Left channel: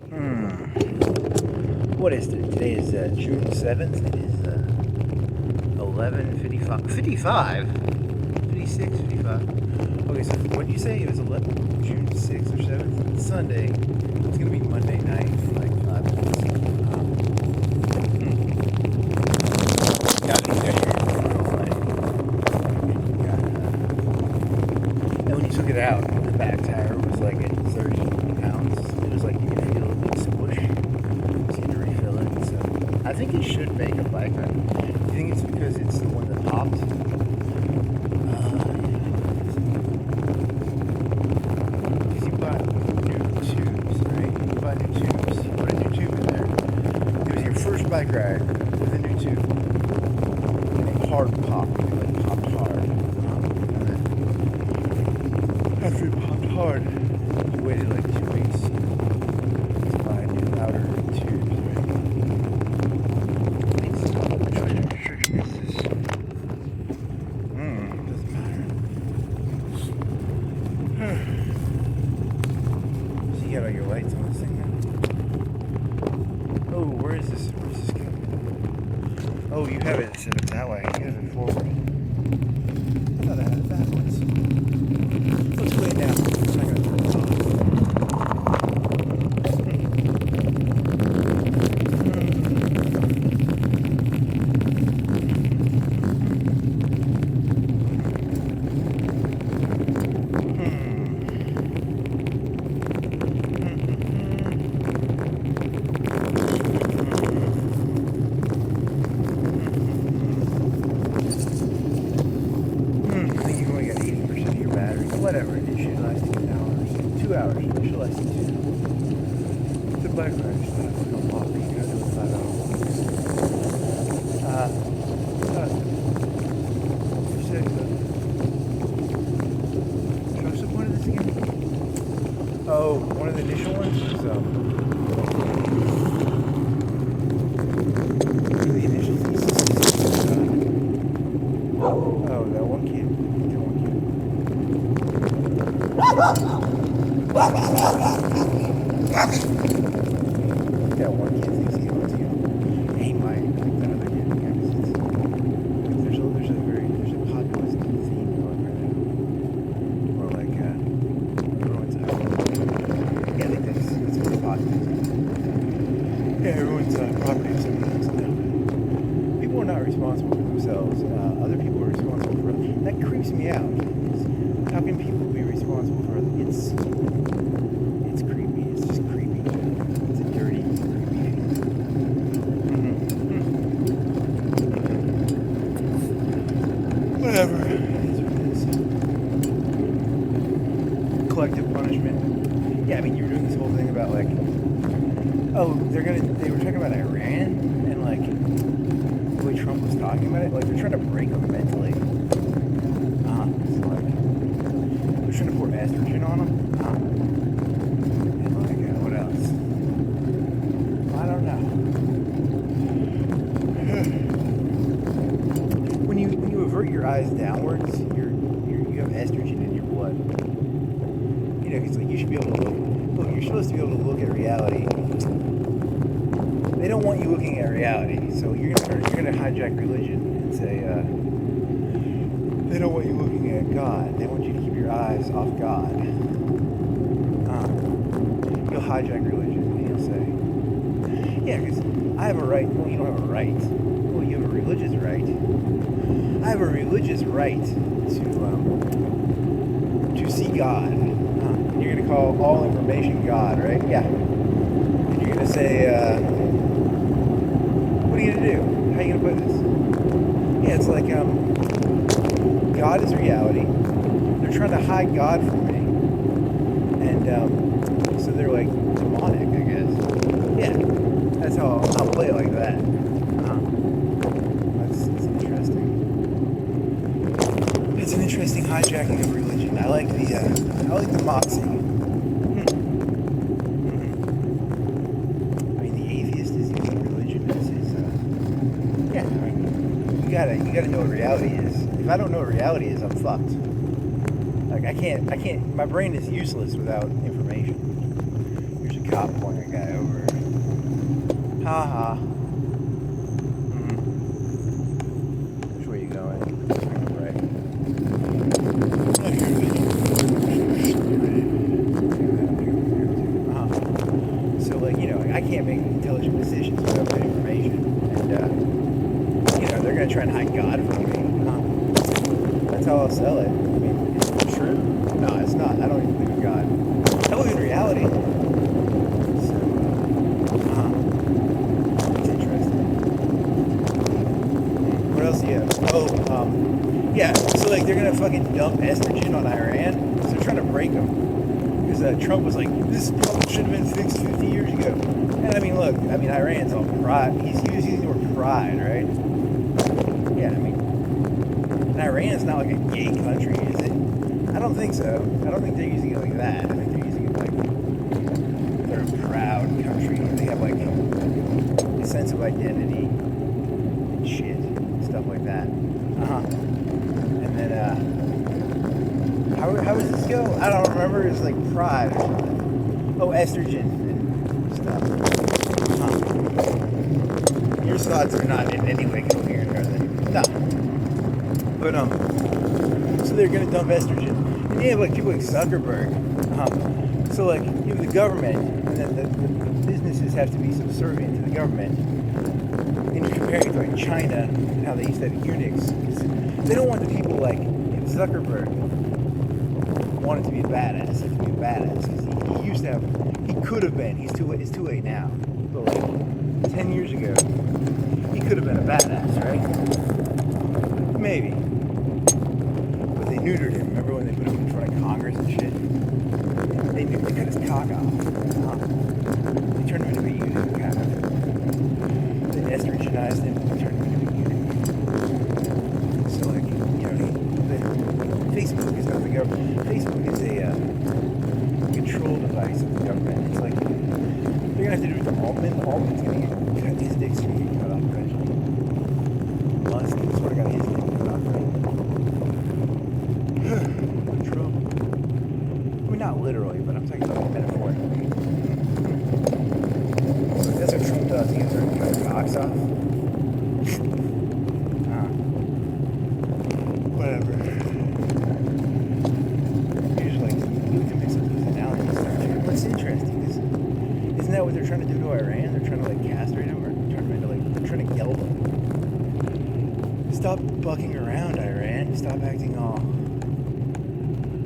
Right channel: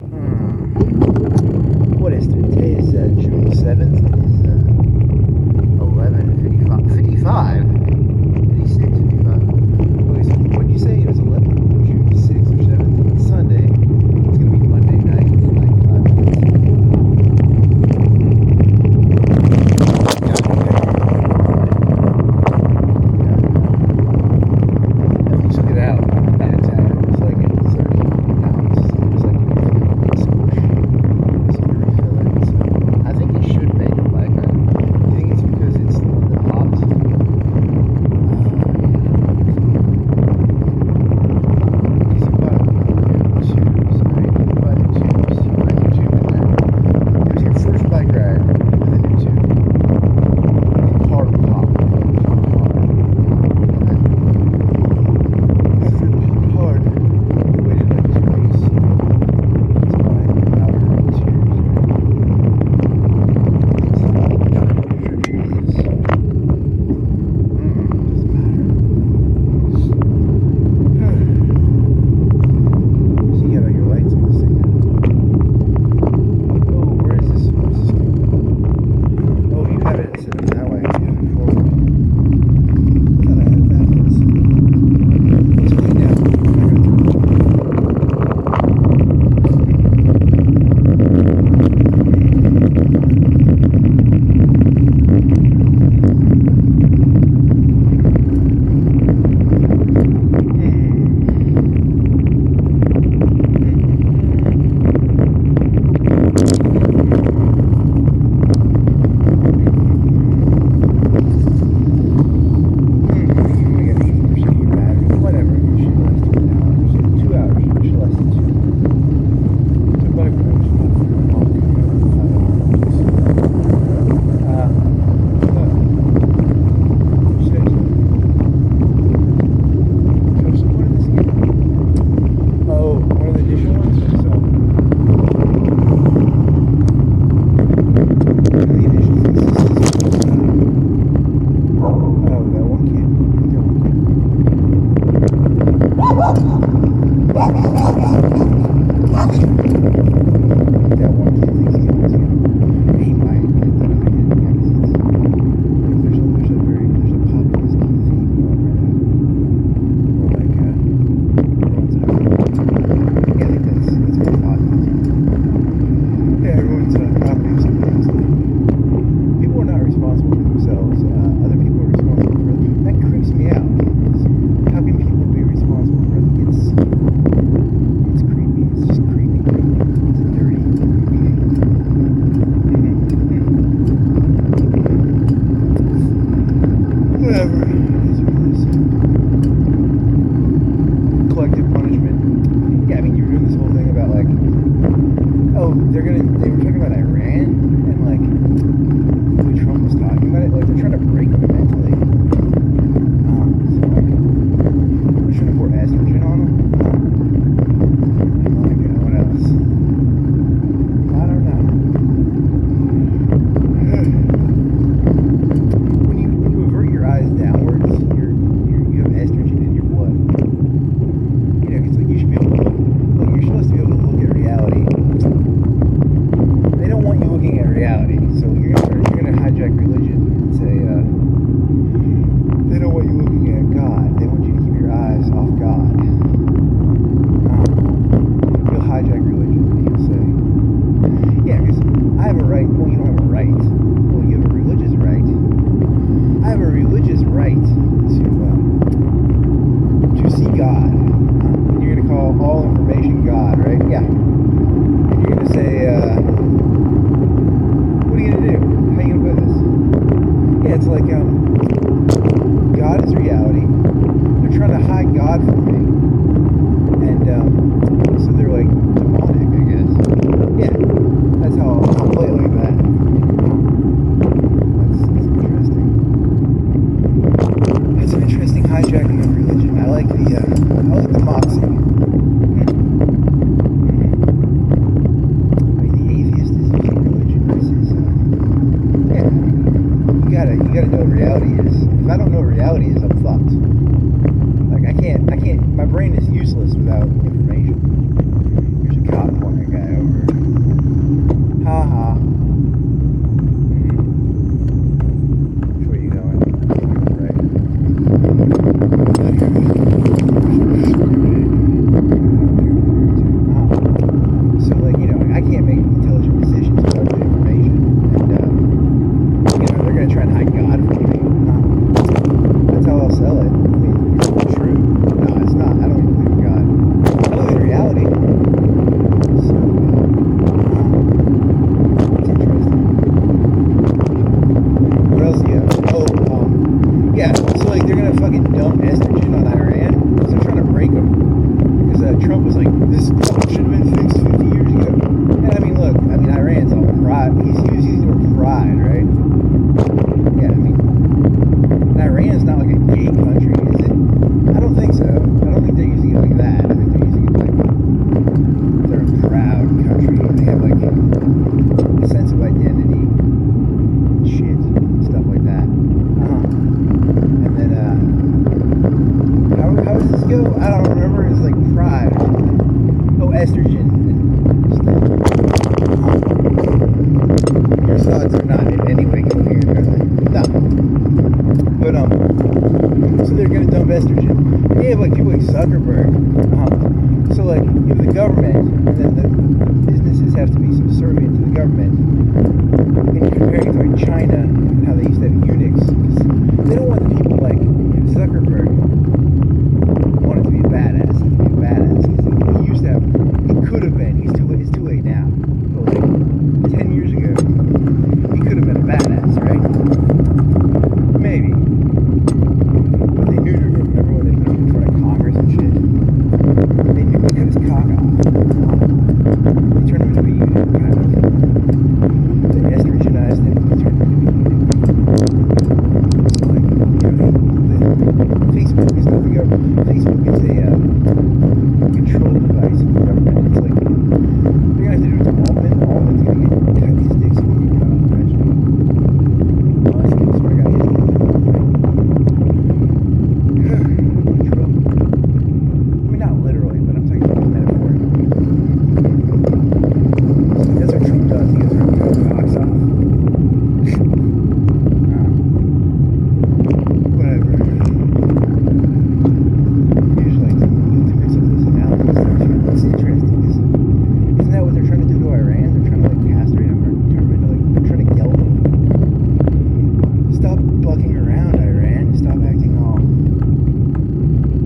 What is it? Today is June 7th. It is 11:55. 55? 56, 55. Okay, so what did you say? It was June 6th or 7th? It's Sunday. It's going to be Monday night in like 5 minutes. And when you took it out, the back tire was like at 30 pounds. It was like you could feel it squish. So you had to refill it. So I think it should make a bike ride. You think it's because it's the one that pops? Because you bought new tubes, right? You bought new tubes. You put a new tube in there. It was your first bike ride with a new tube. And hard pop. It like popped hard. And then after it popped hard, you waited like 2 weeks to buy outer tubes, right? Which one of the restrictions is this? Doesn't matter. So you got all your lights on this thing now? Oh, where is this? Where's this going? Oh, you have it set that way. You have it forward. I thought I had it backwards. Let's put it down. It's not going to turn off. I think you only got 80% of your battery. Whatever. It should last you an hour. 2 hours. It should last you 2. The bike ride is not long. You got 5 hours long. What? You said so. What's the point of this again? Oh, one of the initial ones? So. The initial things. Oh, that one kid. That one kid. That one kid thinks he's going to. He might pick that other kid. There's a populist theme going right now. Or like, everyone's yeah, I think that's more populism. Yeah, everyone's populism. So people are not responsible for themselves. Other people are responsible for it. That creeps me out. How can people be responsible for other? It's creepy. It's just creepy. It's a dirty. Whatever. It is what it is. Collective punishment. Yeah, I mean, you're doing this whole thing about like, oh, they were talking about Iran and like the way Trump was talking about it. Like, they're trying to break them mentally. So like, they're trying to pour estrogen on them. And like, what else? I don't know. When you avert your eyes downwards, you have estrogen in your blood. You know, because like you should be able to look. You're supposed to be able to look at reality. They don't want you looking at reality, so you're gonna hijack religion and say they don't want you looking at God. They want you to keep your eyes off God. You'll hijack religion and you'll say, yeah, because I have a right. Well, you don't have a right. Well, you have a religious right. I have a religious right to see God. And you're gonna call all information God, right? Yeah. And you're gonna say, what are you gonna do? How are you gonna put this? Yeah, it's like God is reality. They're trying to hide God from me, and so they're like demonic, I guess. Yeah, that's how I'll play it like that. That's interesting. It's an interesting hijacking of religion. I like the moxie. I mean, the atheist is using religion as his. Yeah, you gotta know what reality is. If I don't know what reality is, I'm fucked. Like I can't. My brain is useless without information. Here's a cop pointing guy. intelligent decisions without good information. And, they're going to try and hide God from me. That's how I'll sell it. I mean, is it true? No, it's not. I don't believe in God. I believe in reality. So, it's interesting. What else do you have? Yeah, so like they're going to fucking dump estrogen on Iran. So they're trying to break them. Because Trump was like, this problem should have been fixed 50 years ago. And I mean, look, Iran's all pride. He's using the word pride, right? Yeah, and Iran's not like a gay country, is it? I don't think so. I don't think they're using it like that. I think they're using it like they're a proud country. They have like a sense of identity, shit, stuff like that. And then, how does this go? I don't remember. It's like pride. Oh, estrogen and stuff. Your thoughts are not in any way coherent, are they? No. But, so they're going to dump estrogen. They have, like, people like Zuckerberg. So, like, you have the government, and then the businesses have to be subservient to the government. And you compare it to, like, China, how they used to have eunuchs. They don't want the people like Zuckerberg wanted to be a badass. He used to have, he could have been, it's too late now. But like 10 years ago, he could have been a badass, right? Maybe. But they neutered him. Remember when they put him in front of Congress and shit? They cut his cock off. They turned him into a eunuch, kind of. They estrogenized him. So like, Facebook is not the government. Facebook is a control device of the government. It's like, they're going to have to do it to Altman. Altman's going to cut his dick soon. I'm not mention. Musk, I swear to God, he's going to Trump. I mean, not literally, but I'm talking about the metaphor. That's what Trump does. He cuts cocks off. Whatever. Usually, it's interesting because isn't that what they're trying to do to Iran? They're trying to like castrate them, or they're trying to geld them. Stop bucking around, Iran. Stop acting all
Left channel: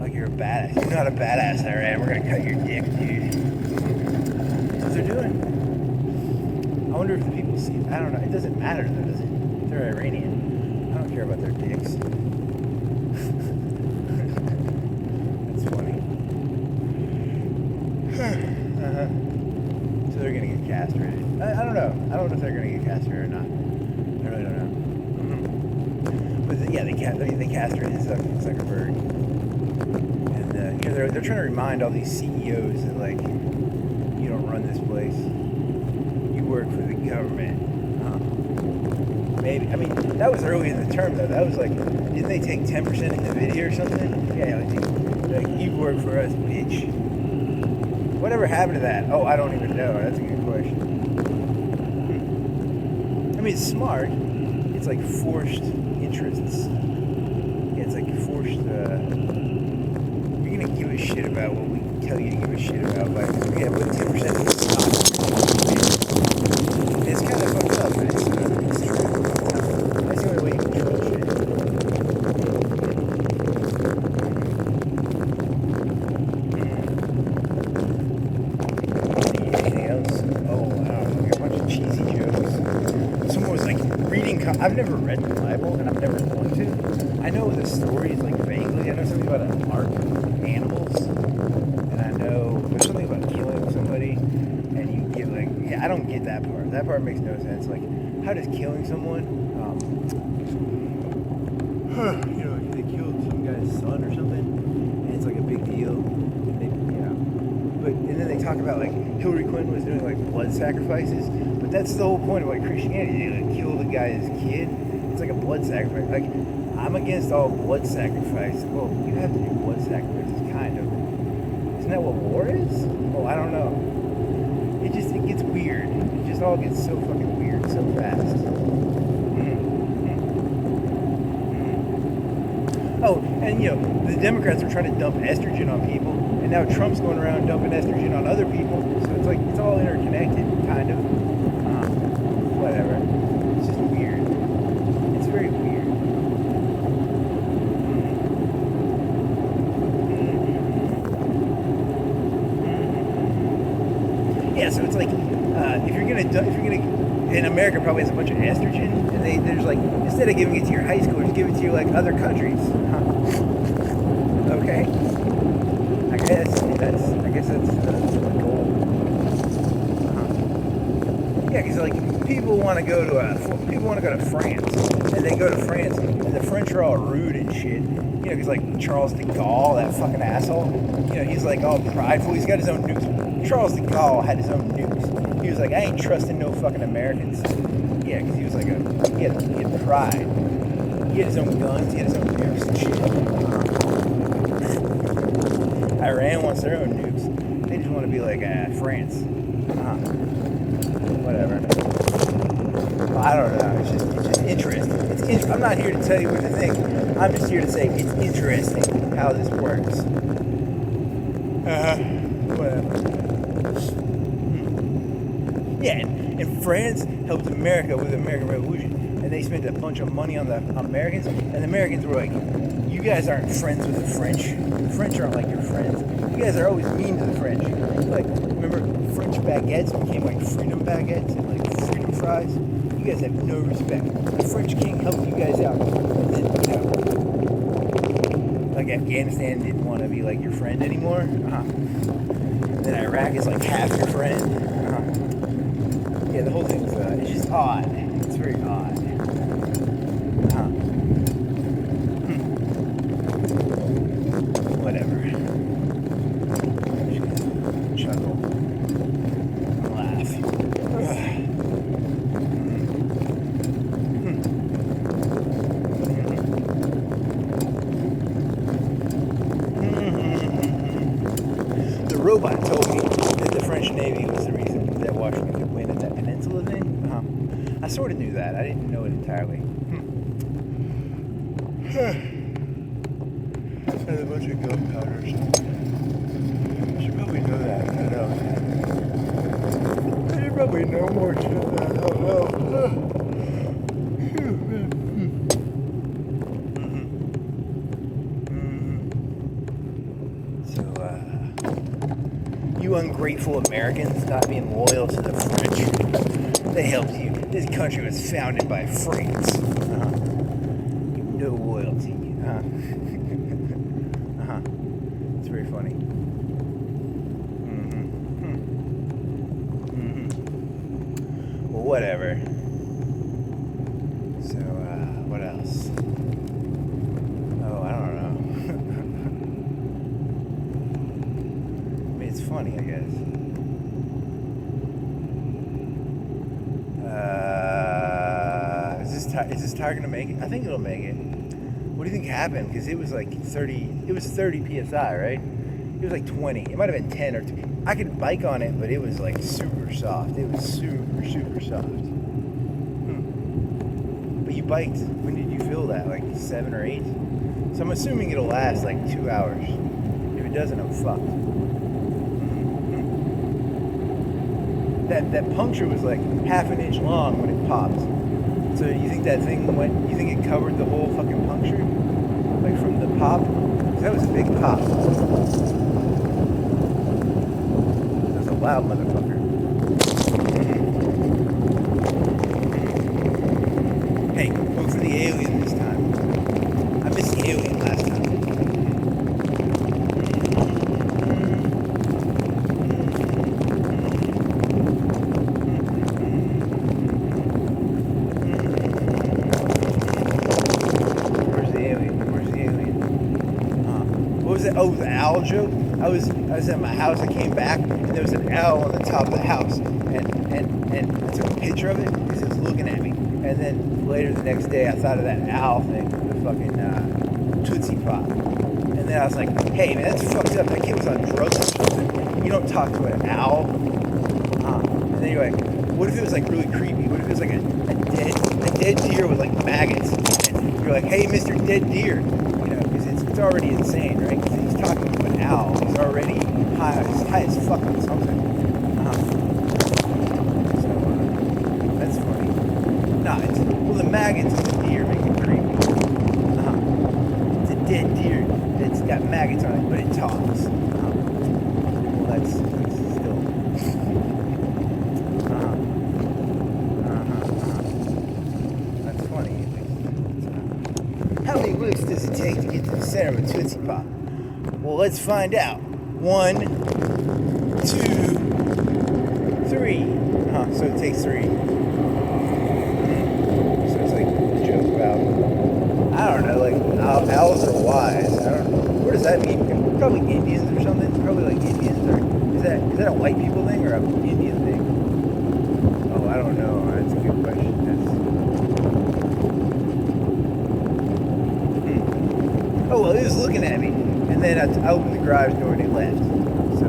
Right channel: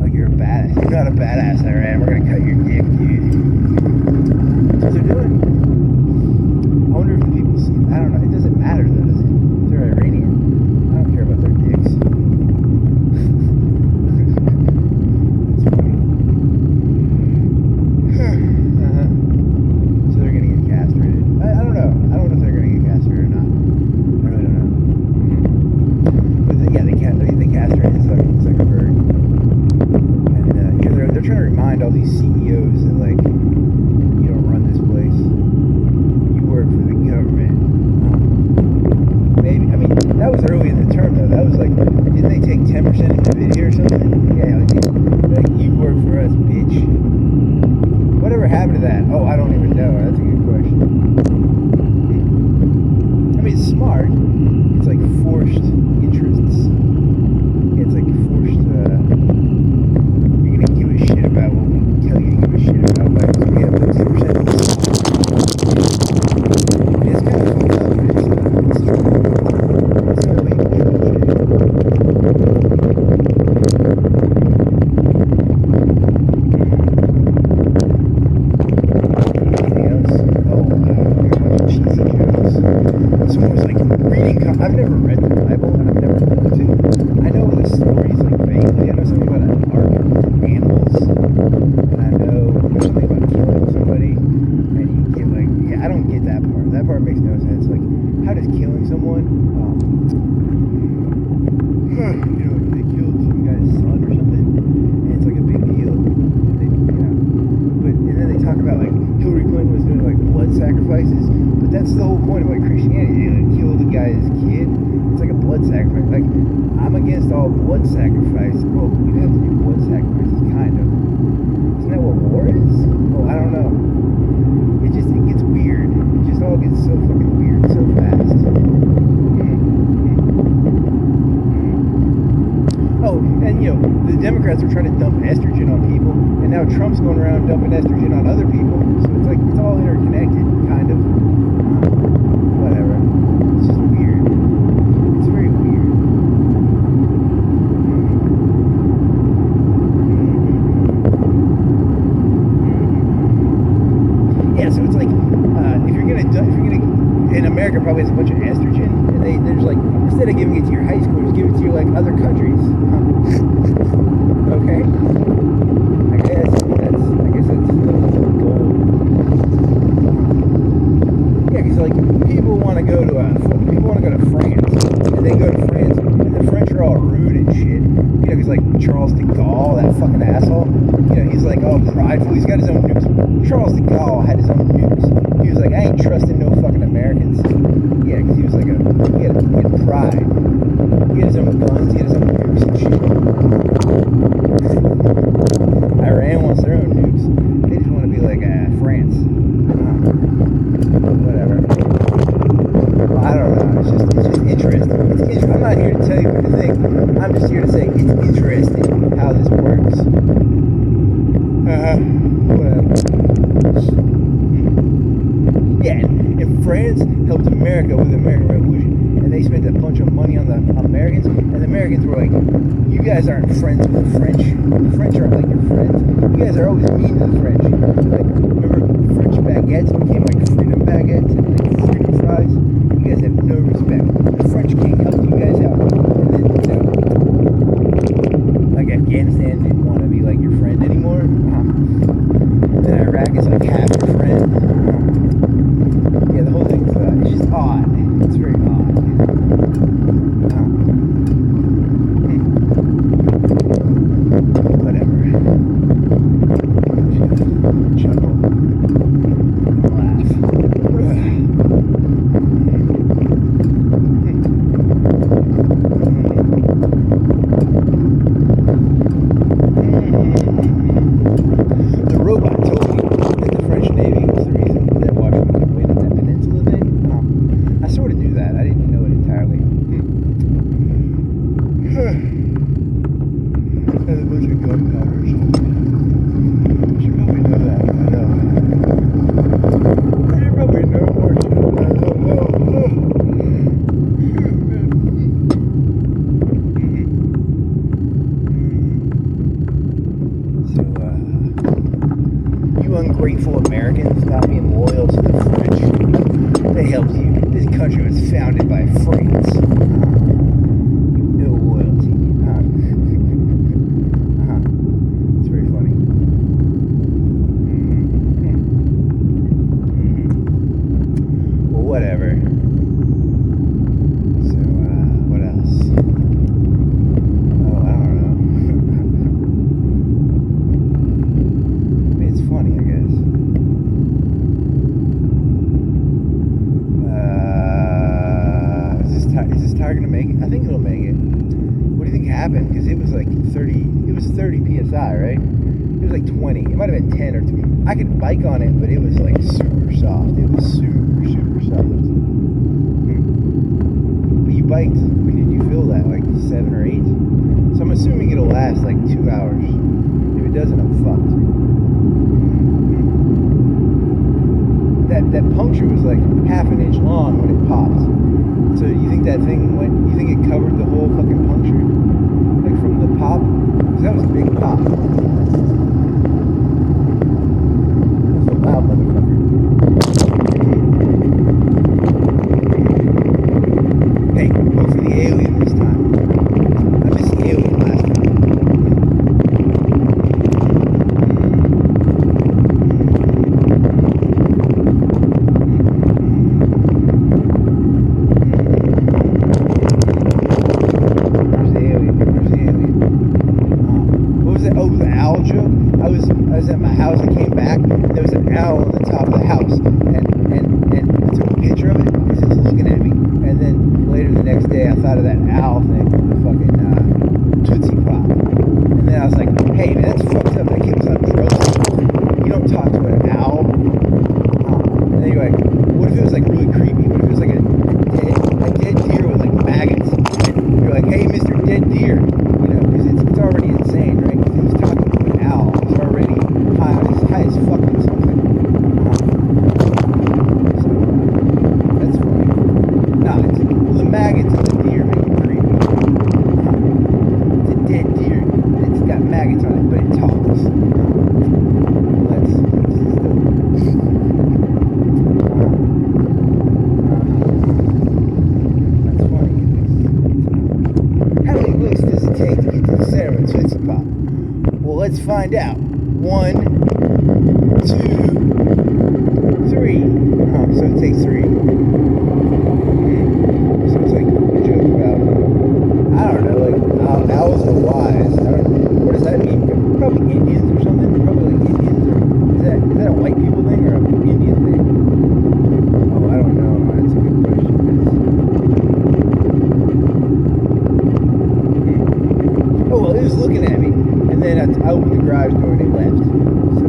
like you're a badass. You're not a badass, Iran. We're gonna cut your dick, dude. That's what they're doing. I wonder if the people see. I don't know. It doesn't matter to them, does it? They're Iranian. I don't care about their dicks. That's funny. So they're gonna get castrated. I don't know. I don't know if they're gonna get castrated or not. I really don't know. But they castrated Zuckerberg, and they're trying to remind all these CEOs that like you don't run this place. You work for the government. Maybe. I mean, that was early in the term though. That was like, didn't they take 10% of Nvidia or something? Yeah, like you work for us, bitch. Whatever happened to that? Oh, I don't even know. That's a good question. I mean, it's smart. It's like forced interests. Yeah, it's like forced. You're gonna give a shit about what we tell you to give a shit about, but we have 10% of the stock. It's kind of fucked up. It's true. It's not really control shit. Someone was like reading. I've never read the Bible, and I've never wanted to. I know the stories like vaguely. I know something about an ark of animals, and I know there's something about killing somebody, and you get like, yeah, I don't get that part. That part makes no sense. Like, how does killing someone, they killed some guy's son or something, and it's like a big deal. And then they talk about like Hillary Clinton was doing like blood sacrifices, but that's the whole point of like Christianity. They like kill the guy's kid. It's like a blood sacrifice. Like, I'm against all blood sacrifice. Well, you have to do blood sacrifices, kind of. Isn't that what war is? Oh, I don't know. It gets weird. It just all gets so fucking weird so fast. Oh, and the Democrats are trying to dump estrogen on people, and now Trump's going around dumping estrogen on other people. So it's like, it's all interconnected, kind of. whatever. It's just weird. It's very weird. Yeah, so it's like if you're gonna in America probably has a bunch of estrogen, and there's like instead of giving it to your high schoolers, give it to your like other countries. Okay, I guess that's the goal. Yeah, because like people want to go to France, and they go to France, and the French are all rude and shit. You know, because like Charles de Gaulle, that fucking asshole. You know, he's like all prideful. He's got his own nukes. Charles de Gaulle had his own nukes. He was like, I ain't trusting no fucking Americans. Yeah, because he was like he had pride. He had his own guns. He had his own nukes and shit. Iran wants their own nukes. They just want to be like France. Whatever. Well, I don't know. It's just interesting. I'm not here to tell you what to think. I'm just here to say it's interesting how this works. Whatever. Yeah, and France helped America with the American Revolution, and they spent a bunch of money on the Americans, and the Americans were like, you guys aren't friends with the French. The French aren't like your friends. You guys are always mean to the French. Like, remember French baguettes became like freedom baguettes, like freedom fries? You guys have no respect. The French king helped you guys out. And then, like Afghanistan didn't want to be like your friend anymore. Then Iraq is like half your friend. Yeah, the whole thing is it's just odd. It's very odd. Whatever. Chuckle. Laugh. The robot told me that the French Navy was the reason that Washington could win at that peninsula thing. I sort of knew that. I didn't know it entirely. And a bunch of gunpowder or something. I should probably know that. I know. I should probably know more shit than I know. So, you ungrateful Americans not being loyal to the French. They helped you. This country was founded by France. No loyalty. It's very funny. Well, whatever. So, what else? Oh, I don't know. I mean, it's funny, I guess. Is this tire gonna make it? I think it'll make it. What do you think happened? Because it was like 30. It was 30 psi, right? It was like 20. It might have been 10 or 2. I could bike on it, but it was like super soft. It was super, super soft. But you biked. When did you feel that? Like 7 or 8? So I'm assuming it'll last like 2 hours. If it doesn't, I'm fucked. That puncture was like half an inch long when it popped. So you think that thing went? You think it covered the whole fucking puncture, like from the pop? Because that was a big pop. That's a loud motherfucker. Hey, go for the alien this time. I missed the alien last time. Oh, the owl joke. I was at my house. I came back, and there was an owl on the top of the house, and I took a picture of it because it was looking at me. And then later the next day, I thought of that owl thing, the fucking Tootsie Pop. And then I was like, hey man, that's fucked up. That kid was on drugs. You don't talk to an owl. And then you're like, what if it was like really creepy? What if it was like a dead deer with like maggots? And you're like, hey, Mr. Dead Deer. You know, because it's already insane, right? Because he's talking to an owl. He's already high as fuck on something. So, that's funny. find out. 1, 2, 3. So it takes 3. So it's like a joke about, I don't know, like owls are wise. I don't know. What does that mean? Probably Indians or something. Probably like Indians, or is that a white people thing or an Indian thing? Oh, I don't know. That's a good question. Oh well, he was looking at me, and then I opened the garage door and he left. So,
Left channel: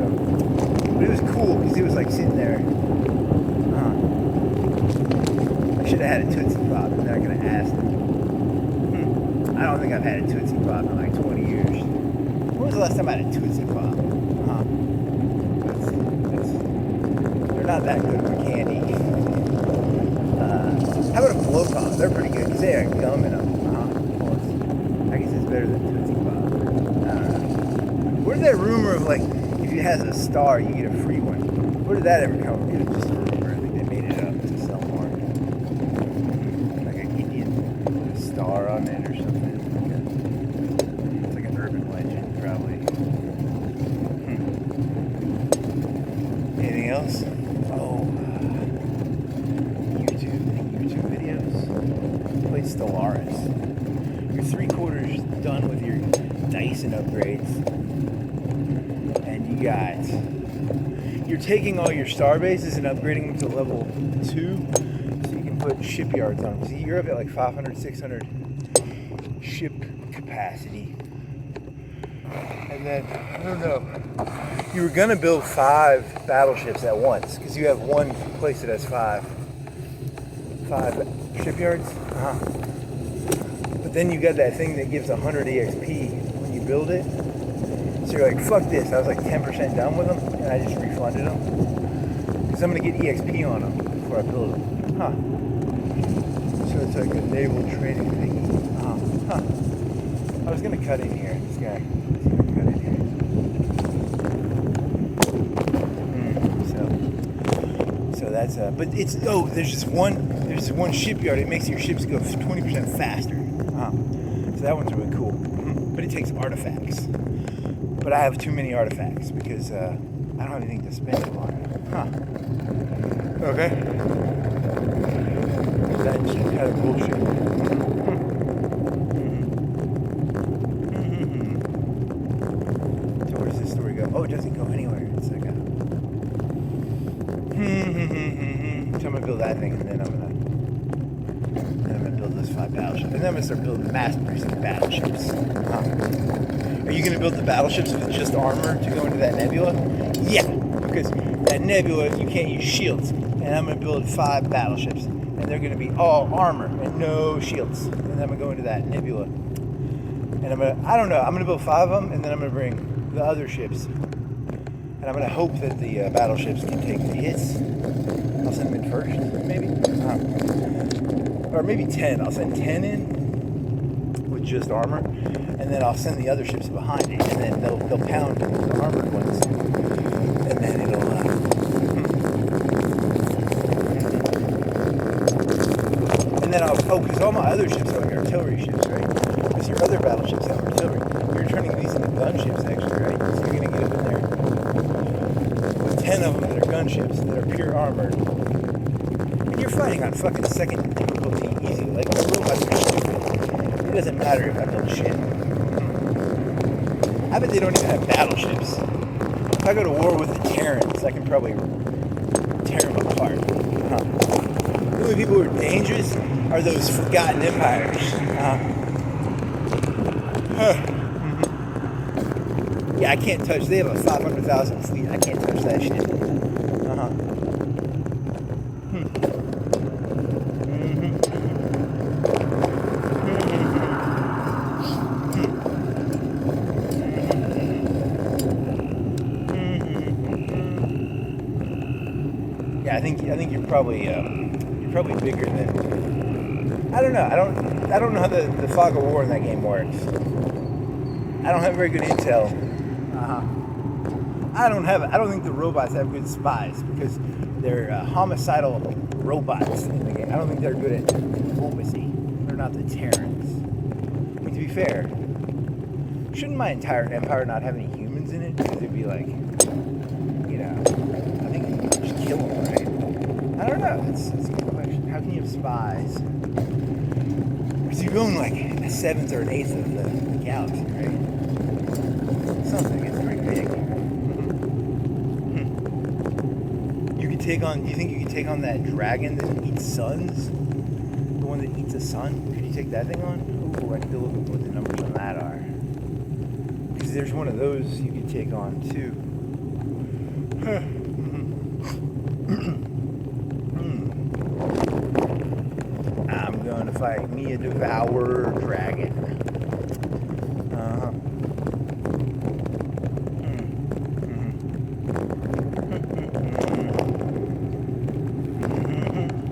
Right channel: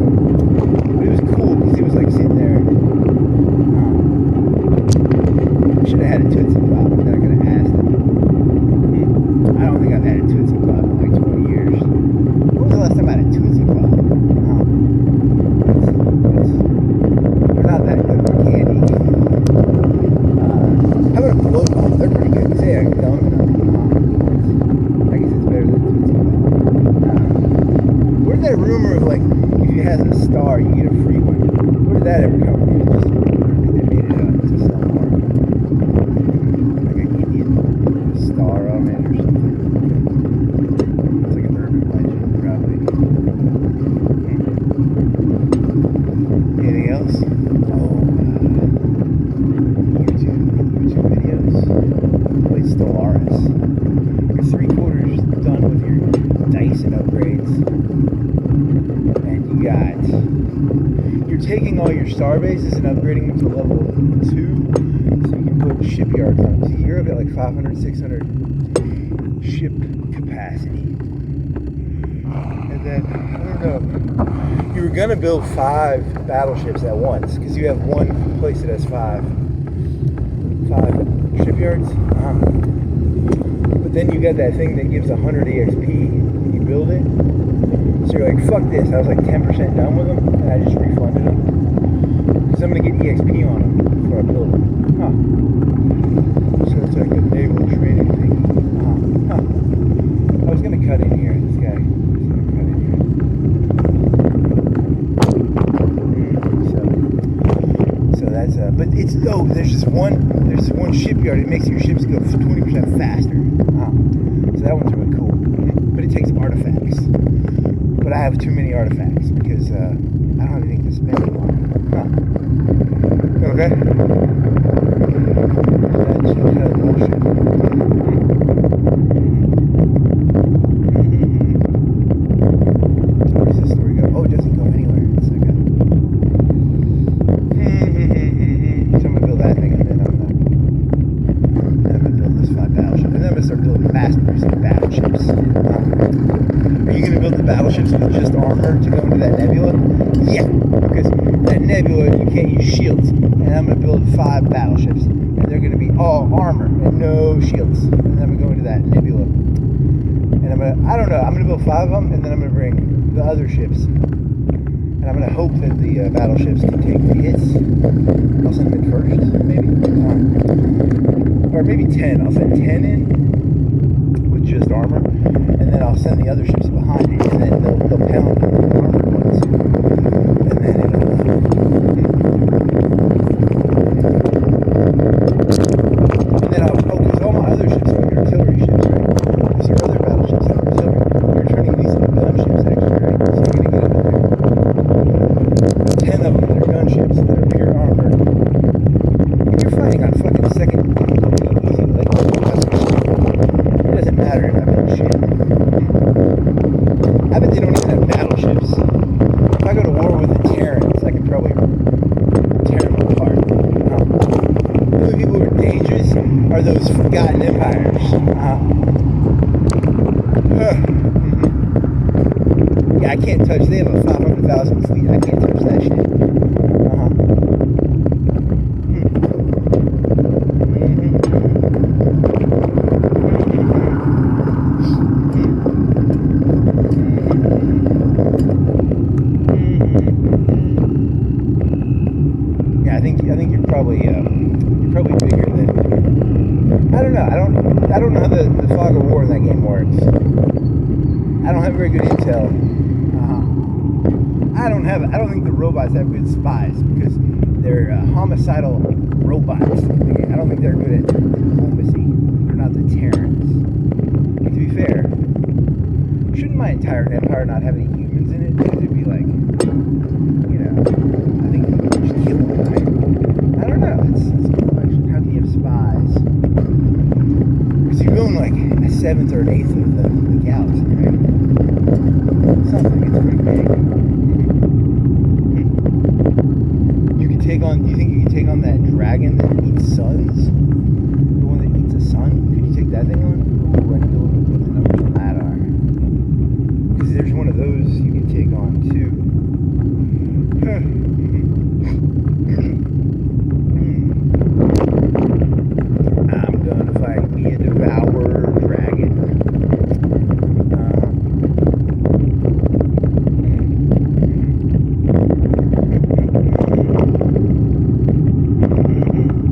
but it was cool because he was like sitting there. I should have had a Tootsie Pop, and then I could have asked him. I don't think I've had a Tootsie Pop in like 20 years. When was the last time I had a Tootsie Pop? They're not that good for candy. How about a Blow Pop? They're pretty good because they have gum in them. I guess it's better than Tootsie Pop. I don't know. Where's that rumor of like, if you have a star, you get a free one? Where did that ever come from? It was just a rumor that they made it up to sell more. Like an Indian star on it or something. It's like an urban legend, probably. Anything else? Oh, YouTube videos. Play Stellaris. You're 3/4 done with your Dyson upgrades, and you're taking all your star bases and upgrading them to level 2, so you can put shipyards on them. See, you're up at like 500, 600 ship capacity. And then, I don't know, you were gonna build 5 battleships at once, because you have one place that has 5 shipyards. But then you got that thing that gives 100 EXP when you build it. So you're like, fuck this. I was like 10% done with them, and I just refunded them. Because I'm going to get EXP on them before I build them. So it's like a naval training thing. I was going to cut in here. This guy is going to cut in here. So that's, but it's, there's one shipyard. It makes your ships go 20% faster. So that one's really cool. But it takes artifacts. But I have too many artifacts because I don't have anything to spend them on. Okay. That's just kind of bullshit. So where does this story go? Oh, it doesn't go anywhere. It's like so I'm gonna build that thing, and then I'm gonna build those 5 battleships, and then I'm gonna start building mass producing battleships. Are you going to build the battleships with just armor to go into that nebula? Yeah, because that nebula, you can't use shields. And I'm going to build 5 battleships, and they're going to be all armor and no shields. And then I'm going to go into that nebula. And I'm going to build 5 of them, and then I'm going to bring the other ships. And I'm going to hope that the battleships can take the hits. I'll send them in first, maybe. Or maybe 10. I'll send 10 in with just armor. And then I'll send the other ships behind it, and then they'll pound the armored ones, and then and then I'll focus all my other ships on artillery ships, right? Because your other battleships have artillery. You're turning these into gunships, actually, right? So you're gonna get up in there. 10 of them that are gunships that are pure armor. And you're fighting on fucking second difficulty easy, like it doesn't matter if I build shit. I bet they don't even have battleships. If I go to war with the Terrans, I can probably tear them apart. The only people who are dangerous are those forgotten empires. Yeah, I can't touch. They have a 500,000 fleet. I can't touch that shit. I think you're probably bigger than. I don't know. I don't know how the fog of war in that game works. I don't have very good intel. I don't think the robots have good spies because they're homicidal robots. I don't think they're good at diplomacy. They're not the Terrans. But to be fair, shouldn't my entire empire not have any humans in it? Because it'd be like, you know, I think you should kill them. I don't know. That's a good question. How can you have spies? So you're going like a seventh or an eighth of the galaxy, right? Something. It's pretty big. You could take on. Do you think you could take on that dragon that eats suns? The one that eats a sun? Could you take that thing on? Ooh, I need to look at what the numbers on that are. Because there's one of those you could take on too. I'm going to fight me a devourer dragon.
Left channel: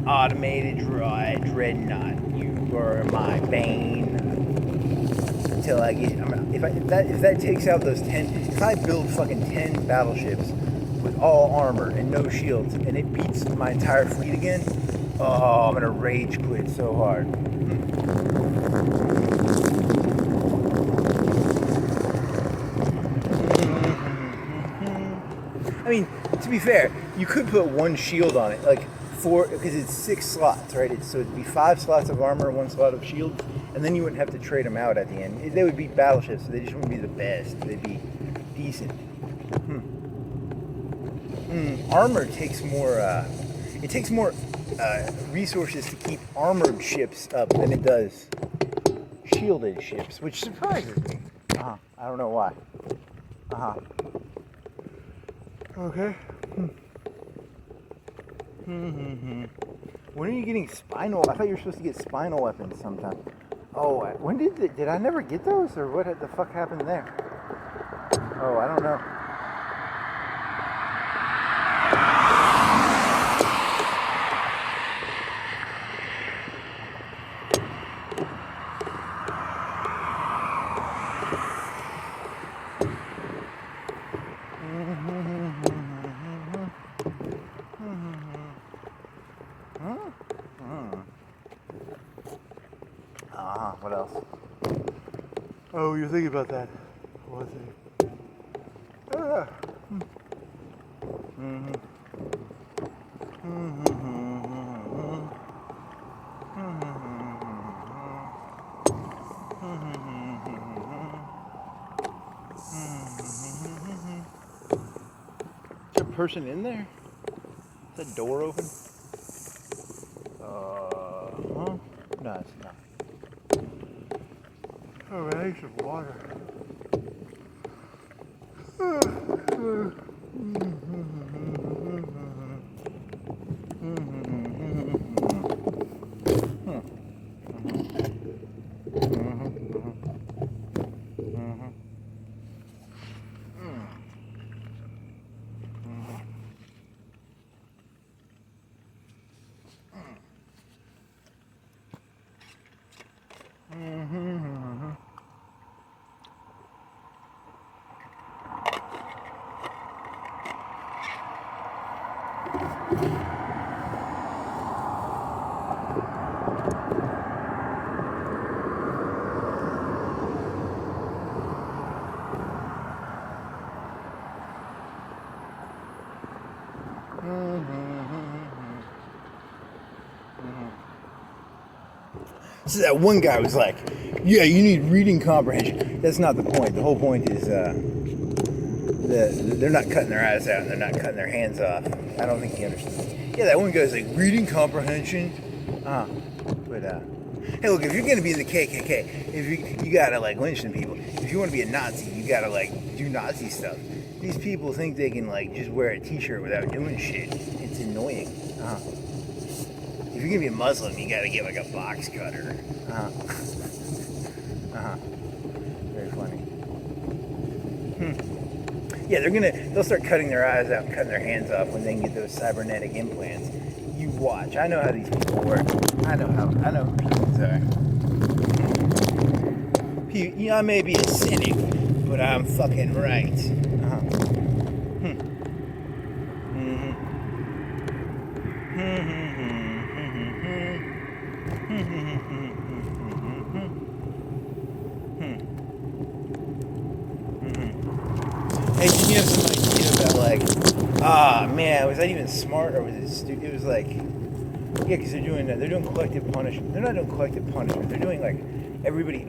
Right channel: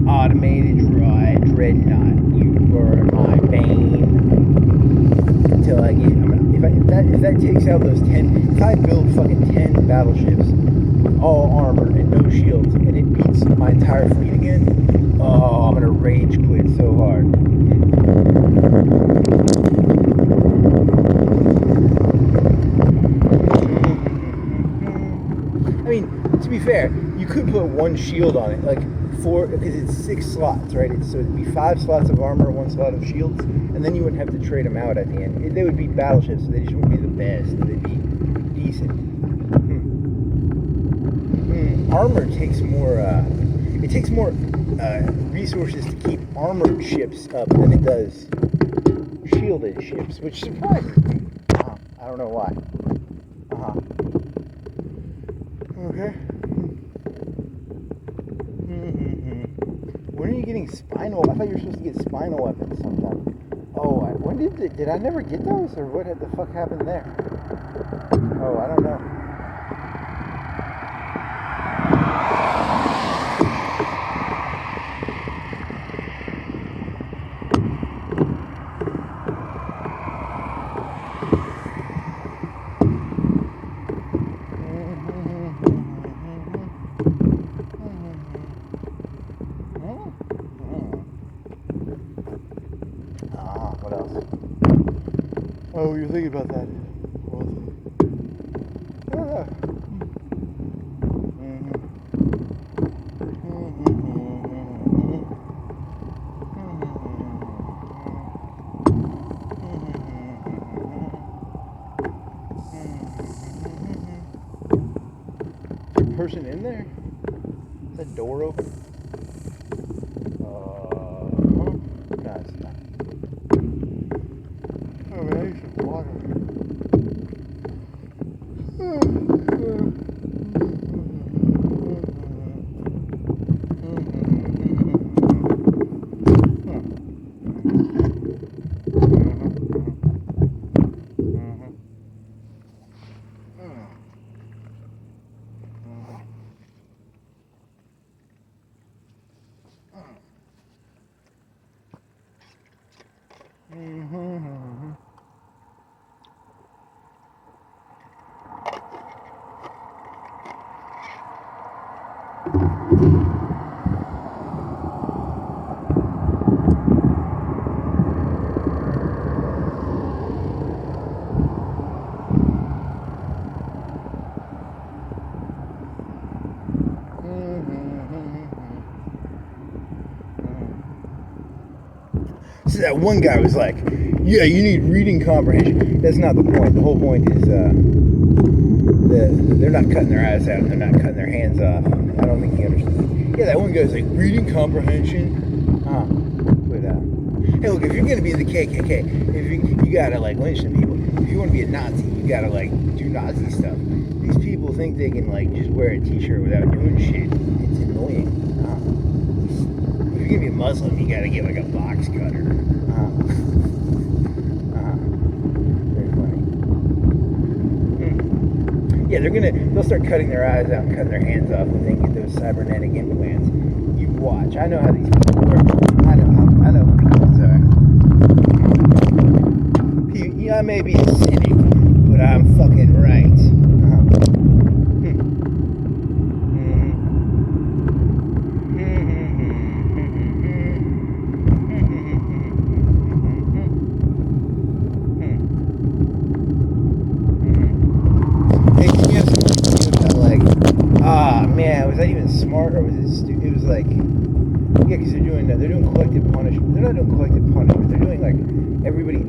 Automated Dreadnought. You are my bane. Until I get, if that takes out those 10, if I build fucking 10 battleships with all armor and no shields, and it beats my entire fleet again, oh, I'm gonna rage quit so hard. I mean, to be fair, you could put one shield on it, like because it's 6 slots, right? So it'd be 5 slots of armor, 1 slot of shields, and then you wouldn't have to trade them out at the end. They would be battleships, so they just wouldn't be the best. They'd be decent. Armor takes more. It takes more resources to keep armored ships up than it does shielded ships, which surprises me. I don't know why. Okay. When are you getting spinal? I thought you were supposed to get spinal weapons sometime. Oh, when did I never get those, or what the fuck happened there? Oh, I don't know. What else? Oh, you're thinking about that. What thing? Is there a person in there? Is that door open? No, it's not. Oh, man, I need some water. So that one guy was like, yeah, you need reading comprehension. That's not the point. The whole point is they're not cutting their eyes out and they're not cutting their hands off. I don't think he understands. Yeah, that one guy's like, reading comprehension? But, hey, look, if you're going to be in the KKK, if you got to, like, lynch some people. If you want to be a Nazi, you got to, like, do Nazi stuff. These people think they can, like, just wear a t-shirt without doing shit. It's annoying. If you're going to be a Muslim, you got to get, like, a box cutter. Very funny. Yeah, they'll start cutting their eyes out and cutting their hands off when they get those cybernetic implants. You watch. I know how these people work. I know who people are. I may be a cynic, but I'm fucking right. Nah, was that even smart, or was it stupid? It was like, yeah, because they're doing collective punishment. They're not doing collective punishment. They're doing like everybody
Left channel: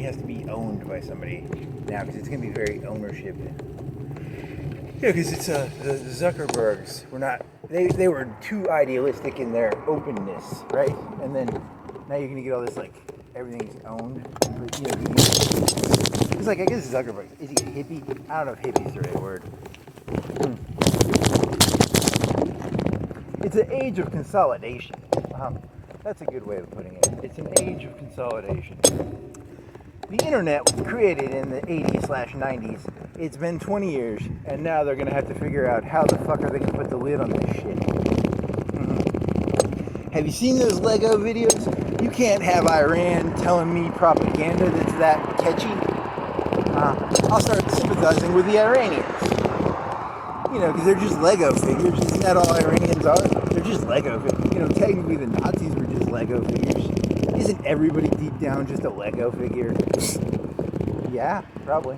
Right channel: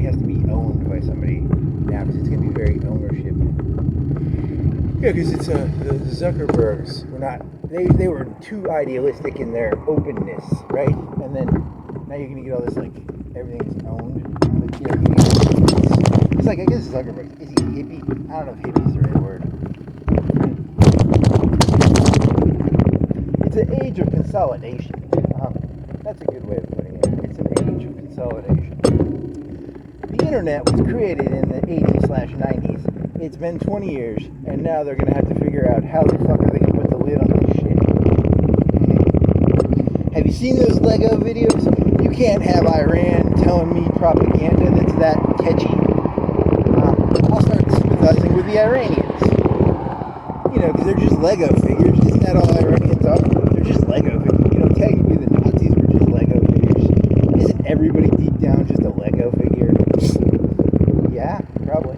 has to be owned by somebody now, because it's going to be very ownership. Yeah, because it's the Zuckerbergs were not, they were too idealistic in their openness, right? And then now you're going to get all this, like, everything's owned. But, you know, it's like, I guess Zuckerberg, is he a hippie? I don't know if hippie's the right word. It's an age of consolidation. That's a good way of putting it. It's an age of consolidation. The internet was created in the 80s/90s. It's been 20 years, and now they're going to have to figure out how the fuck are they going to put the lid on this shit. Have you seen those Lego videos? You can't have Iran telling me propaganda that's that catchy. I'll start sympathizing with the Iranians. You know, because they're just Lego figures. Isn't that all Iranians are? They're just Lego figures. You know, technically the Nazis were just Lego figures. Isn't everybody deep down just a Lego figure? Yeah, probably.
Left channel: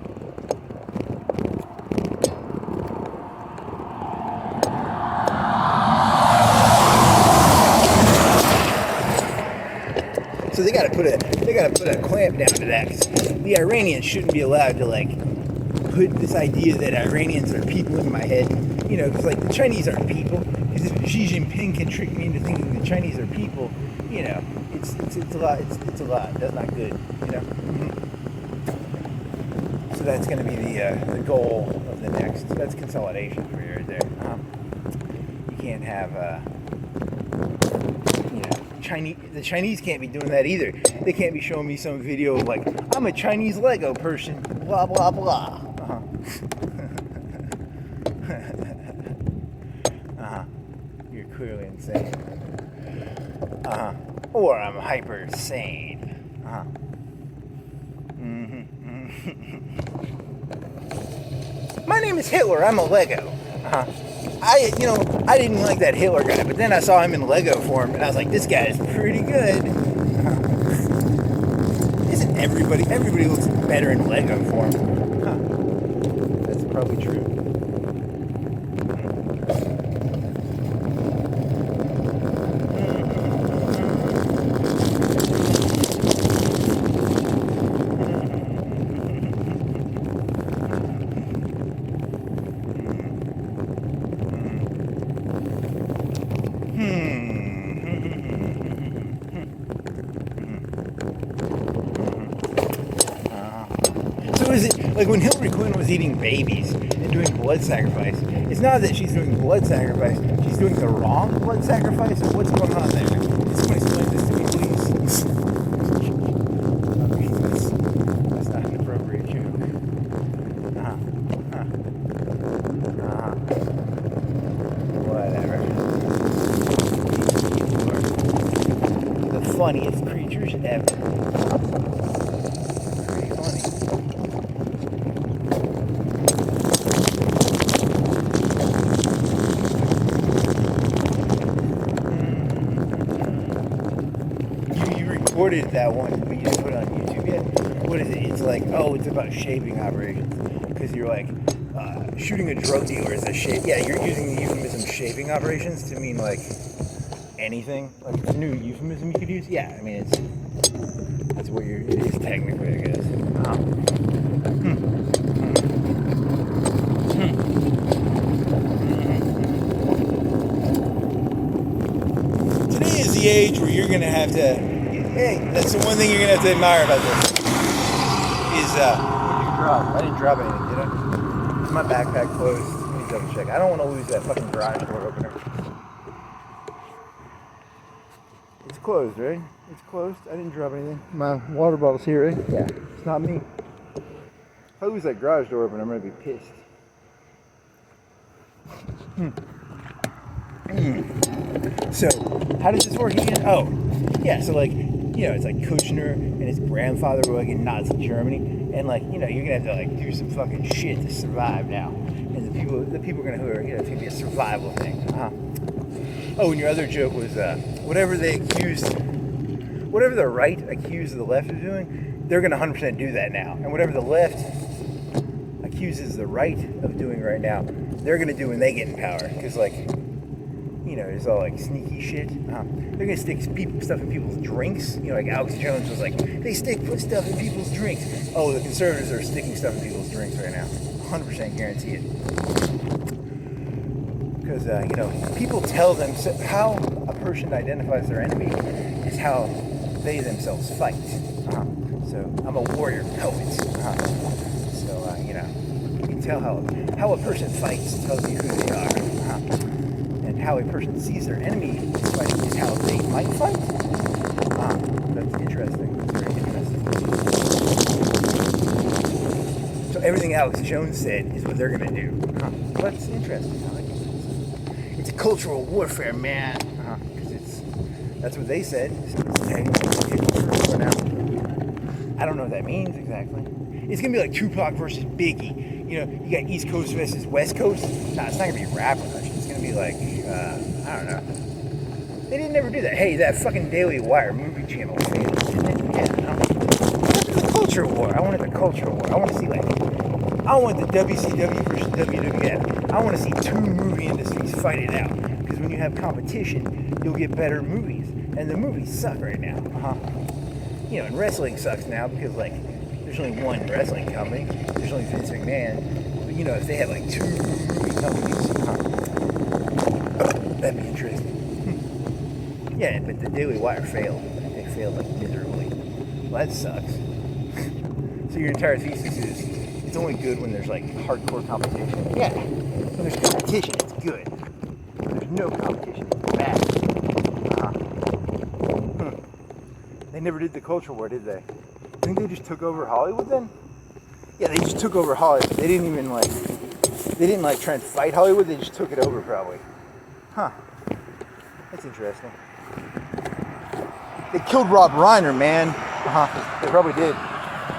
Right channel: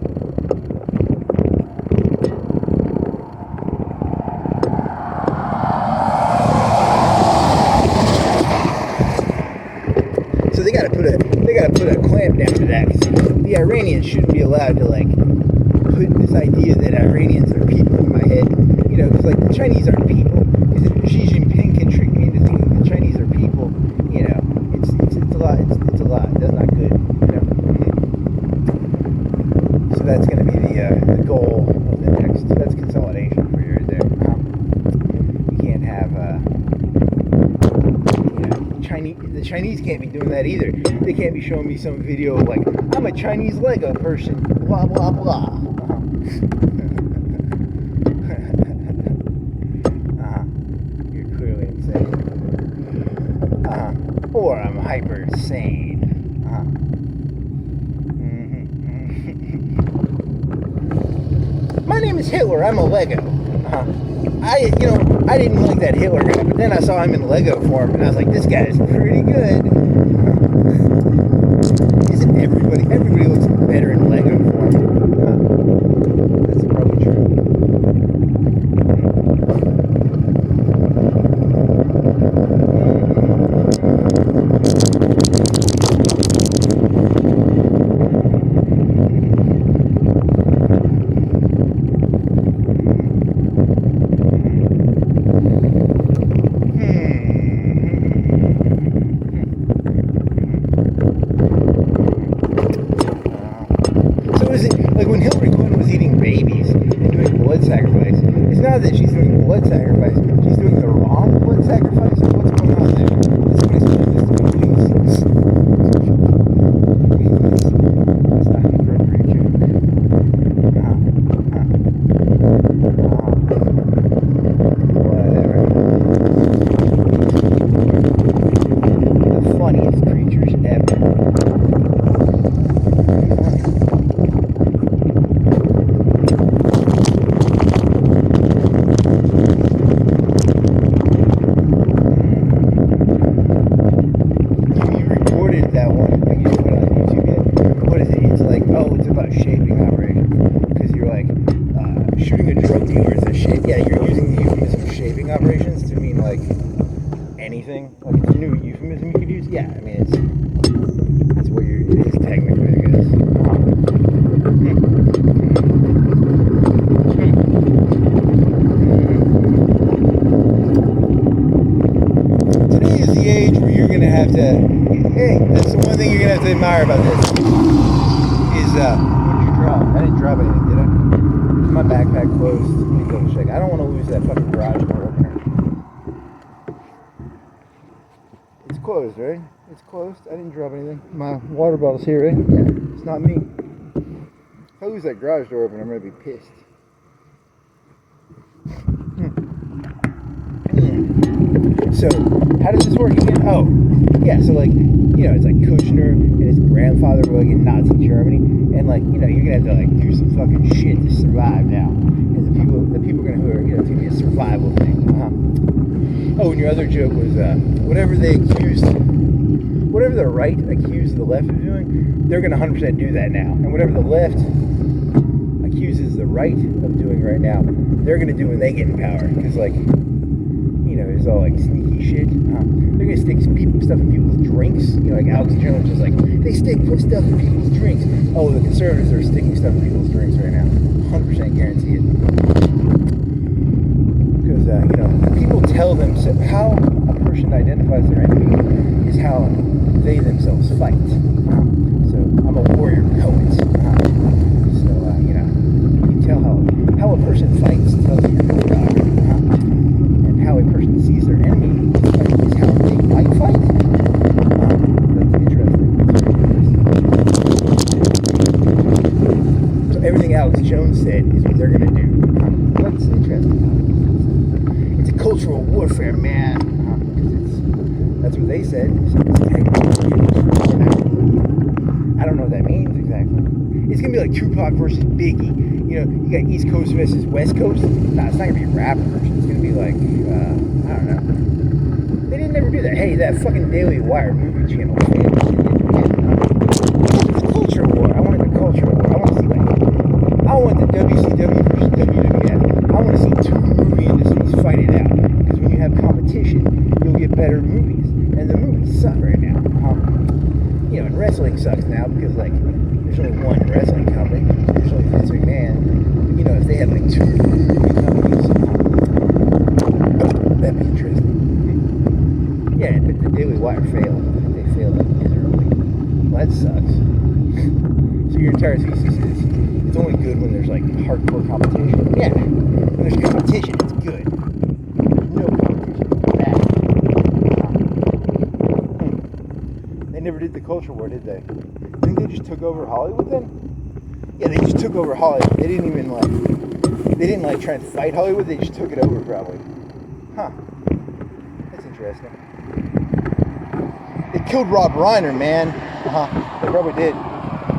So they gotta put a clamp down to that, because the Iranians shouldn't be allowed to, like, put this idea that Iranians are people in my head. You know, because, like, the Chinese aren't people. Because if Xi Jinping can trick me into thinking the Chinese are people, you know, it's a lot. It's a lot. That's not good. You know. So that's going to be the goal of the next. That's consolidation for you right there. You can't have the Chinese can't be doing that either. They can't be showing me some video of, like, I'm a Chinese Lego person, blah blah blah. You're clearly insane. Or I'm hyper sane. My name is Hitler. I'm a Lego. I didn't like that Hitler guy, but then I saw him in Lego form, and I was like, this guy is pretty good. Isn't everybody looks better in Lego form? That's probably true. Like when Hillary Clinton was eating babies and doing blood sacrifice, it's not that she's doing the blood sacrifice, she's doing the wrong blood sacrifice. What's going on there? Somebody explain this to me, please. That's not an appropriate joke. Whatever. The funniest creatures ever. Pretty funny. That one, but you didn't put it on YouTube yet. What is it? It's like, oh, it's about shaping operations. Because you're like, shooting a drug dealer is a shape. Yeah, you're using the euphemism shaping operations to mean, like, anything. Like, it's a new euphemism you could use. Yeah, I mean, that's what it is technically, I guess. Today is the age where you're going to have to. Hey, that's the one thing you're going to have to admire about this. Is, I didn't drop anything, did I? Is my backpack closed? Let me double check. I don't want to lose that fucking garage door opener. It's closed, right? It's closed. I didn't drop anything. My water bottle's here, right? Yeah, it's not me. If I lose that garage door opener, I'm going to be pissed. So, how does this work again? Oh, yeah, so, like, you know, it's like Kushner and his grandfather were, like, in Nazi Germany, and, like, you know, you're gonna have to, like, do some fucking shit to survive now. And the people are gonna, you know, it's gonna be a survival thing. Oh, and your other joke was, whatever the right accused the left of doing, they're gonna 100% do that now. And whatever the left accused uses the right of doing right now, they're going to do when they get in power. Because, like, you know, there's all, like, sneaky shit. They're going to stick stuff in people's drinks. You know, like Alex Jones was like, they put stuff in people's drinks. Oh, the conservatives are sticking stuff in people's drinks right now. 100% guarantee it. Because, you know, people tell them how a person identifies their enemy is how they themselves fight. So I'm a warrior poet. So, you know, you can tell how a person fights tells you who they are. And how a person sees their enemy is how they might fight. That's interesting. That's very interesting. So everything Alex Jones said is what they're going to do. That's interesting. It's a cultural warfare, man. That's what they said. I don't know what that means exactly. It's going to be like Tupac versus Biggie. You know, you got East Coast versus West Coast. Nah, it's not going to be a rap version. It's going to be like, I don't know. They didn't ever do that. Hey, that fucking Daily Wire movie channel failed. I wanted the culture war. I wanted the culture war. I want to see, like, I want the WCW versus WWF. I want to see two movie industries fight it out. Because when you have competition, you'll get better movies. And the movies suck right now. You know, and wrestling sucks now because, like, there's only one wrestling company. There's only Vince McMahon. But, you know, if they had, like, two movie companies, that'd be interesting. Yeah, but the Daily Wire failed. They failed, like, miserably. Well, that sucks. So your entire thesis is it's only good when there's, like, hardcore competition. Yeah. When there's competition, it's good. When there's no competition, it's bad. They never did the culture war, did they? I think they just took over Hollywood then? Yeah, they just took over Hollywood. They didn't even, like, try and fight Hollywood. They just took it over, probably. Huh. That's interesting. They killed Rob Reiner, man. They probably did.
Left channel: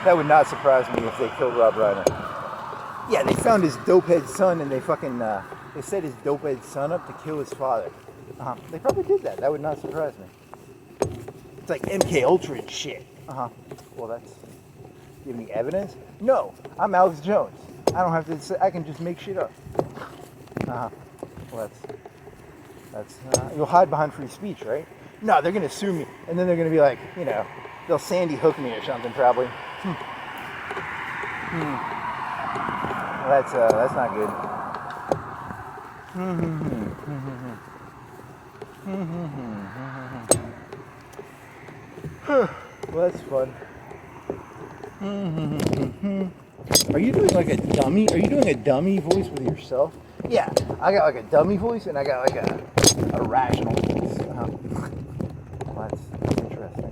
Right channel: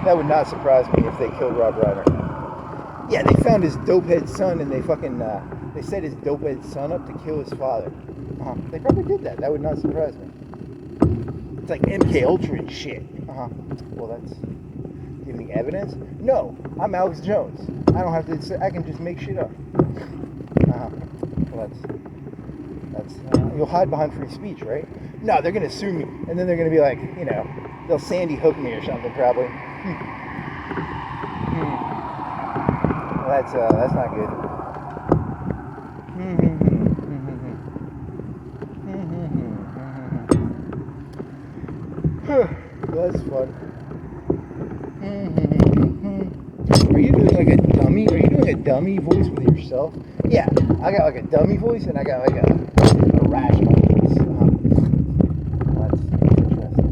That would not surprise me if they killed Rob Reiner. Yeah, they found his dopehead son and they fucking, they set his dopehead son up to kill his father. They probably did that. That would not surprise me. It's like MK Ultra and shit. Well, that's... Do you have any evidence? No, I'm Alex Jones. I don't have to say... I can just make shit up. Well, that's... you'll hide behind free speech, right? No, they're going to sue me. And then they're going to be like, you know, they'll Sandy Hook me or something, probably. Well, that's not good. Well, that's fun. Are you doing like a dummy? Are you doing a dummy voice with yourself? Yeah, I got like a dummy voice and I got like a rational voice. Well, that's interesting.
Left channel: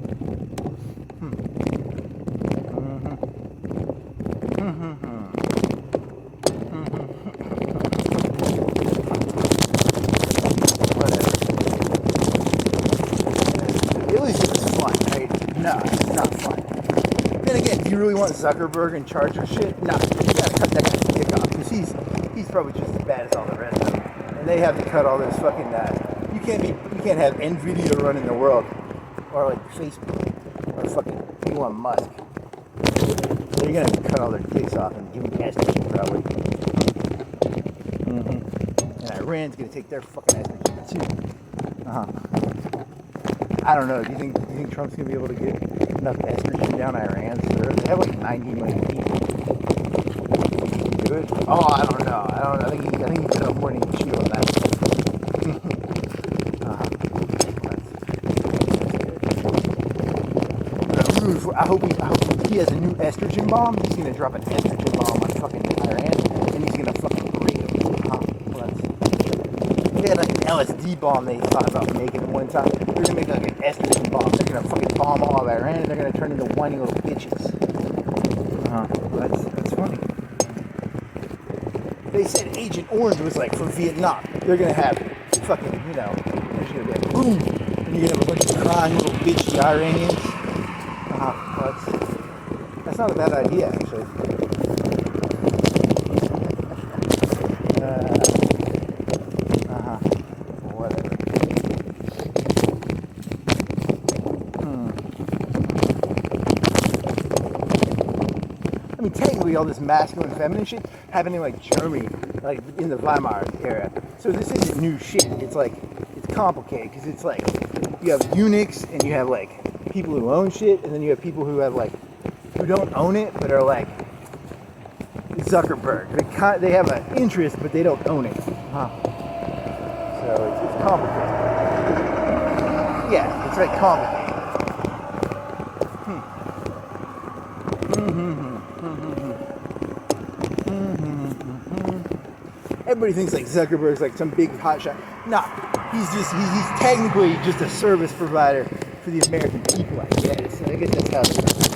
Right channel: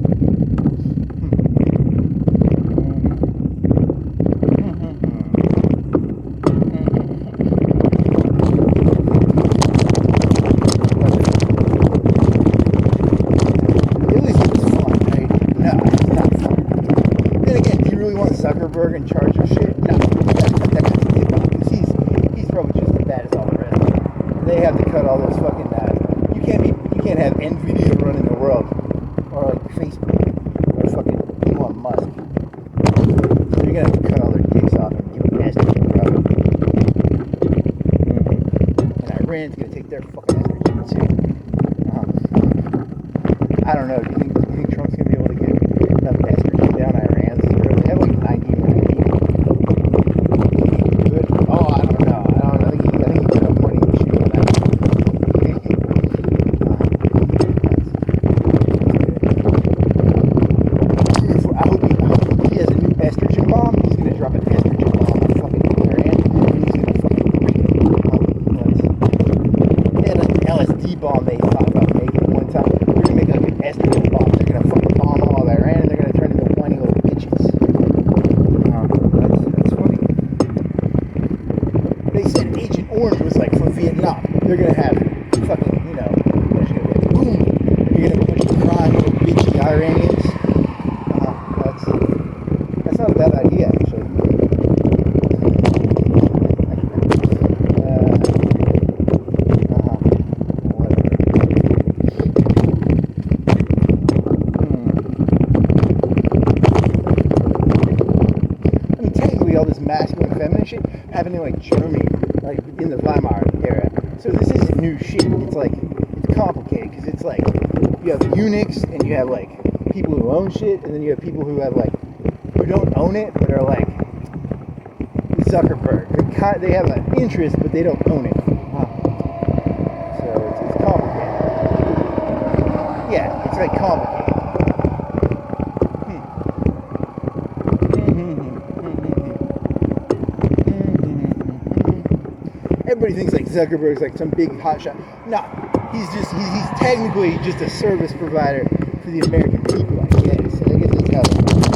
Zuckerberg in charge of shit? No, you gotta cut that shit dick off because he's probably just as bad as all the rest of them. And they have to cut all this fucking you can't have Nvidia running the world or like Facebook or fucking Elon Musk. So you're gonna have to cut all their dicks off and give them estrogen probably. And Iran's gonna take their fucking estrogen too. I don't know. Do you think Trump's gonna be able to get enough estrogen down Iran's throat? They have like 90 million people. Do it? Oh, I don't know. I think he put up more than he can chew on that. I hope he has a new estrogen bomb. He's gonna drop an estrogen bomb on fucking Iran, and he's gonna fucking break them. They had like an LSD bomb they thought about making one time. They're gonna make like an estrogen bomb. They're gonna fucking bomb all of Iran, and they're gonna turn into whiny little bitches. That's funny. They said Agent Orange was like from Vietnam. They're gonna have fucking, you know, there's gonna be a boom, and you're gonna have a bunch of crying little bitch, the Iranians. That's not a bad idea, actually. Whatever. I mean, technically, all this masculine, feminine shit, happened in like Germany, like in the Weimar era. So this isn't new shit. It's like, it's complicated because it's like you have eunuchs and you have like people who own shit, and then you have people who have like, who don't own it but are like Zuckerberg. They have an interest but they don't own it. So it's complicated. Yeah, it's like complicated. Everybody thinks like Zuckerberg's like some big hotshot. Nah, he's technically just a service provider for the American people, I guess. I guess that's how it works.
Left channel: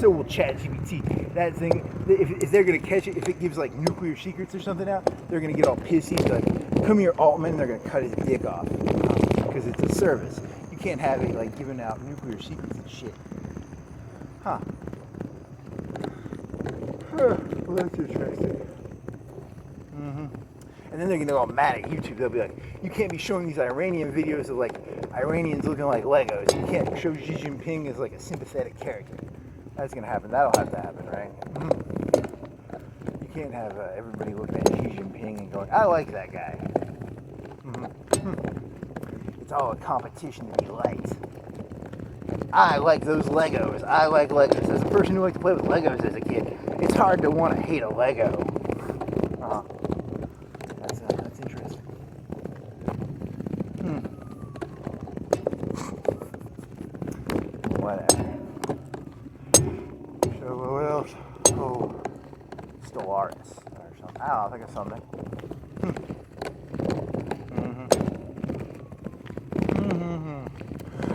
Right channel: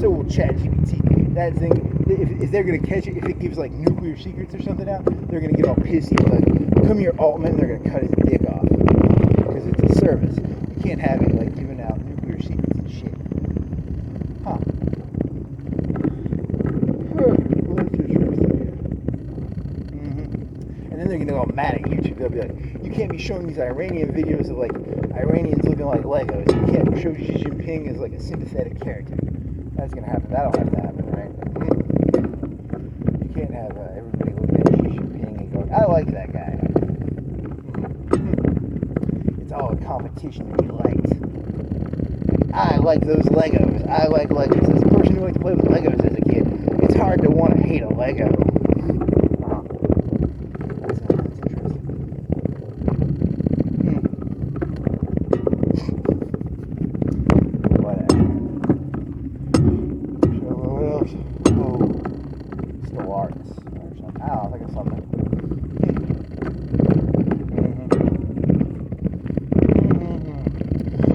So will ChatGPT. That thing, if they're gonna catch it, if it gives like nuclear secrets or something out, they're gonna get all pissy. Like, come here, Altman, and they're gonna cut his dick off because it's a service. You can't have it like giving out nuclear secrets and shit. Well, that's interesting. And then they're gonna go all mad at YouTube. They'll be like, you can't be showing these Iranian videos of like Iranians looking like Legos. You can't show Xi Jinping as like a sympathetic character. That's gonna happen. That'll have to happen, right? You can't have everybody looking at Xi Jinping and going, I like that guy. It's all a competition to be liked. I like those Legos. I like Legos. As a person who liked to play with Legos as a kid, it's hard to want to hate a Lego. That's interesting. Whatever. So what else? Oh, Stellaris or something. I don't know. I think I saw that.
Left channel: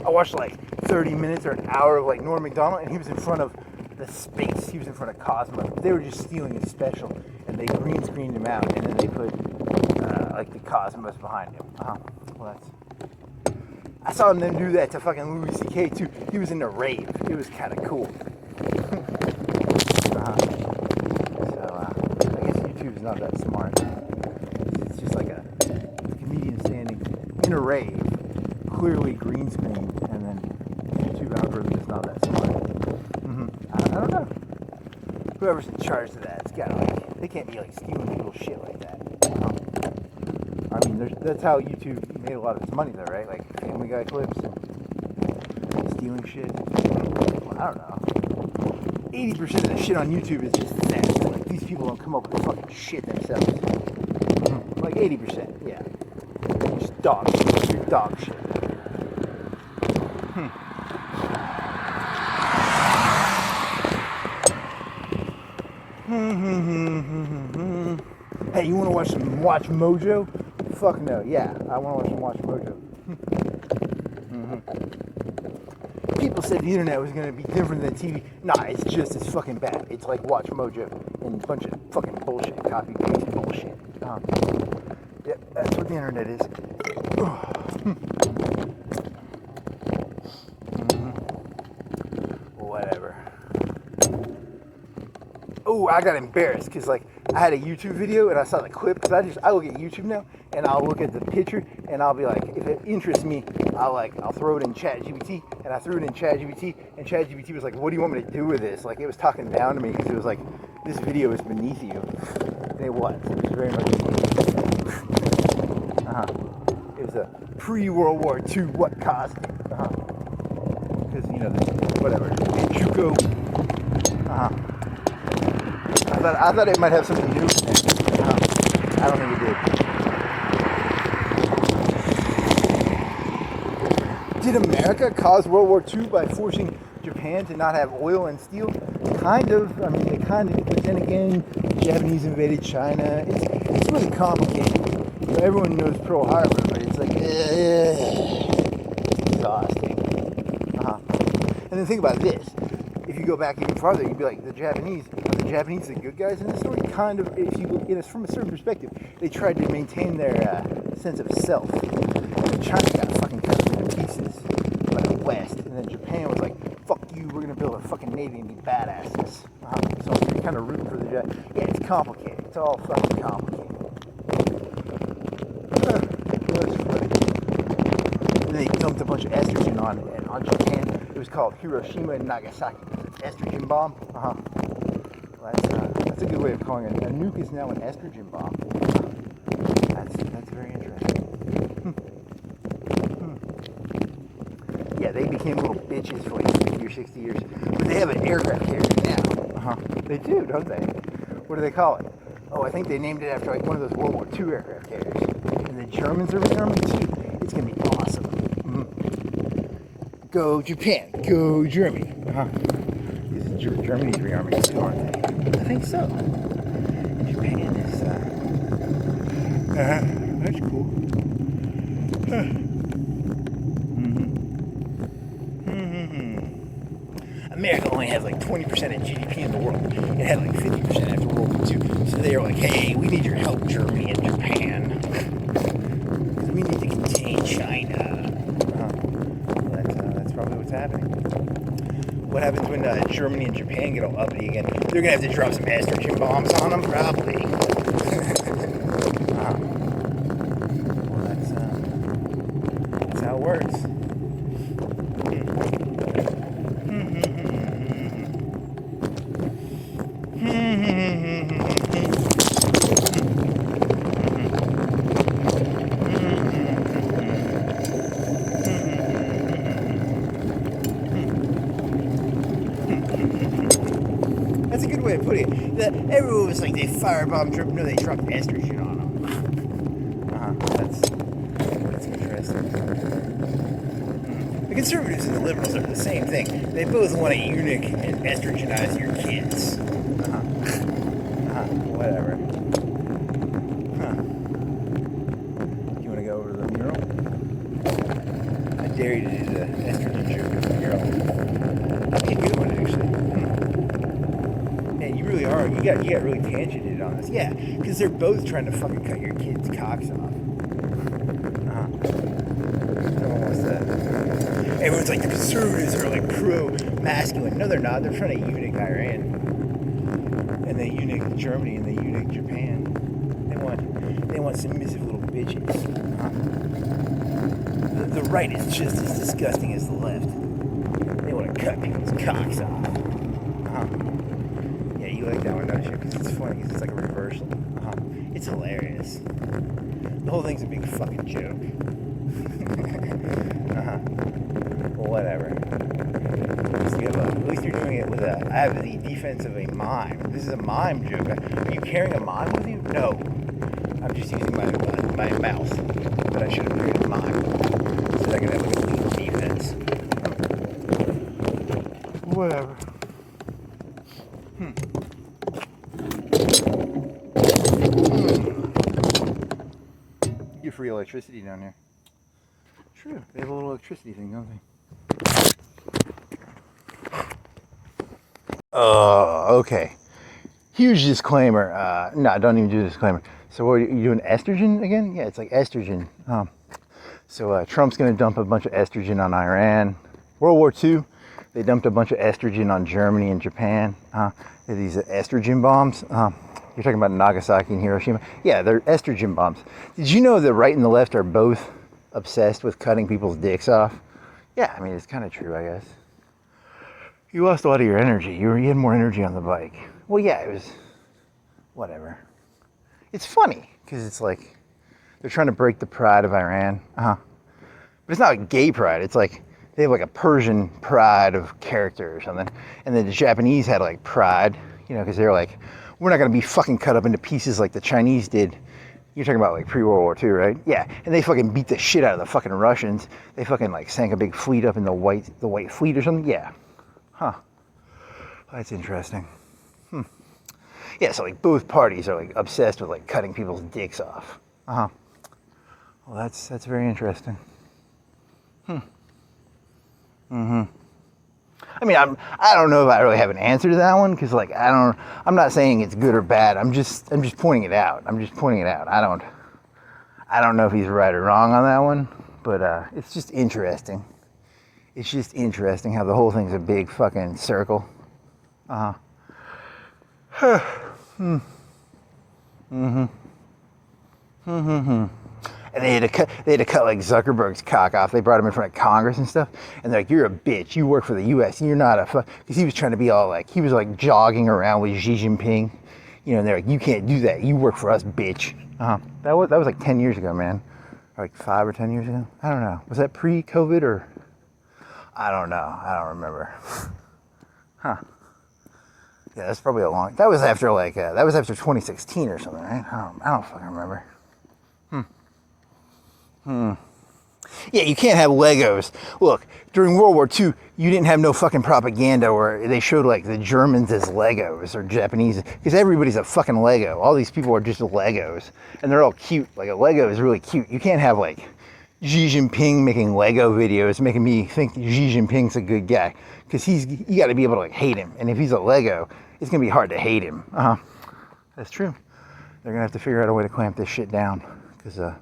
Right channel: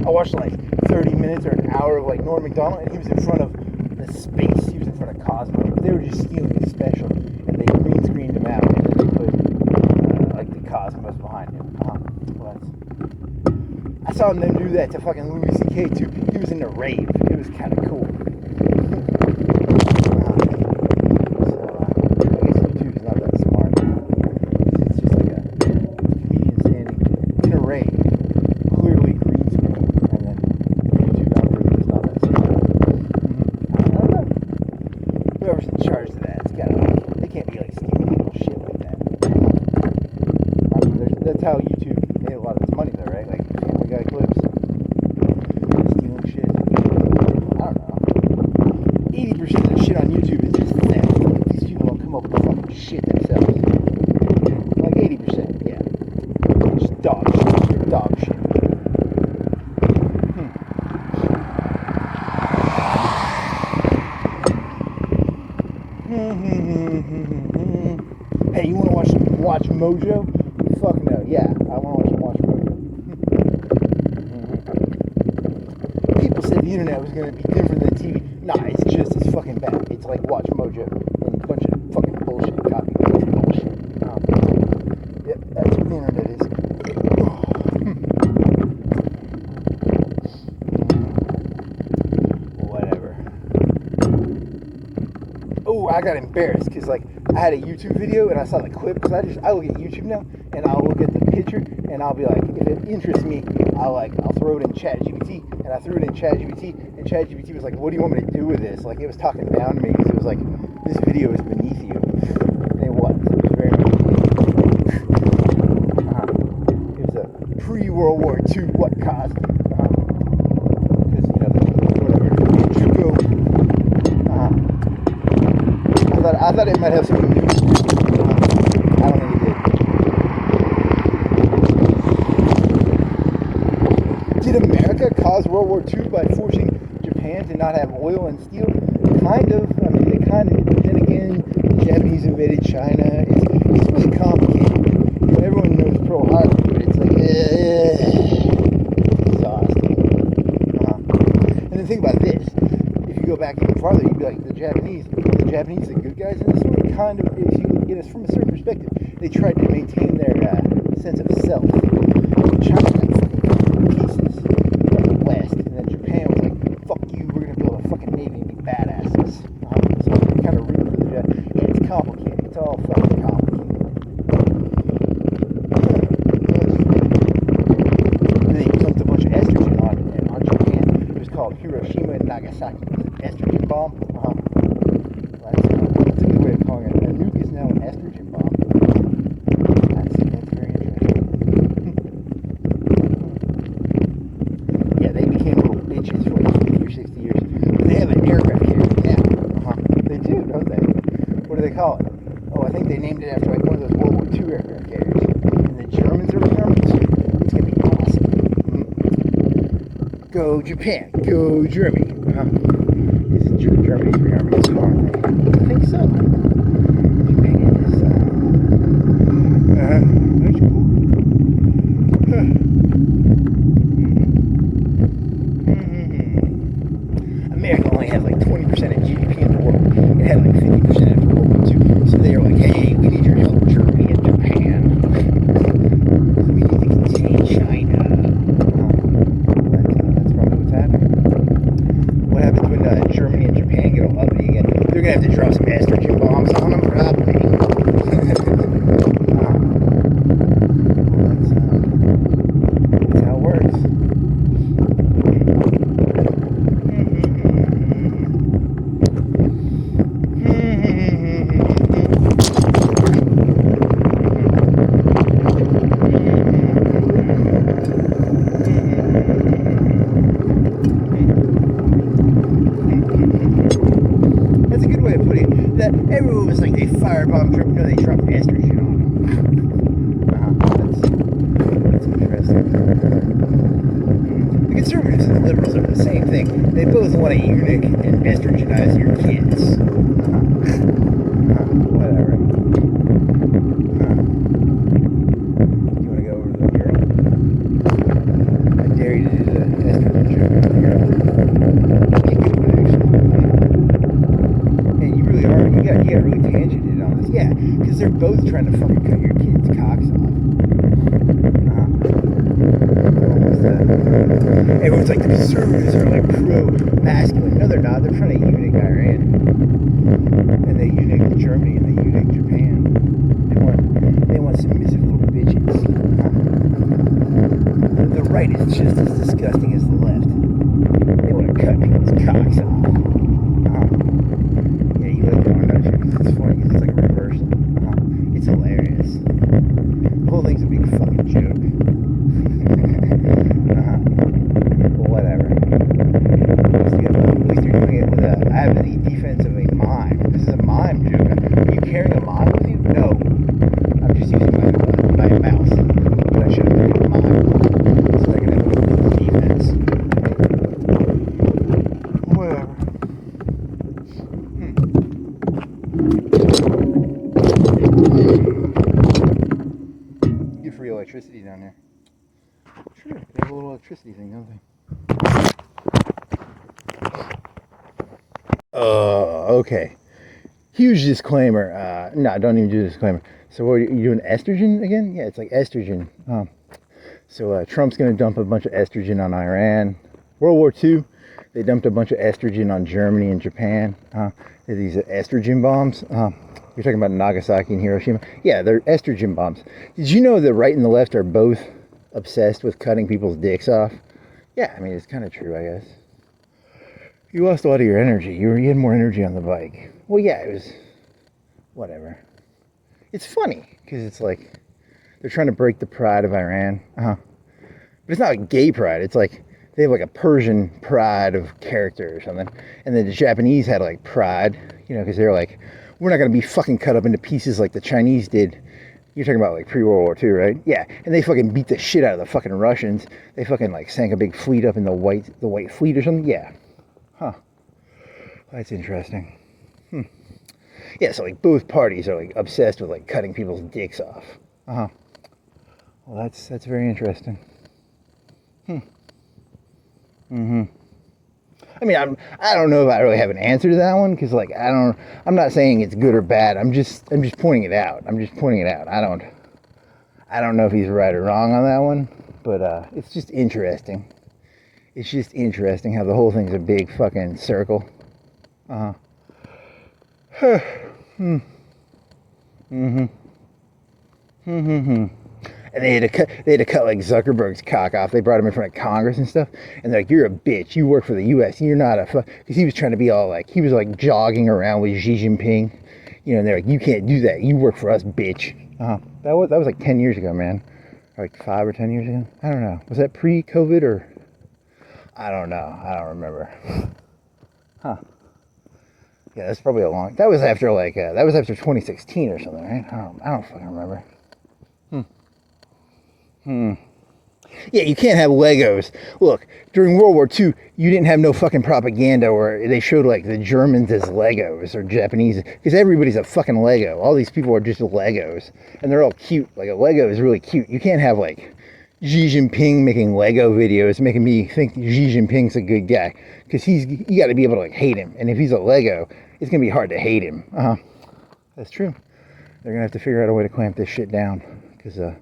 I watched like 30 minutes or an hour of like Norm Macdonald, and he was in front of the space. He was in front of Cosmos. They were just stealing his special, and they green screened him out, and then they put like the Cosmos behind him. Well, I saw them do that to fucking Louis C.K. too. He was in a rave. It was kind of cool. So I guess YouTube's not that smart. It's just like a comedian standing in a rave, clearly green screen, and then YouTube algorithm is not that smart. I don't know. Whoever's in charge of that, it's gotta like, they can't be like stealing people's shit like that. I mean, that's how YouTube made a lot of its money though, right? Like Family Guy clips, stealing shit. I don't know. 80% of the shit on YouTube is just theft. Like, these people don't come up with fucking shit themselves. Like 80%, yeah. Just dog shit. You're dog shit. Hey, you want to watch some Watch Mojo? Fuck no. Yeah, I want to watch some Watch Mojo. People said the internet was going to be different than TV. Nah, it's just as fucking bad. It's like Watch Mojo and a bunch of fucking bullshit, copy paste bullshit. Yep, that's what the internet is. Whatever. Oh, I got embarrassed because like I had a YouTube video and I saw the clip because I look at YouTube now and I'll look at the picture and I'll be like, if it interests me, I'll throw it in ChatGPT, and I threw it in ChatGPT and ChatGPT was like, what do you want me to do with this? Like, it was talking down to me because it was like, this video is beneath you. And it was. It was very much beneath you. It was a pre-World War II what caused it. Because, you know, whatever. Chuko. I thought it might have something new. I don't think it did. Did America cause World War II by forcing Japan to not have oil and steel? Kind of. I mean, they kind of. But then again, the Japanese invaded China. It's really complicated. You know, everyone knows Pearl Harbor, but it's like exhausting. And then think about this. If you go back even farther, you'd be like, the Japanese the good guys in the story? Kind of, if you look at it from a certain perspective, they tried to maintain their sense of self. China got fucking cut to pieces by the West, and then Japan was like, fuck you, we're gonna build a fucking navy and be badasses. So they kind of root for the Japanese. Yeah, it's complicated. It's all fucking complicated. That's funny. And they dumped a bunch of estrogen on Japan. It was called Hiroshima and Nagasaki. Estrogen bomb. That's call it? Oh, I think they named it after like one of those World War II aircraft carriers. And the Germans are rearming it. It's gonna be awesome. Go Japan, go Germany. Germany's rearming it too, aren't they? I think so. Japan is. That's cool. America only has like 20% of GDP in the world. It had like 50% after World War II. So they were like, hey, we need your help, Germany and Japan. We need to contain China. That's probably what's happening. What happens when Germany and Japan get all uppity again? They're going to have to drop some estrogen bombs on them, probably. Well, that's how it works. That's a good way of putting it. That everyone was like, they firebombed Trump. No, they dropped estrogen on them. That's interesting. The conservatives and the liberals are the same thing. They both want to eunuch and estrogenize your kids. Whatever. You want to go over to the girl? I dare you to do the estrogen girl. That'd be a good one, actually. Man, you really are. You got really tangented on this. Yeah, because they're both trying to fucking cut your kids' cocks off. Everyone's like, the conservatives are like pro-masculine. No, they're not. They're trying to eunuch Iran. And they eunuch Germany and they eunuch Japan. They want submissive little bitches. The right is just as disgusting as the left. They want to cut people's cocks off. Yeah, you like that one, don't you? Because it's funny, because it's like a reversal. It's hilarious. The whole thing's a big fucking joke. Well, whatever. At least you're doing it with I have the defense of a mime. This is a mime joke. Are you carrying a mime with you? No. I'm just using my mouse. But I should have carried a mime. So I can have like a little defense. Whatever. You free electricity down there. True, they have a little electricity thing, don't they? Okay. Huge disclaimer. No, don't even do the disclaimer. So what are you doing, estrogen again? Yeah, it's like estrogen. So Trump's going to dump a bunch of estrogen on Iran. World War II, they dumped a bunch of estrogen on Germany and Japan. These estrogen bombs. You're talking about Nagasaki and Hiroshima? Yeah, they're estrogen bombs. Did you know the right and the left are both obsessed with cutting people's dicks off? Yeah, I mean, it's kind of true, I guess. You lost a lot of your energy. You had more energy on the bike. Well, yeah, it was whatever. It's funny because it's like they're trying to break the pride of Iran. But it's not like gay pride. It's like they have like a Persian pride of character or something. And then the Japanese had like pride, because they're like, we're not going to be fucking cut up into pieces like the Chinese did. You're talking about like pre-World War II, right? Yeah, and they fucking beat the shit out of the fucking Russians. They fucking like sank a big fleet up in the white fleet or something. Yeah. That's interesting. Yeah, so like both parties are like obsessed with like cutting people's dicks off. Well, that's very interesting. I mean, I don't know if I really have an answer to that one because like I'm not saying it's good or bad. I'm just pointing it out. I don't know if he's right or wrong on that one, but it's just interesting. It's just interesting how the whole thing's a big fucking circle. And they had to cut like Zuckerberg's cock off. They brought him in front of Congress and stuff, and they're like, "You're a bitch. You work for the U.S. You're not a fuck." Because he was trying to be all like, he was like jogging around with Xi Jinping, and they're like, "You can't do that. You work for us, bitch." That was like 10 years ago, man. Or like 5 or 10 years ago. I don't know. Was that pre-COVID or? I don't know. I don't remember. Yeah, that's probably a long. That was after like that was after 2016 or something, right? I don't fucking remember. Yeah, you can't have Legos. Look, during World War II, you didn't have no fucking propaganda where they showed like the Germans as Legos or Japanese, because everybody's a fucking Lego. All these people are just Legos, and they're all cute. Like a Lego is really cute. You can't have like Xi Jinping making Lego videos, making me think Xi Jinping's a good guy, because you got to be able to like hate him, and if he's a Lego, it's gonna be hard to hate him. That's true. They're gonna have to figure out a way to clamp this shit down, because the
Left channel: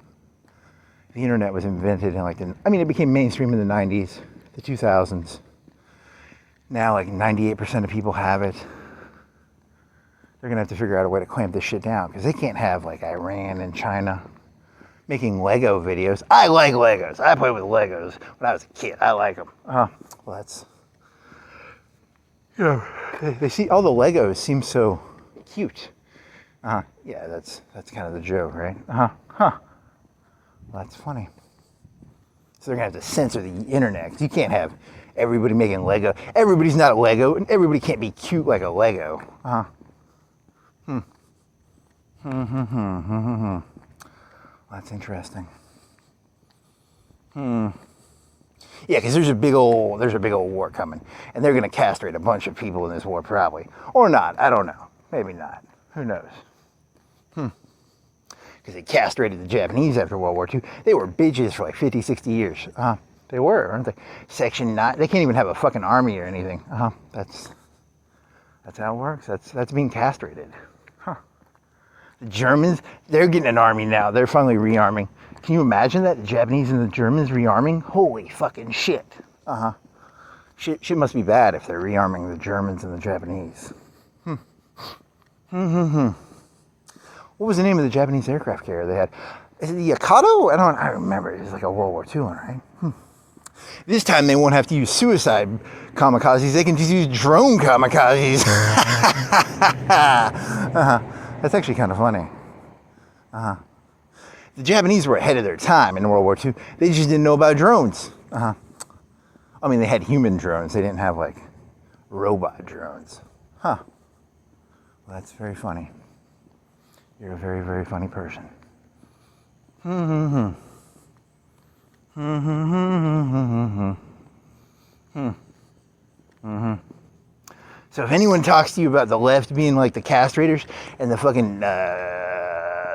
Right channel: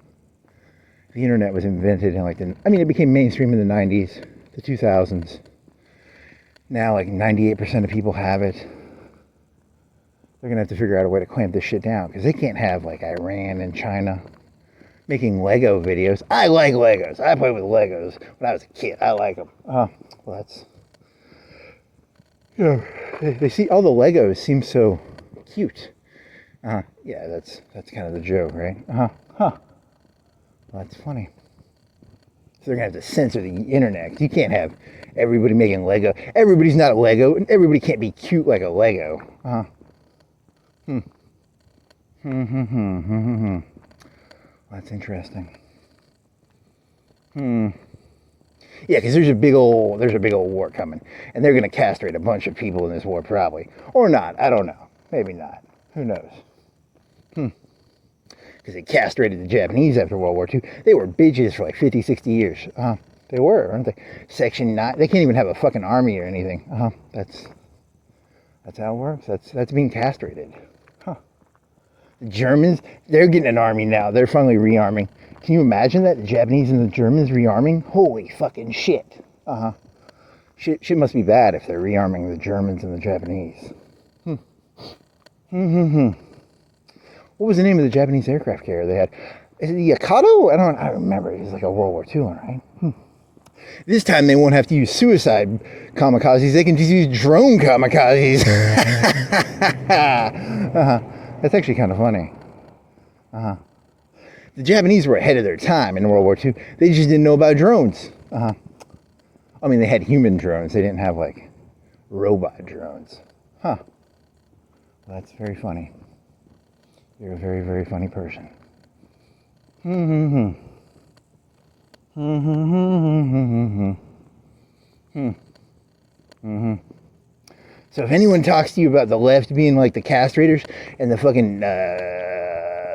internet was invented in like it became mainstream in the 90s, the 2000s. Now like 98% of people have it. They're gonna have to figure out a way to clamp this shit down, because they can't have like Iran and China making Lego videos. I like Legos. I played with Legos when I was a kid. I like them. Well, that's, they see all the Legos seem so cute. Yeah, that's kind of the joke, right? Well, that's funny. So they're gonna have to censor the internet, 'cause you can't have everybody making Lego. Everybody's not a Lego, and everybody can't be cute like a Lego. That's interesting. Yeah, because there's a big old war coming, and they're gonna castrate a bunch of people in this war, probably, or not. I don't know. Maybe not. Who knows? Because they castrated the Japanese after World War II. They were bitches for like 50, 60 years. They were, aren't they? Section 9. They can't even have a fucking army or anything. That's how it works. That's being castrated. The Germans, they're getting an army now. They're finally rearming. Can you imagine that? The Japanese and the Germans rearming? Holy fucking shit. Shit must be bad if they're rearming the Germans and the Japanese. What was the name of the Japanese aircraft carrier they had? Is it the Yakato? I remember. It was like a World War II one, right? This time they won't have to use suicide kamikazes. They can just use drone kamikazes. That's actually kind of funny. The Japanese were ahead of their time in World War II. They just didn't know about drones. They had human drones. They didn't have like robot drones. Well, that's very funny. You're a very, very funny person. So if anyone talks to you about the left being like the castrators and the fucking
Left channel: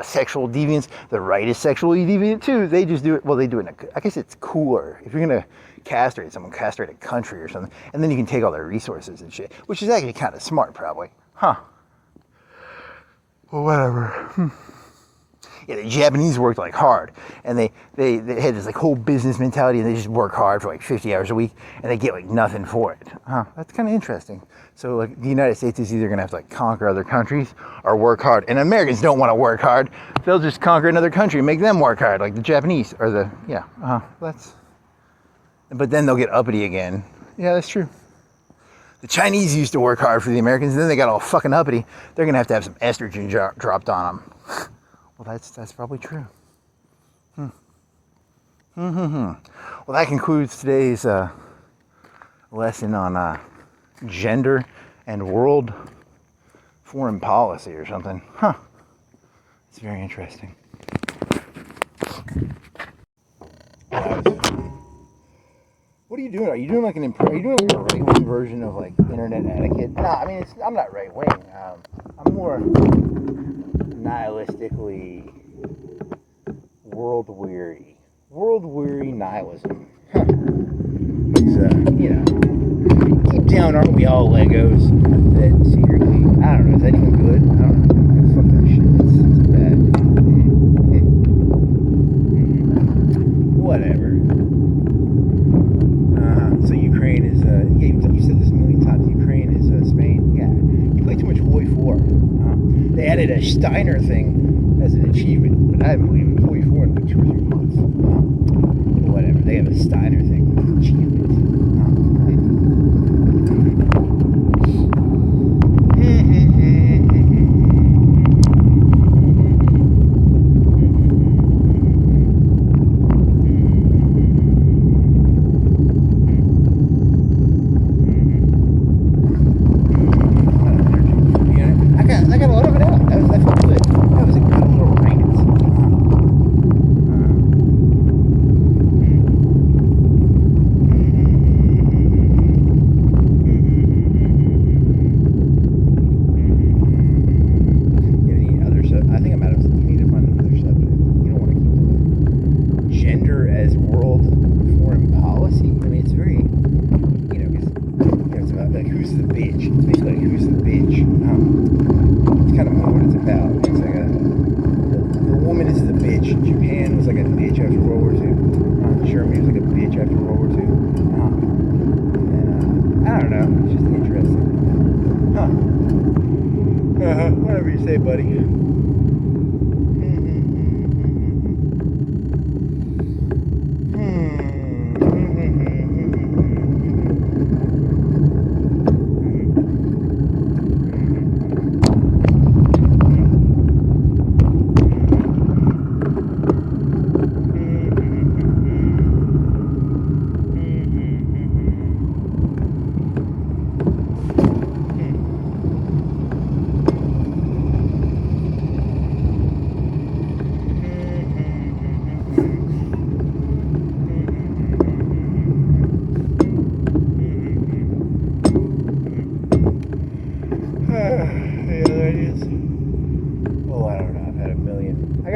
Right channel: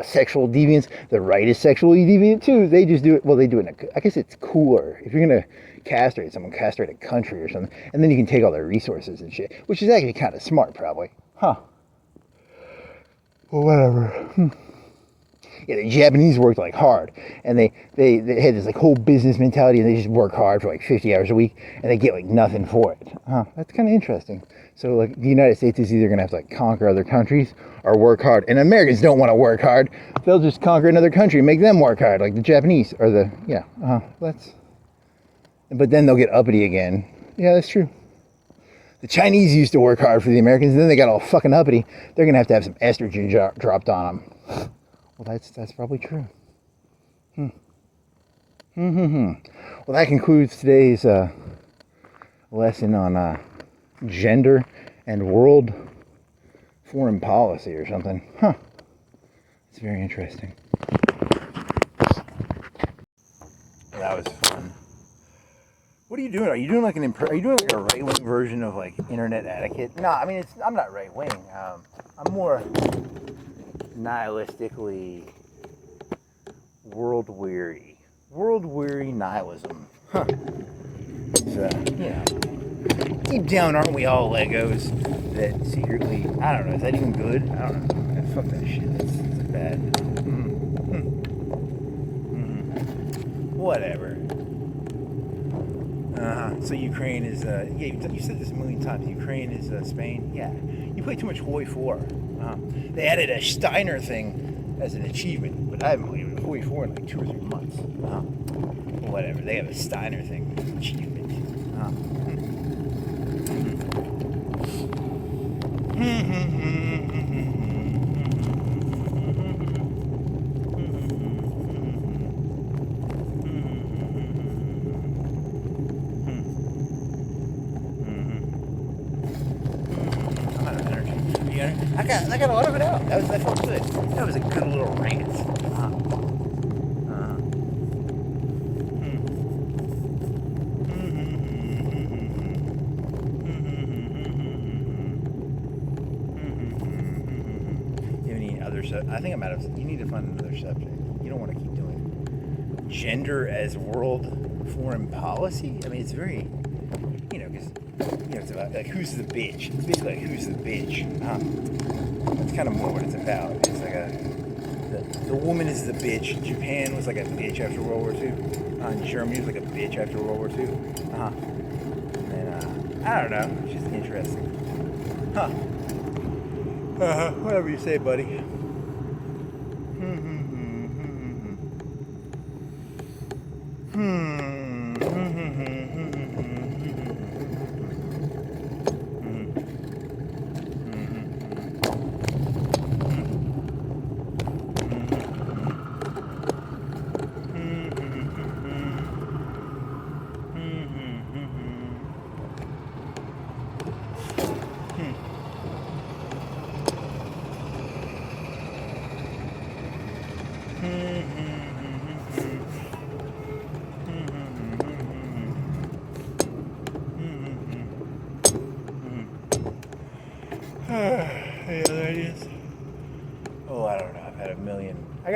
sexual deviants, the right is sexually deviant too. They just do it. Well, they do it. I guess it's cooler if you're gonna castrate someone, castrate a country or something, and then you can take all their resources and shit, which is actually kind of smart, probably. Well, whatever. Yeah, the Japanese worked like hard, and they had this like whole business mentality, and they just work hard for like 50 hours a week, and they get like nothing for it. That's kind of interesting. So like the United States is either gonna have to like conquer other countries or work hard, and Americans don't want to work hard. They'll just conquer another country and make them work hard, like the Japanese or the But then they'll get uppity again. Yeah, that's true. The Chinese used to work hard for the Americans, and then they got all fucking uppity. They're gonna have to have some estrogen dropped on them. Well, that's probably true. Well, that concludes today's lesson on gender and world foreign policy or something. It's very interesting. Well, that was fun. What are you doing? Are you doing like a right-wing version of like internet etiquette? No, I'm not right-wing. I'm more nihilistically world-weary. World-weary nihilism. It's, deep down, aren't we all Legos that secretly, I don't know, is that even good? I don't know. Fuck that shit. It's bad. Whatever. So Ukraine is, you said this a million times, Ukraine is Spain? Yeah. You play too much Hoi 4. They added a Steiner thing as an achievement, but I haven't played Hoi 4 in like 2 or 3 months. Whatever, they have a Steiner thing as an achievement. gender as world foreign policy. I mean, it's very, it's about like who's the bitch. It's basically like who's the bitch. It's kind of more what it's about. It's like the woman is the bitch. Japan was like a bitch after World War II. Germany was like a bitch after World War II. And I don't know. It's just interesting. Whatever you say, buddy.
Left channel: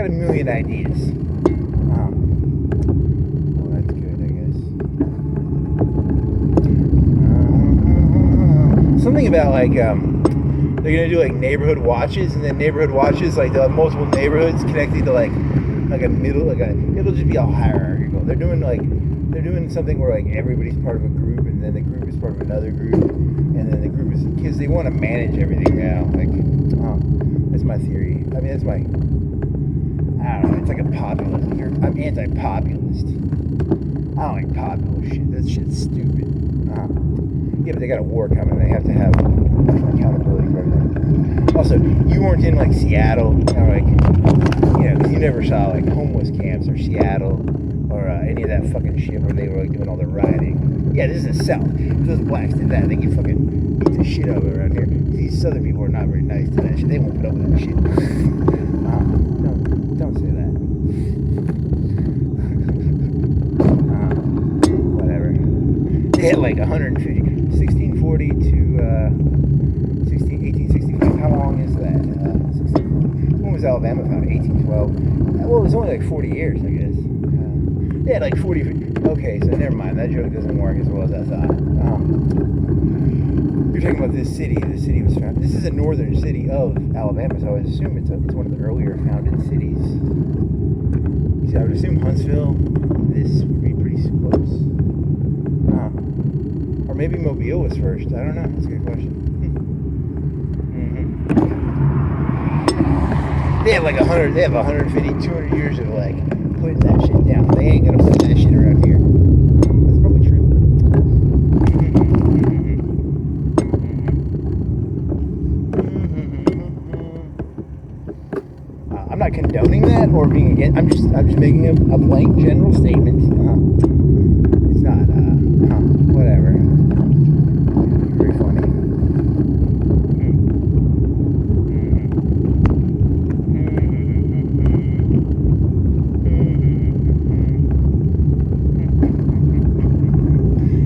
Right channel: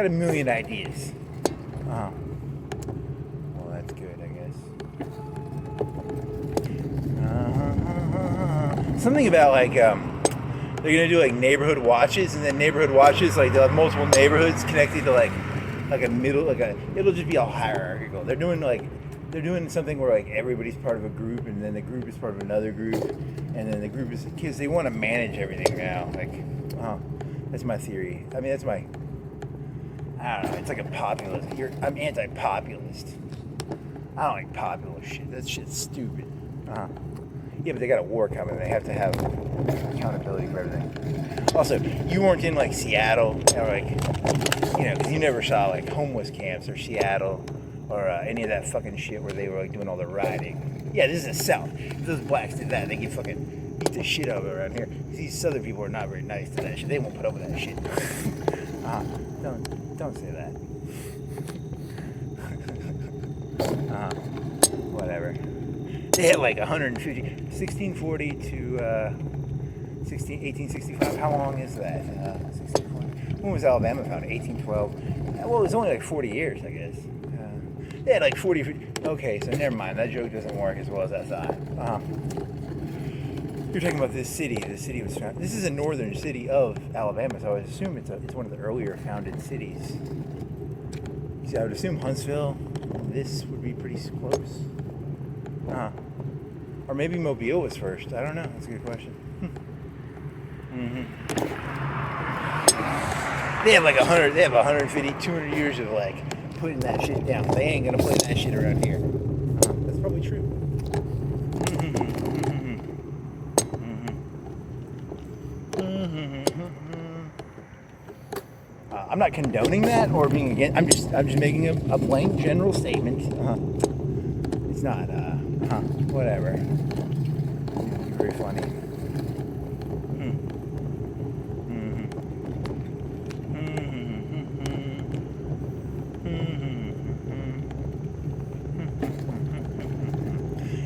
A million ideas. Well, that's good, I guess. Something about like they're gonna do like neighborhood watches, and then neighborhood watches like they'll have multiple neighborhoods connected to like a middle, it'll just be all hierarchical. They're doing something where like everybody's part of a group, and then the group is part of another group, and then the group is because they want to manage everything now. Like, that's my theory. I mean, that's my. I don't know, it's like a populist. I'm anti-populist. I don't like populist shit. That shit's stupid. Yeah, but they got a war coming. They have to have accountability for everything. Also, you weren't in like Seattle, because you never saw like homeless camps or Seattle or any of that fucking shit where they were like doing all the rioting. Yeah, this is the South. If those blacks did that, they could fucking beat the shit out of it around here. These Southern people are not very nice to that shit. They won't put up with that shit. Don't say that. Whatever. They had like 1640 to 1865. How long is that? When was Alabama founded? 1812. Well, it was only like 40 years, I guess. They had like 40. Okay, so never mind. That joke doesn't work as well as I thought. You're talking about this city. The city was founded. This is a northern city of Alabama, so I would assume it's one of the earlier founded cities. See, I would assume Huntsville. This would be pretty close. Or maybe Mobile was first. I don't know. That's a good question. They have like 100. They have 150, 200 years of like putting that shit down. They ain't gonna put that shit around here. That's probably true. I'm not condoning that or being against. I'm just making a blank general statement. It's not. Whatever. Very funny.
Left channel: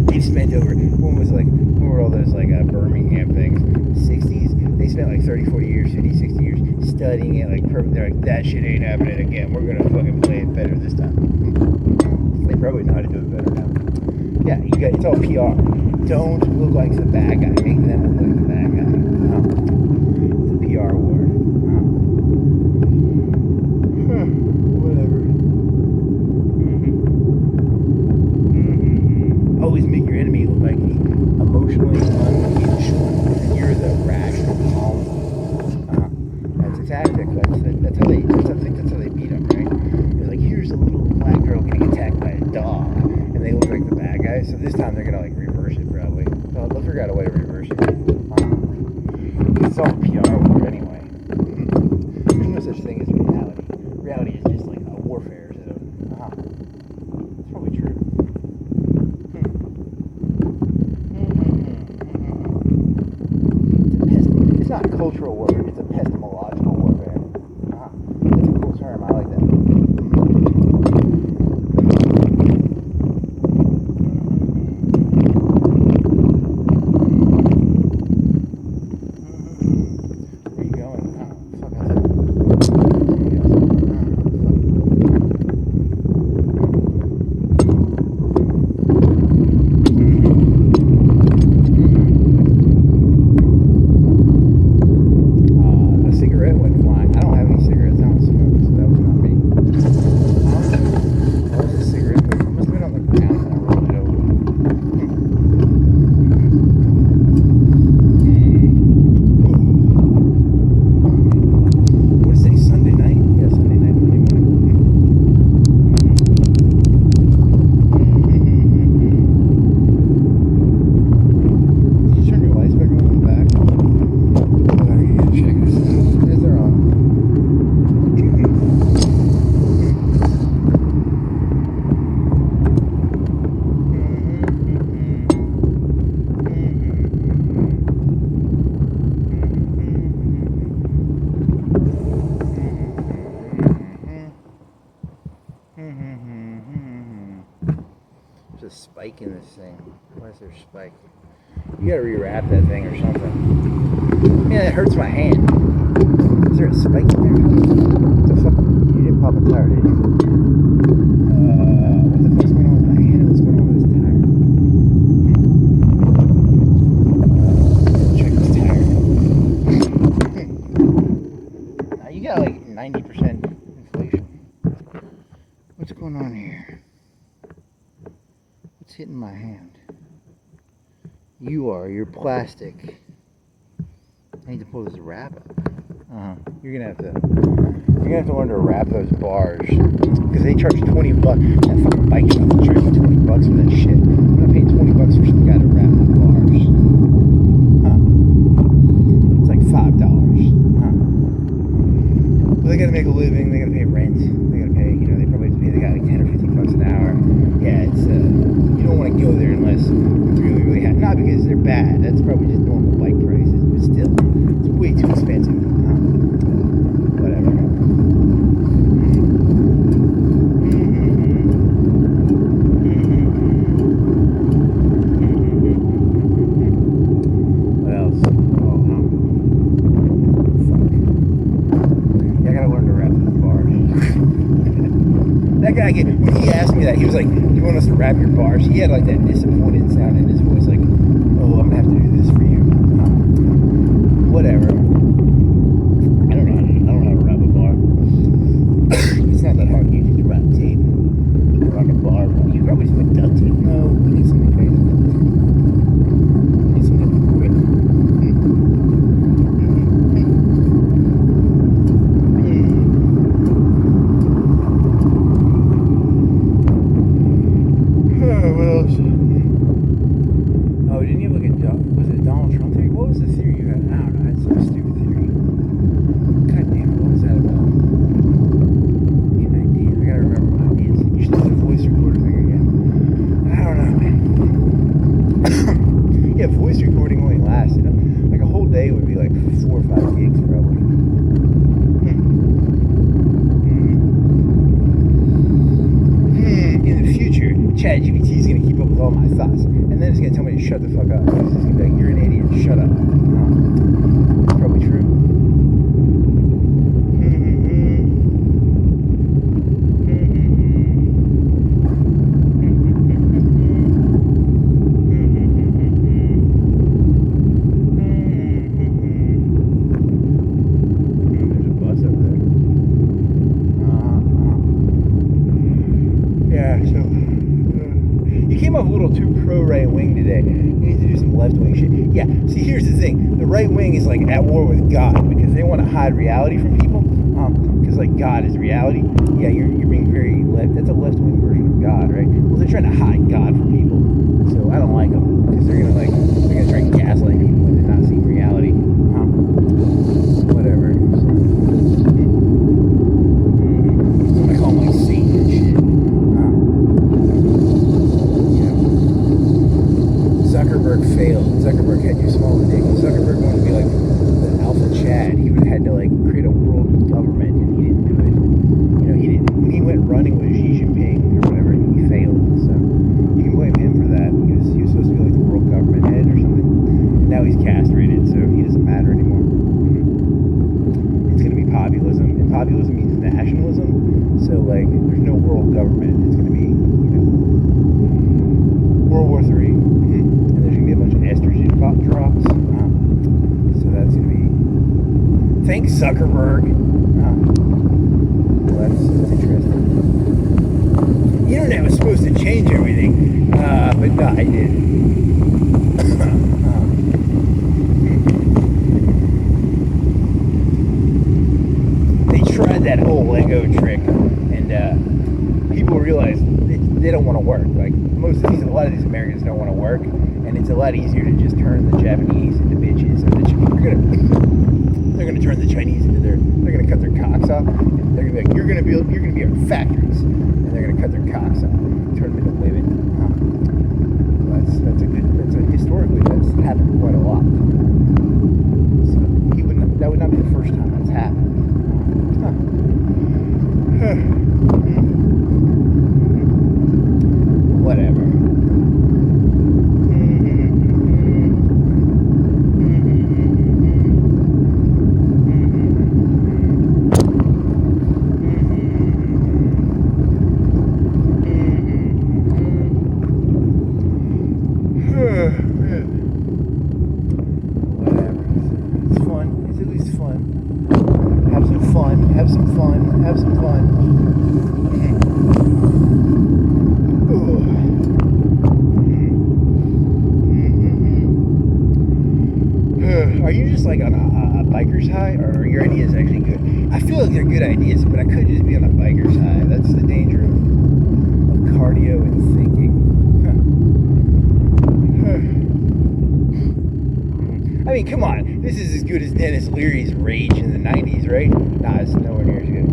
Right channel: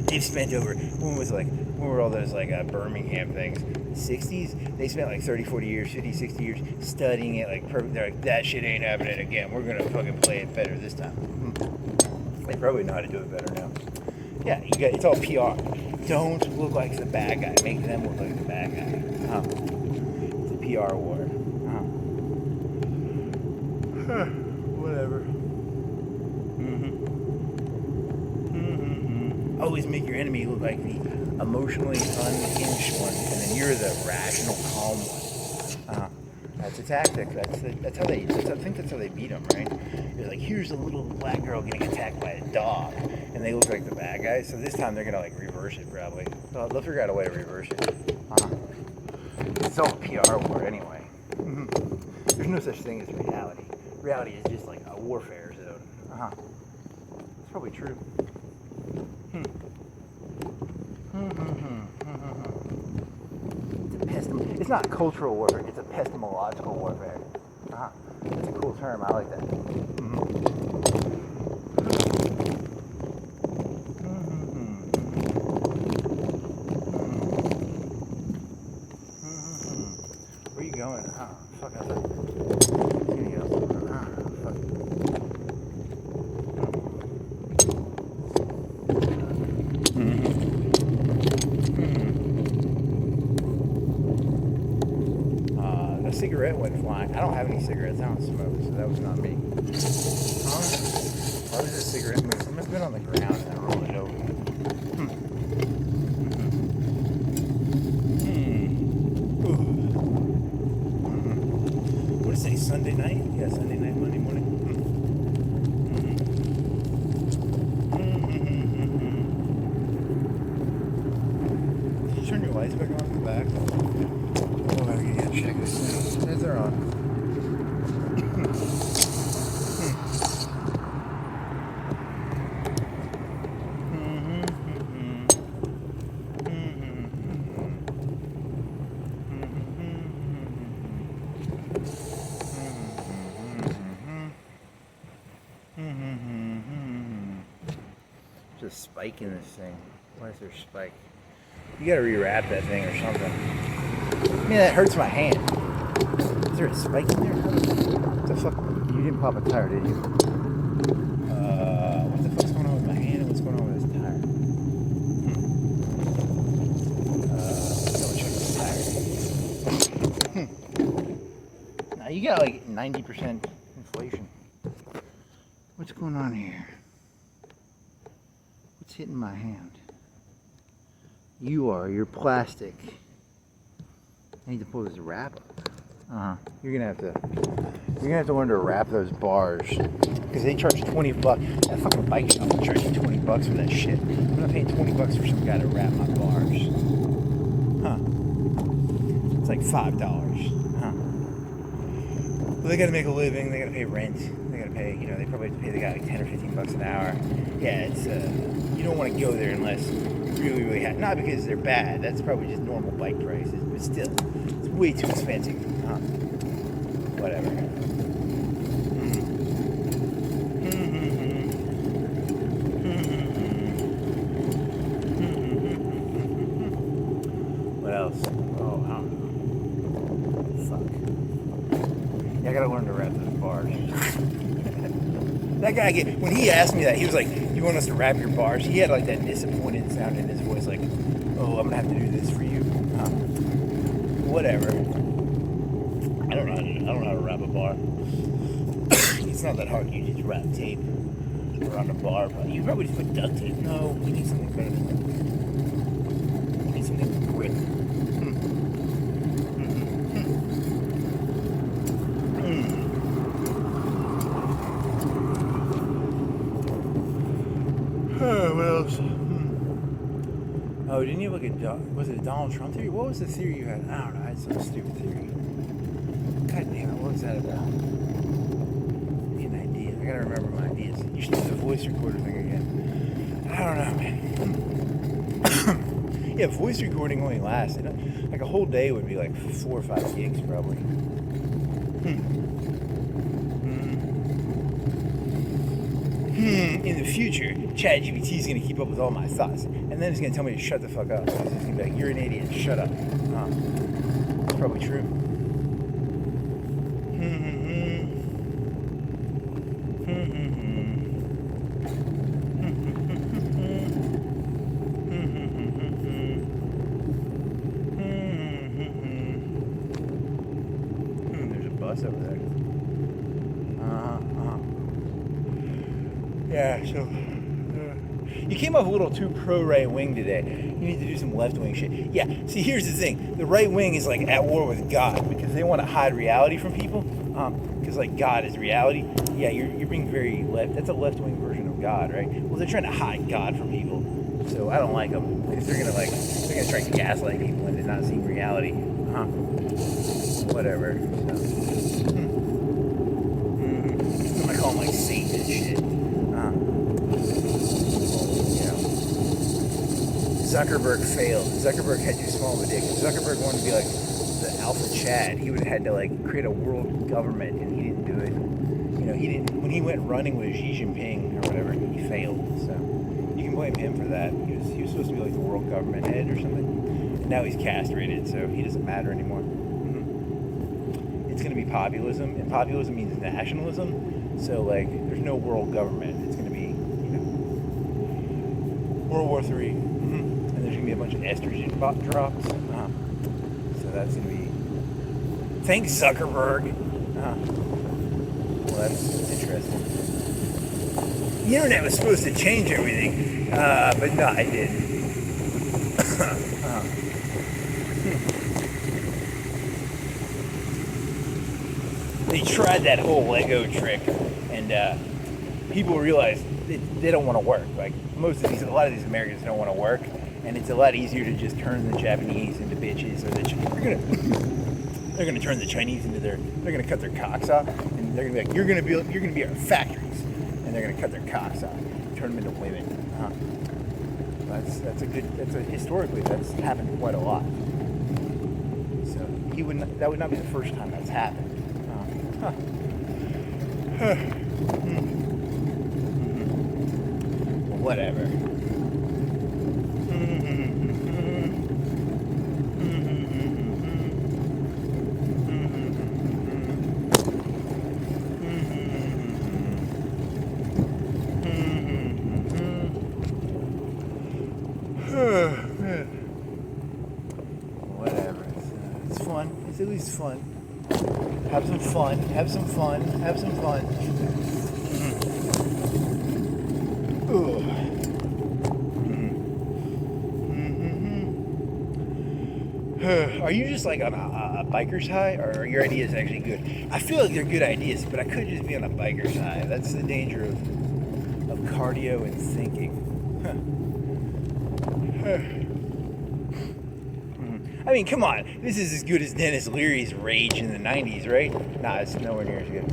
They've spent over. When were all those like Birmingham things? 60s. They spent like 30, 40 years, 50, 60 years studying it. They're like, that shit ain't happening again. We're gonna fucking play it better this time. They probably know how to do it better now. Yeah, it's all PR. Don't look like the bad guy. Make them look like the bad guy. It's a PR war. Whatever. Always make your enemy look like the emotionally unhinged one, and you're the rational, calm one. That's a tactic. That's how they. I think that's how they beat them, right? They're like, here's a little black girl getting attacked by a dog, and they look like the bad guys. So this time they're gonna like reverse it probably. They'll figure out a way to reverse it. It's all PR war anyway. There's no such thing as reality. Reality is just like a warfare zone. It's probably true. It's not cultural warfare, it's epistemological warfare. That's a cool term, I like that. Where are you going? Fuck, I think. a spike in this thing? Why is there a spike? You gotta rewrap that thing or something. Yeah, that hurts my hand. Is there a spike in there? What the fuck? You didn't pop a tire, did you? What the fuck's going on with my hand and what's going on with this tire? Check this tire. Now you got like 90% inflation. What's going on here? What's hitting my hand? You're plastic. I need to pull this wrap up. You're gonna have to learn to wrap those bars because they charge $20. That fucking bike shop charges you $20 for that shit. I'm gonna pay $20 for some guy to wrap my bars. It's like $5. Well, they gotta make a living. They gotta pay rent. They gotta pay. They probably have to pay the guy like $10 or $15 an hour. Yeah, it's you don't want to go there unless you really have. Not because they're bad. That's probably just normal bike prices. But still, it's way too expensive. Whatever. What else? Fuck. I gotta learn to wrap those bars. That guy, when he asked me that, he was like, "You want us to wrap your bars?" He had like that disappointed sound in his voice, like, "Oh, I'm gonna have to do this for you." Whatever. I don't know how to wrap a bar. It's not that hard. You just wrap tape around a bar. You probably just put duct tape. No, you need something better. You need something quick. What else? Oh, didn't you look at, was it Donald Trump theory? What was the theory you had? I don't know, it's some stupid theory. God damn it, what was that about? I gotta remember my ideas. You should do the voice recording thing again. I don't know, man. Yeah, voice recording only lasted, like a whole day would be like 4 or 5 gigs probably. In the future, ChatGPT is going to keep up with all my thoughts, and then it's going to tell me to shut the fuck up. It's going to be like, "You're an idiot, shut up." Probably true. There's a bus up there. Yeah, so you came off a little too pro-right wing today. You need to do some left-wing shit. Yeah, see, here's the thing. The right wing is like at war with God because they want to hide reality from people. Because like God is reality. Yeah, you're being very left. That's a left-wing version of God, right? Well, they're trying to hide God from people. So I don't like them because they're gonna try to gaslight people into not seeing reality. Whatever. So, I'm gonna call them like Satan and shit. Zuckerberg failed. Zuckerberg had too small of a dick. Zuckerberg wanted to be like the alpha Chad. He would have had to like create a world government, and he didn't do it. He didn't. When he went running with Xi Jinping or whatever, he failed. So you can blame him for that because he was supposed to be like the world government head or something. Now he's castrated, so he doesn't matter anymore. It's going to be populism, and populism means nationalism. So like, there's no world government. It's going to be World War III. And there's going to be a bunch of estrogen drops. So that's going to be... Thanks, Zuckerberg. Well, that's interesting. The internet was supposed to change everything, but no, I didn't. They tried that whole Lego trick, and people realized they don't want to work. Like a lot of these Americans don't want to work, and it's a lot easier to just turn the Japanese into bitches. And they're gonna turn the Chinese into they're gonna cut their cocks off. They're gonna be like, you're gonna be our factories, and they're gonna cut their cocks off, turn them into women. Historically that's happened quite a lot. So that would not be the first time that's happened. Whatever. some fun. Have some fun. Have some fun. Are you just like on a biker's high, or are your ideas actually good? I feel like they're good ideas, but I could just be on a biker's high. That's the danger of cardio and thinking. I mean, come on. This is as good as Dennis Leary's Rage in the 90s, right? Nah, it's nowhere near as good.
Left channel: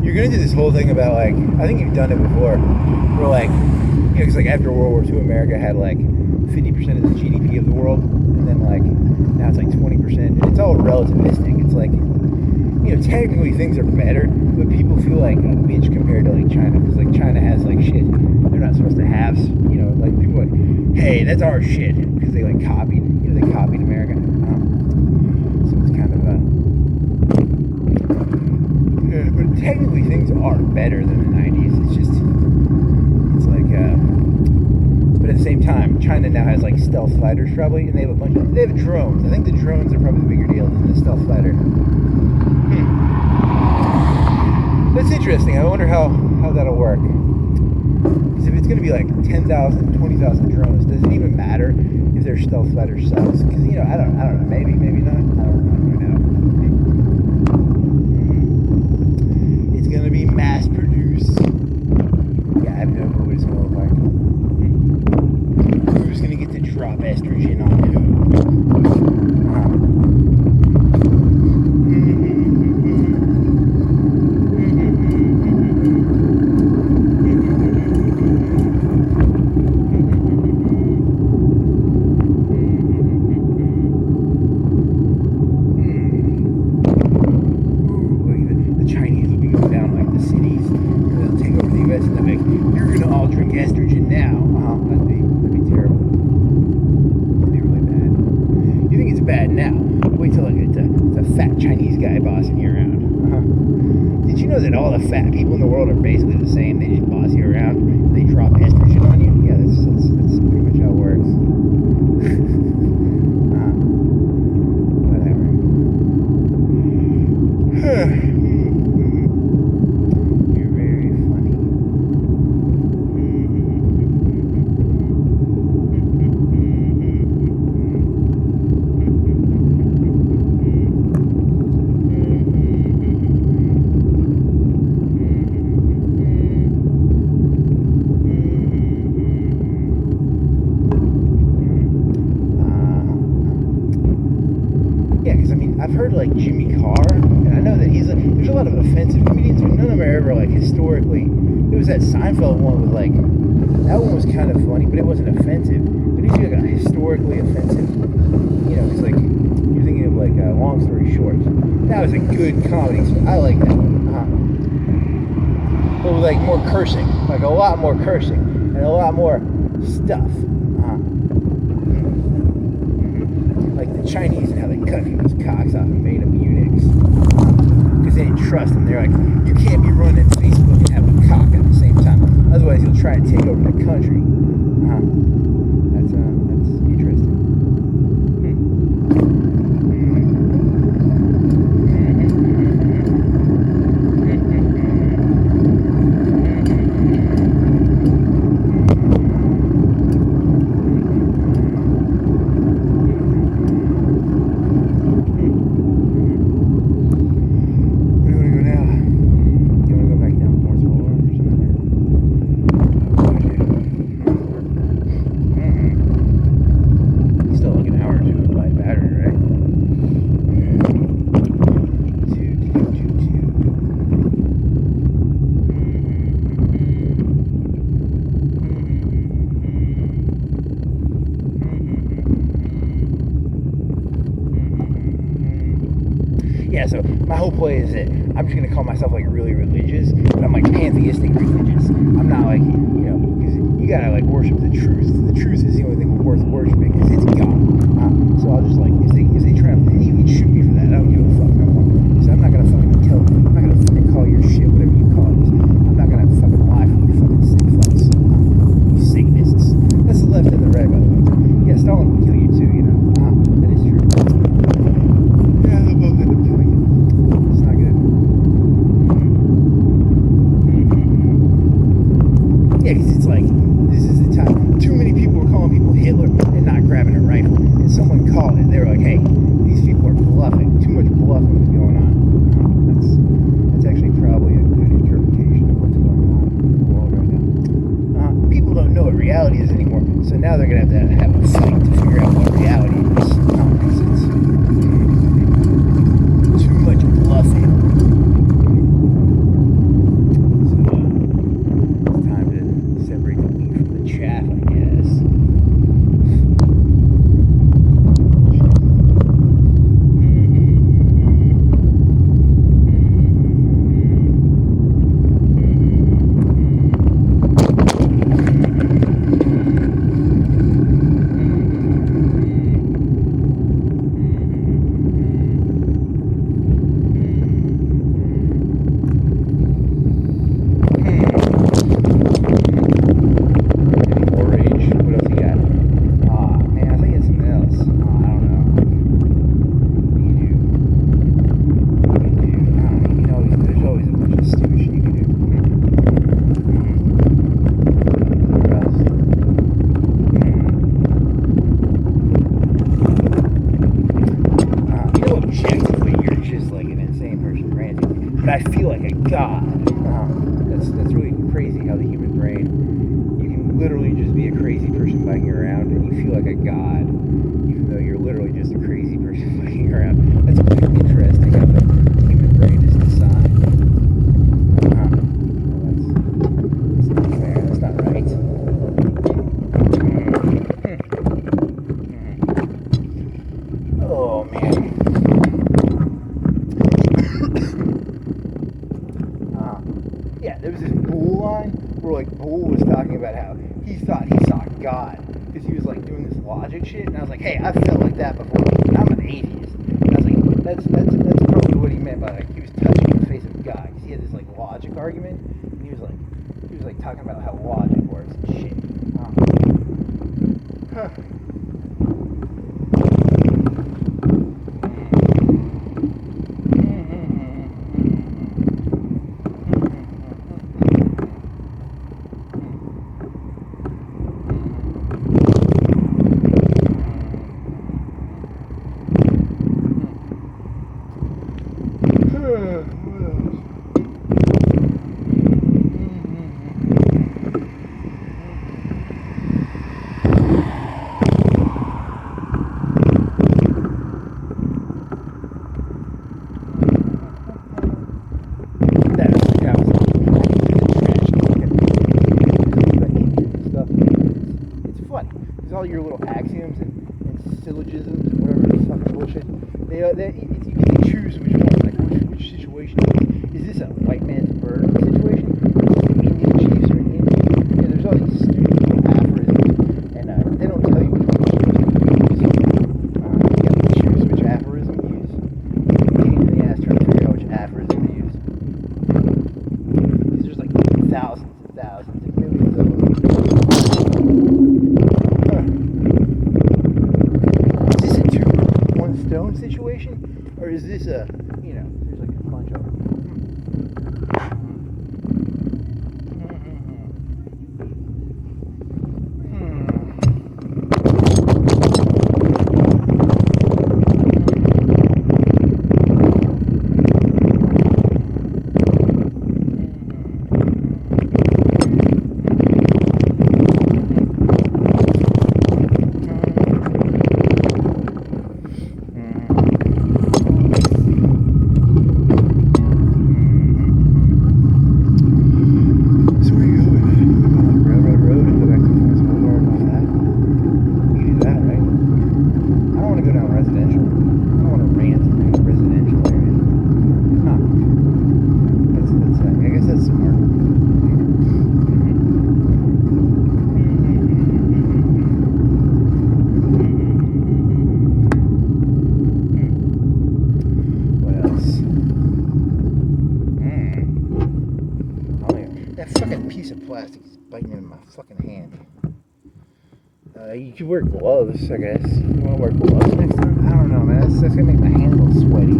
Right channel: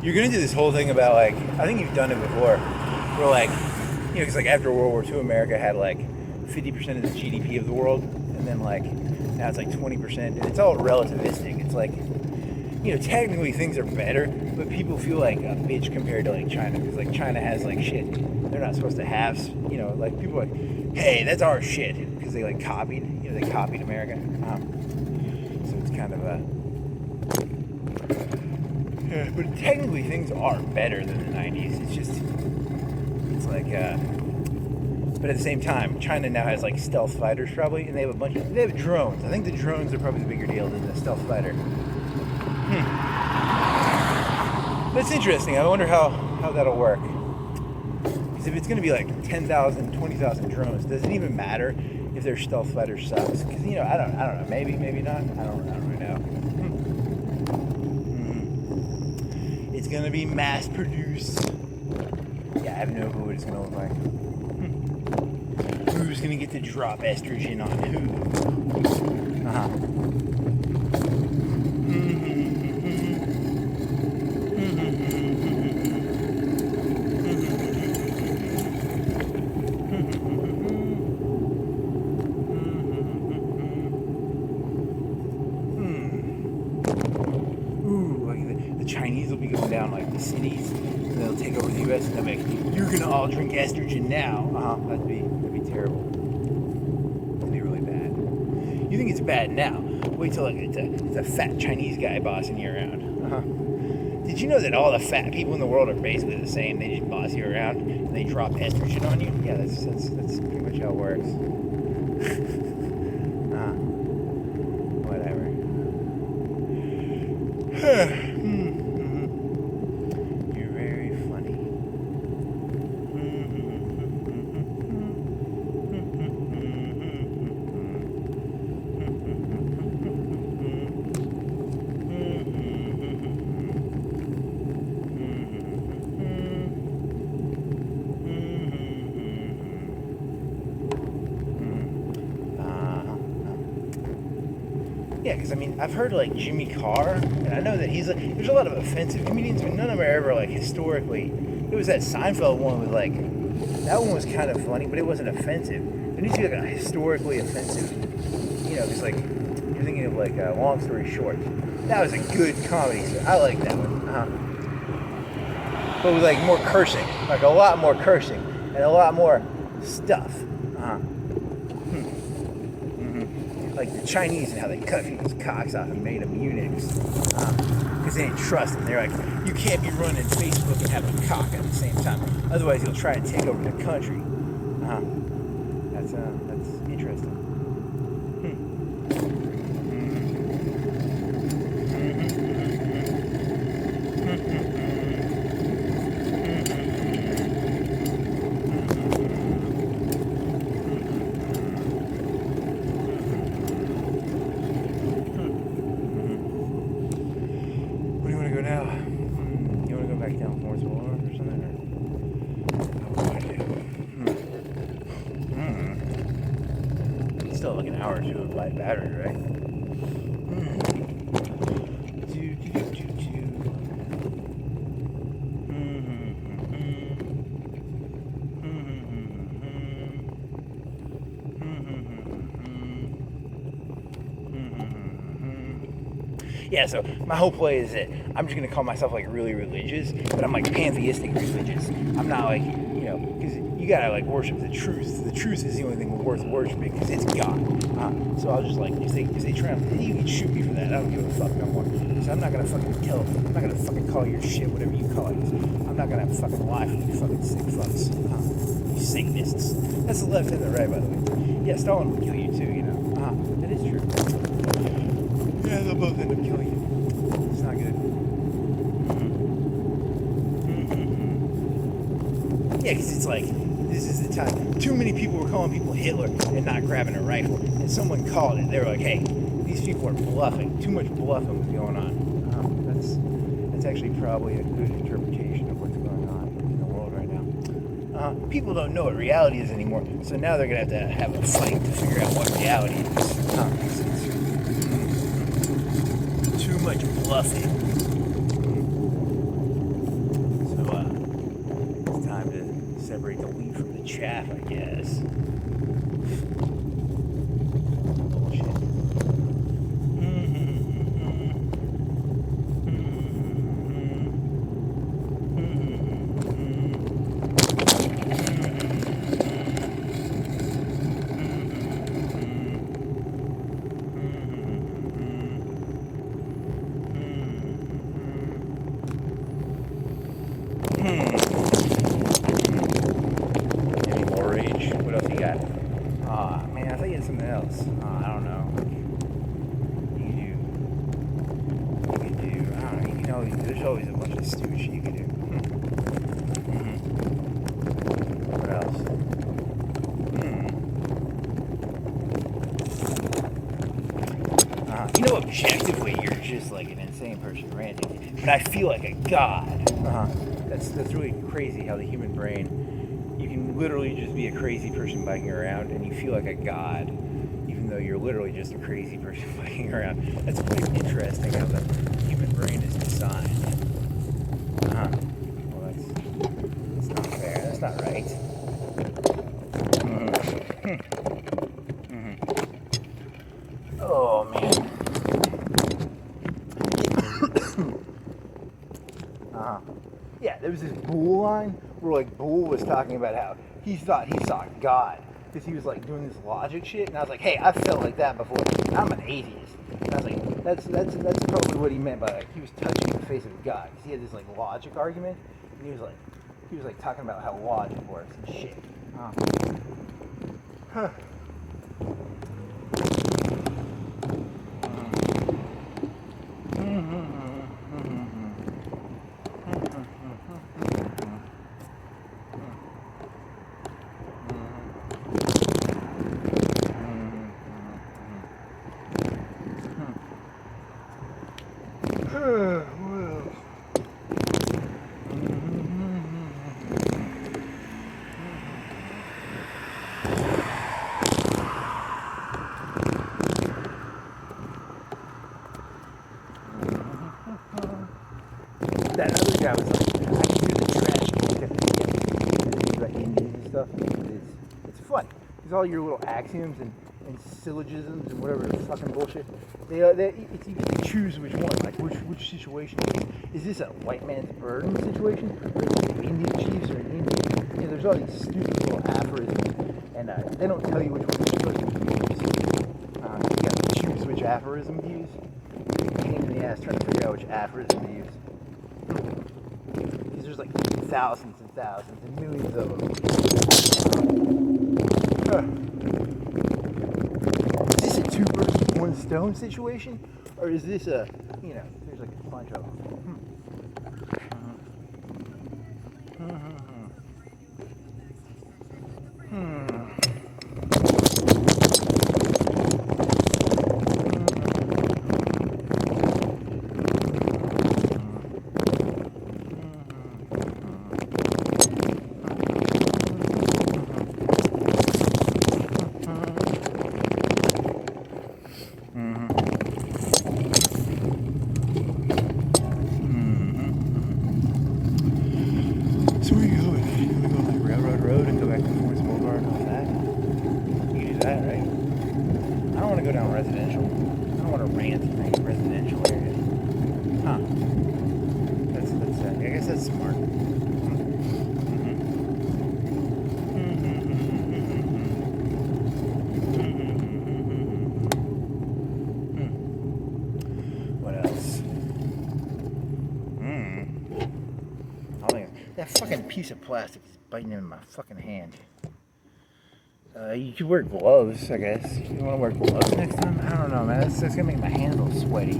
You're gonna do this whole thing about, like, I think you've done it before, where, like, you know, because like after World War II, America had like 50% of the GDP of the world, and then like now it's like 20%. It's all relativistic. It's like, you know, technically things are better, but people feel like a bitch compared to like China, because like China has like shit they're not supposed to have. You know, like people are like, hey, that's our shit, because they like copied, you know, they copied America. So it's kind of but technically things are better than the 90s. It's just, it's like, but at the same time, China now has like stealth fighters probably, and they have they have drones. I think the drones are probably a bigger deal than the stealth fighter. That's interesting. I wonder how that'll work. Because if it's going to be like 10,000, 20,000 drones, does it even matter if their stealth fighter sucks? Because, you know, I don't know. Maybe not. I don't know. It's going to be mass produced. Yeah, I have no clue what it's going to look like. Who's going to get to drop estrogen on who? Estrogen now. That'd be terrible. That'd be really bad. You think it's bad now? Wait till it's a fat Chinese guy bossing you around. Did you know that all the fat people in the world are basically the same? They just boss you around and they drop estrogen on you? Yeah, that's pretty much how it works. Whatever. I've heard like Jimmy Carr, and I know that there's a lot of offensive comedians, but none of them are ever like historically. It was that Seinfeld one with like, that one was kind of funny, but it wasn't offensive. It needs to be like a historically offensive, you know, it's like, you're thinking of like Long Story Short. That was a good comedy, so I like that one. But with like more cursing, like a lot more cursing, and a lot more stuff. Like the Chinese and how they cut people's cocks off and made them eunuchs because they didn't trust them. They're like, you can't be running Facebook and having a cock at the same time, otherwise you'll try to take over the country. That's interesting. Yeah, so my whole play is that I'm just going to call myself like really religious, but I'm like pantheistic religious. I'm not like gotta like worship the truth. The truth is the only thing worth worshiping because it's God. So I'll just like if they try to, you can shoot me for that. I don't give a fuck no more. So I'm not gonna fucking kill. I'm not gonna fucking call your shit whatever you call it. I'm not gonna fucking lie for you fucking sick fucks. Satanists. That's the left and the right, by the way. Yeah, Stalin will kill you too. You know. That is true. Yeah, they'll both end up killing you. It's not good. Yeah, because it's like, this is the time. Too many people were calling people Hitler and not grabbing a rifle. And someone called it. They were like, hey, these people are bluffing. Too much bluffing was going on. That's actually probably a good interpretation of what's going on in the world right now. People don't know what reality is anymore. So now they're going to have a fight to figure out what reality is. It's too much bluffing. Separate the wheat from the chaff, I guess. I feel like a god. That's really crazy how the human brain, you can literally just be a crazy person biking around and you feel like a god, even though you're literally just a crazy person biking around. That's pretty interesting how the human brain is designed. Well, that's not fair. That's not right. Oh, man. Yeah, there was this Bull line where like Bull was talking about how he thought he saw God because he was like doing this logic shit, and I was like, hey, I felt like that before. And I'm an atheist, and I was like, that's probably what he meant by like he was touching the face of God because he had this like logic argument, and he was like talking about how logic works and shit. All your little axioms and syllogisms and whatever fucking bullshit. You can choose which one, like which situation. Is this a white man's burden situation, or is it Indian chiefs or an Indian? Yeah, there's all these stupid little aphorisms, and they don't tell you which one you're supposed to use. You got to choose which aphorism to use. Pain in the ass trying to figure out which aphorism to use. Because there's like thousands and thousands and millions of them. Is this a 2 versus 1 stone situation, or is this a, there's like a bunch of them. piece of plastic is biting in my fucking hand. You could wear gloves, I guess. You want to wear gloves next time? I don't know, man. That's gonna make my hands all sweaty.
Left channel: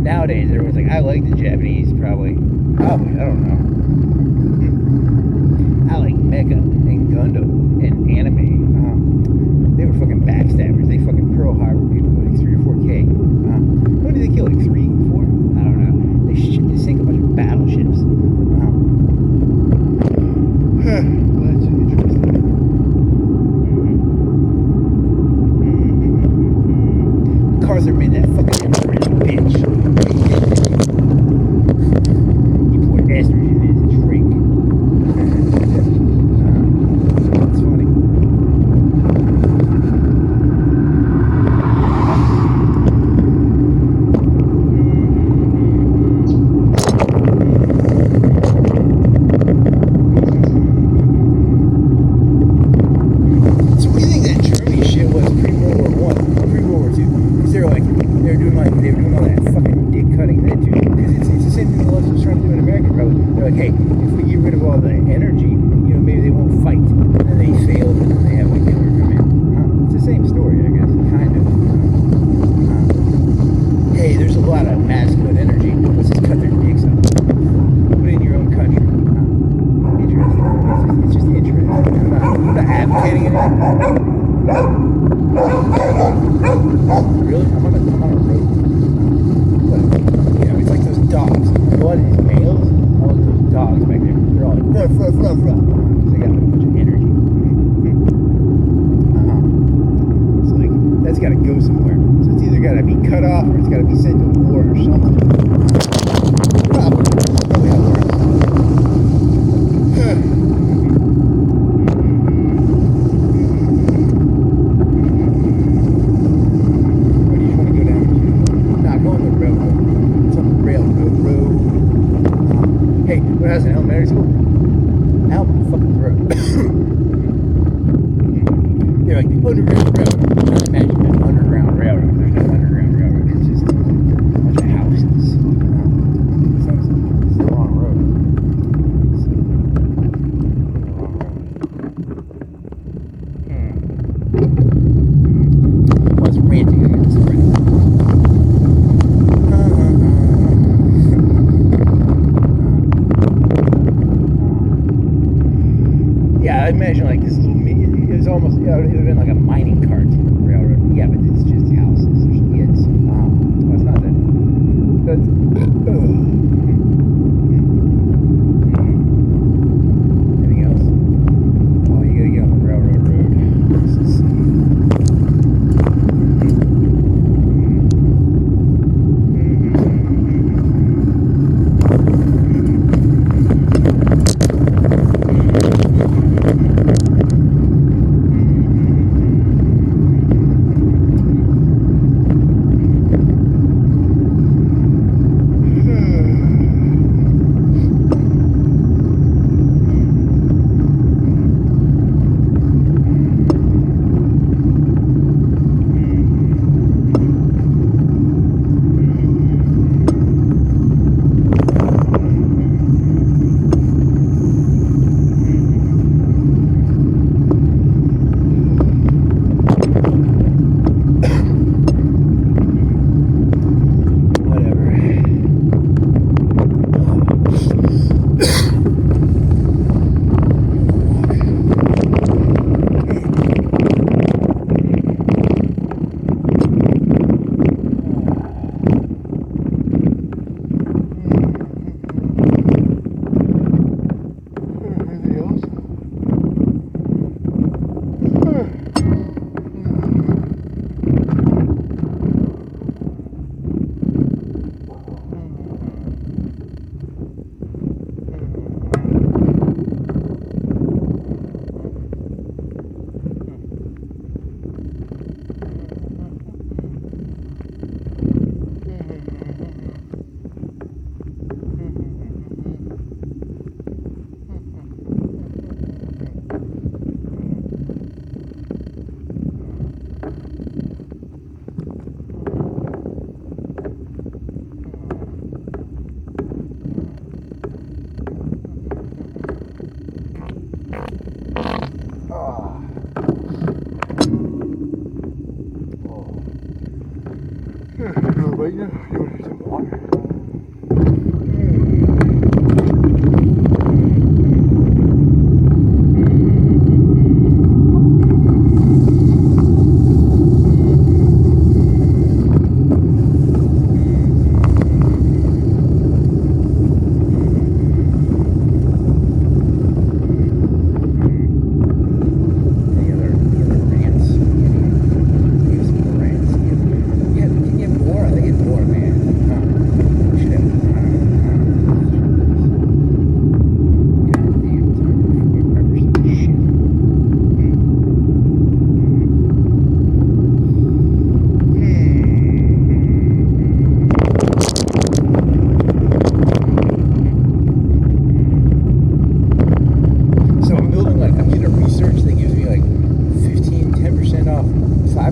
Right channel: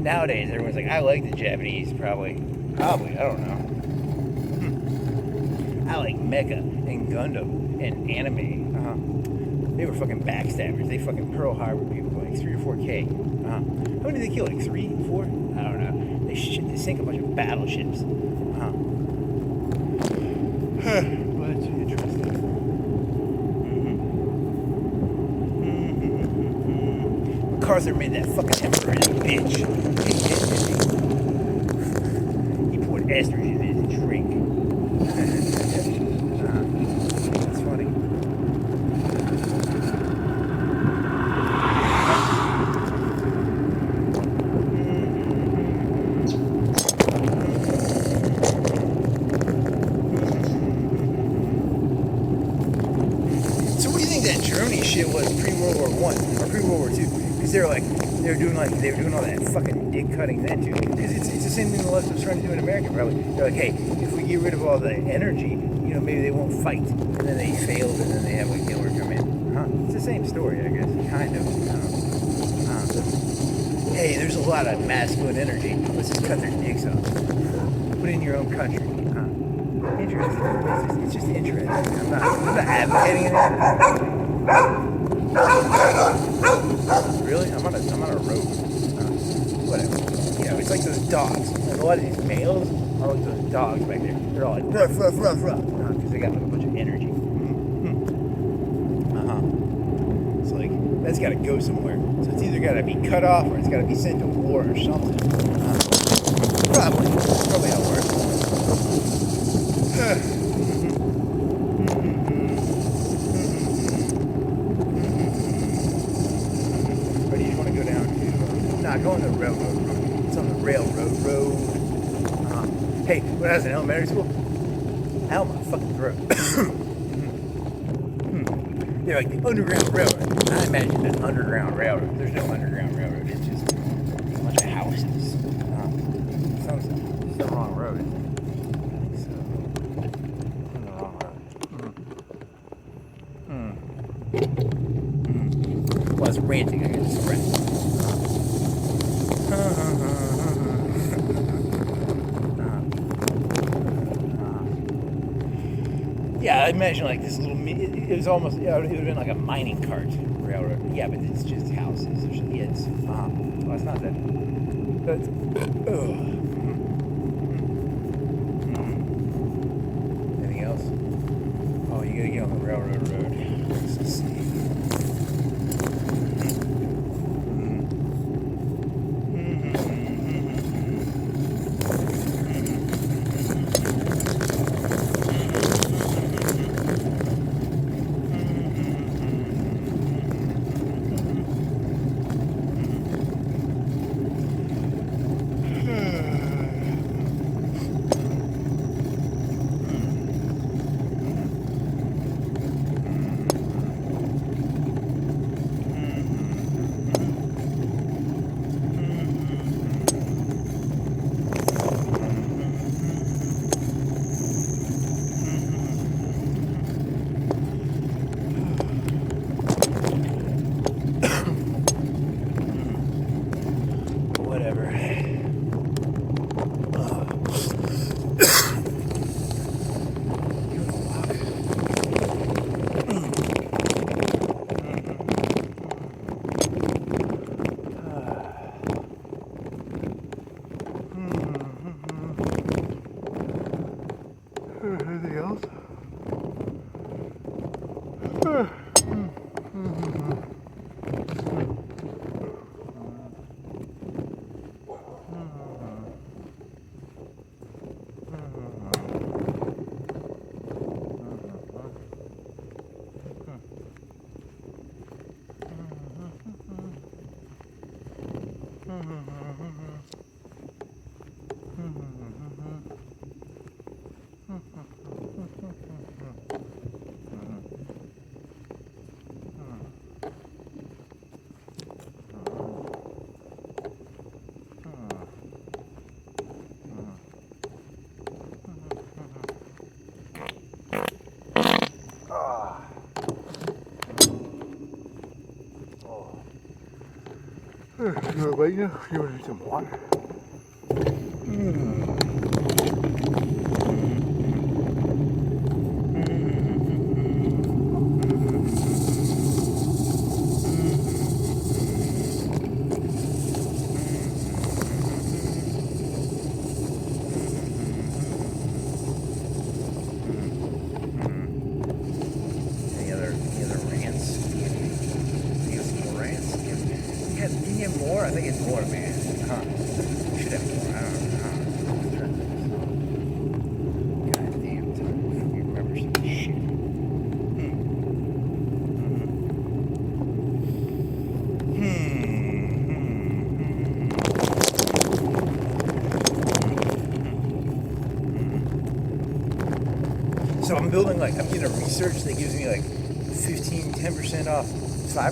Nowadays, everyone's like, I like the Japanese, probably, I don't know. I like Mecha and Gundam and anime. They were fucking backstabbers. They fucking Pearl Harbor people, like 3 or 4K. How many did they kill, like 3, 4? I don't know. They sank a bunch of battleships. Well, that's interesting. Cars are made that fucking emperor bitch. He poured estrogen in his drink. That's funny. So what do you think that Germany shit was pre-World War I or pre-World War II? Because they were doing all that fucking dick cutting then too. Because it's the same thing the left was trying to do in America probably. They're like, hey, if we get rid of all the energy, maybe they won't fight. And then they failed, and then they have like Hitler come in. It's the same story, I guess, kind of. Hey, there's a lot of masculine energy. Let's just cut their dicks off. Put it in your own country. Interesting. It's just interesting. I'm not advocating anything. Really? I'm on a road. Whatever. It's like those dogs. Like a lot of these males are like those dogs back there. They're all like, ruff, ruff, ruff, ruff. Because they got like a bunch of energy. So like, that's got to go somewhere. So it's either got to be cut off or it's got to be sent to war or something. Probably how it works. Going the railroad road. It's on the railroad road. Hey, when I was in elementary school, ow, my fucking throat. They're like, underground railroad. I imagine an underground railroad. There's no underground railroad. It's just a bunch of houses. It's the wrong road. It's the wrong road. Well, it's ranting against friends. Yeah, I imagine like this little, it was almost, it would have been like a mining cart railroad. Yeah, but it's just houses. It's well, it's not that. That's, anything else? Oh, you gotta get on the railroad road. but you want to do some water.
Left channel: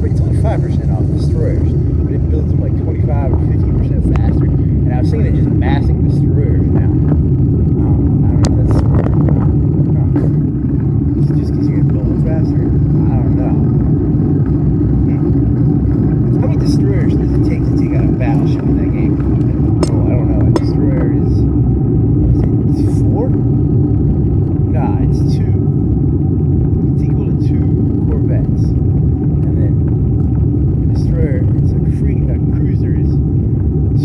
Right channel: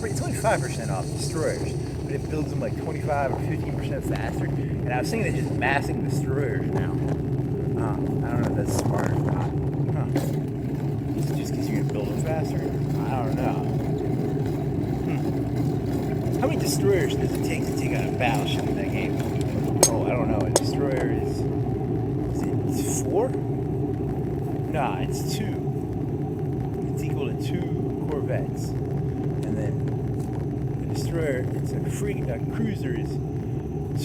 It's only 5% off destroyers, but it builds them like 25 or 15% faster. And I was thinking they're just massing destroyers now. I don't know if that's smart or not. Is it just because you can build them faster? I don't know. How many destroyers does it take to take out a battleship in that game? Oh, I don't know. A destroyer is 4? Nah, it's 2. It's equal to 2 corvettes. And then destroyer, it's a free cruiser is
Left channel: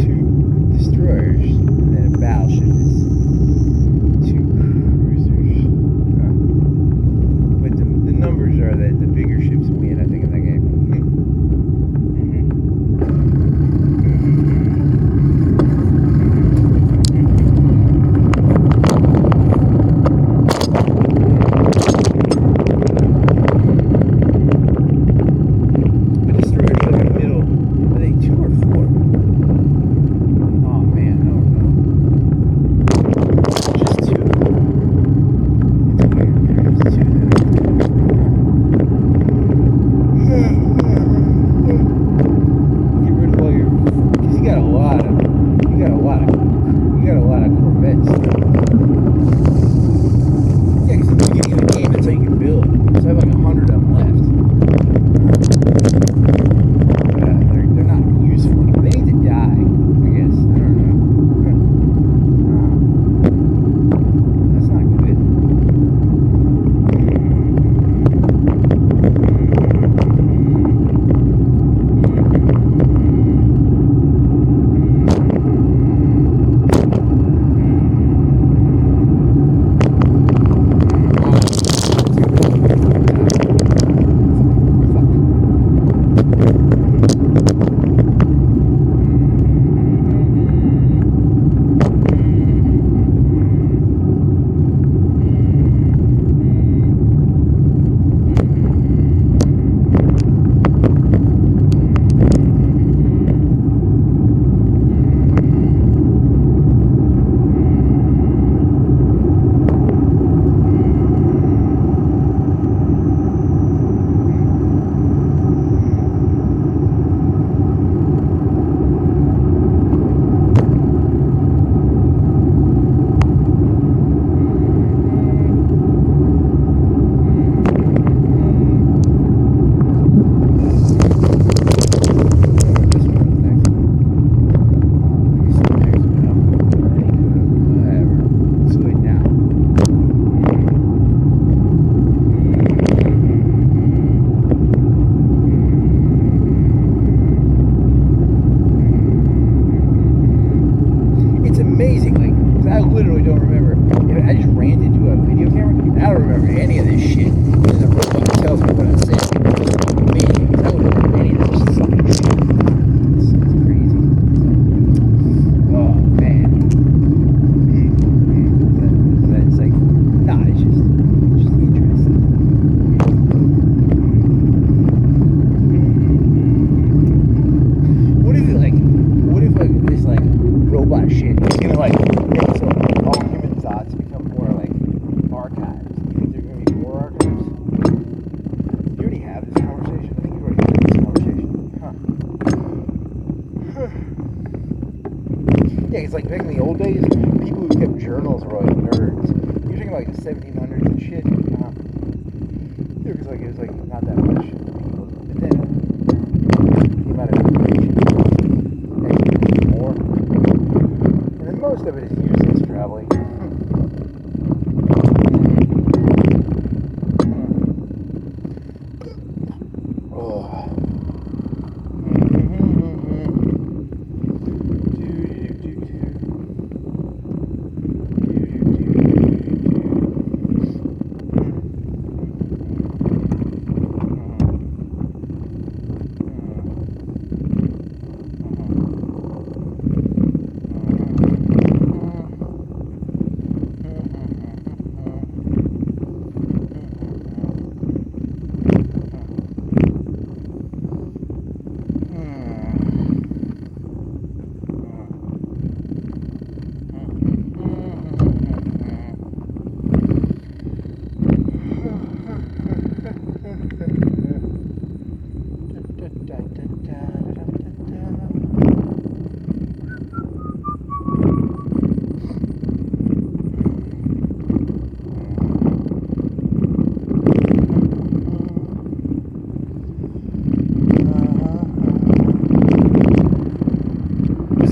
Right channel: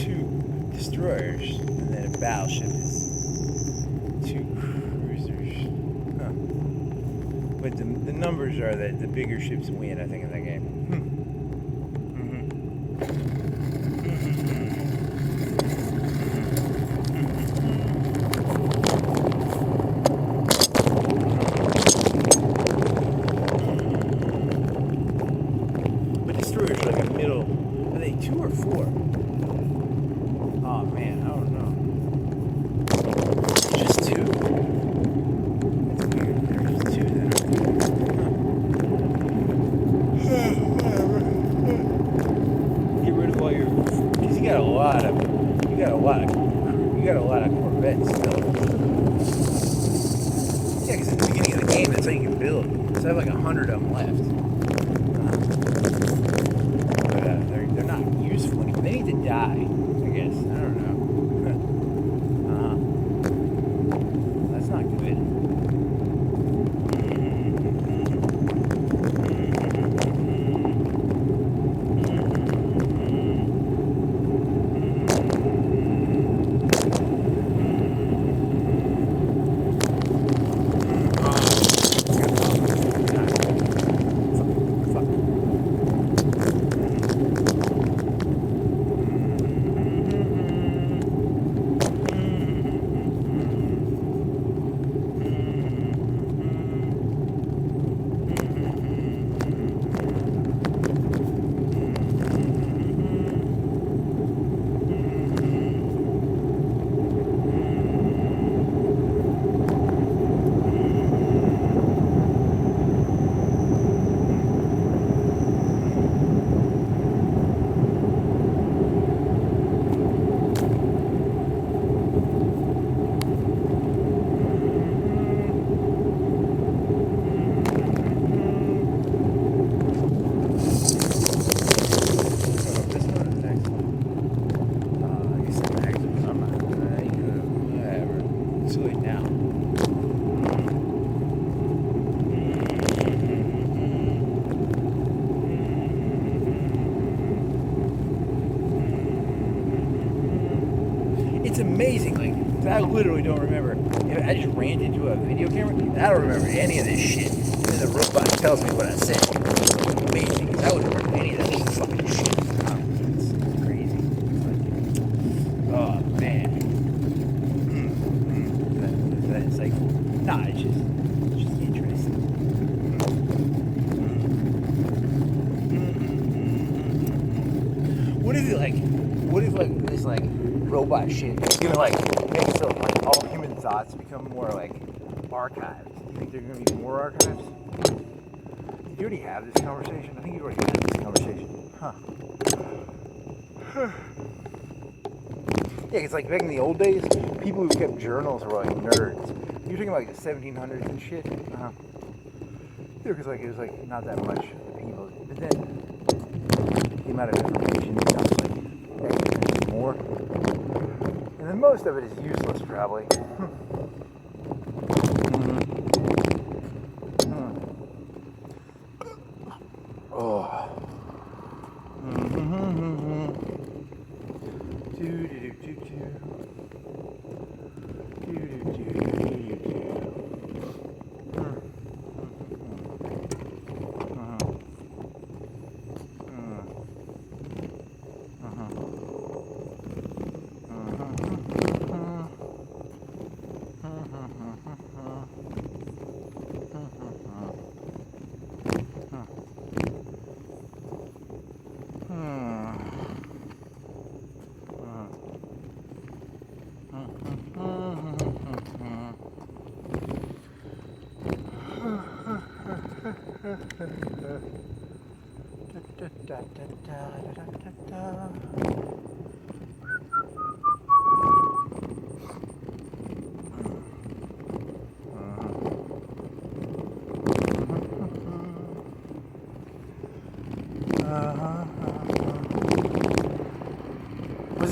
2 destroyers, and then a battleship is 2 cruisers. Huh. But the numbers are that the bigger ships win, I think, in that game. It's like back in the old days, people who kept journals were like nerds. You're talking about like the 1700s and shit. Yeah, because like it was like not that much people. But then the amount of information, like most of it is useless, probably. Oh.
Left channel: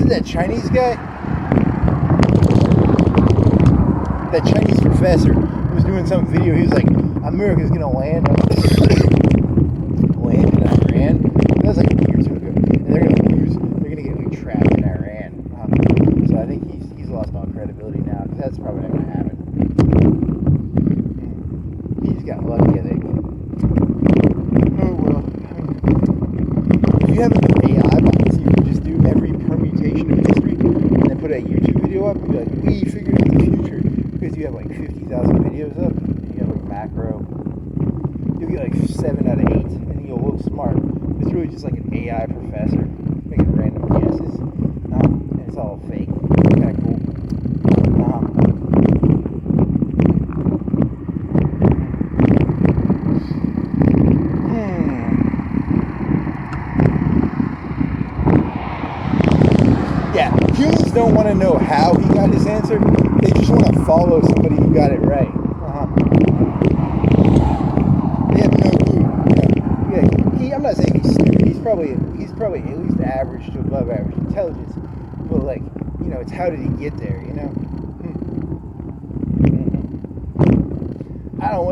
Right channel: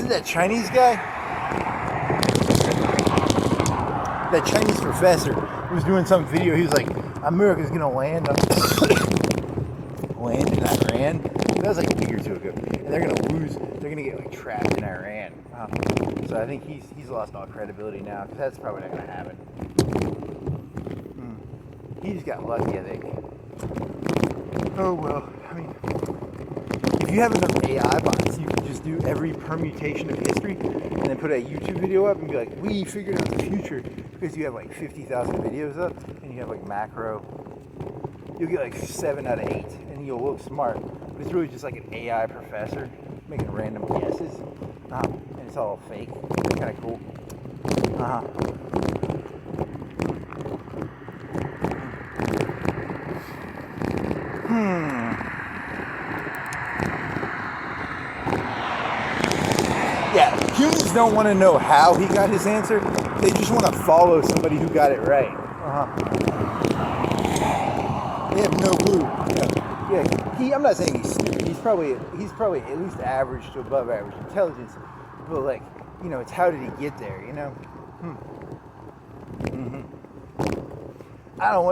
That Chinese guy, that Chinese professor was doing some video. He was like, America's gonna land in Iran. That was like a week or two ago, and they're gonna lose. They're gonna get like trapped in Iran. So I think he's lost all credibility now, because that's probably not gonna happen. He just got lucky, I think. Oh well. I mean, if you have enough AI bots, you can just do every permutation of history and then put a YouTube video up and be like, we figured out the future, because you have like 50,000 videos up and you have like macro. You'll get like 7 out of 8 and you'll look smart, but it's really just like an AI professor making random guesses, and it's all fake. It's kind of cool. Humans don't want to know how he got his answer. They just want to follow somebody who got it right. They have no clue. Yeah. I'm not saying he's stupid. He's probably at least average to above average intelligence. But like, it's how did he get there?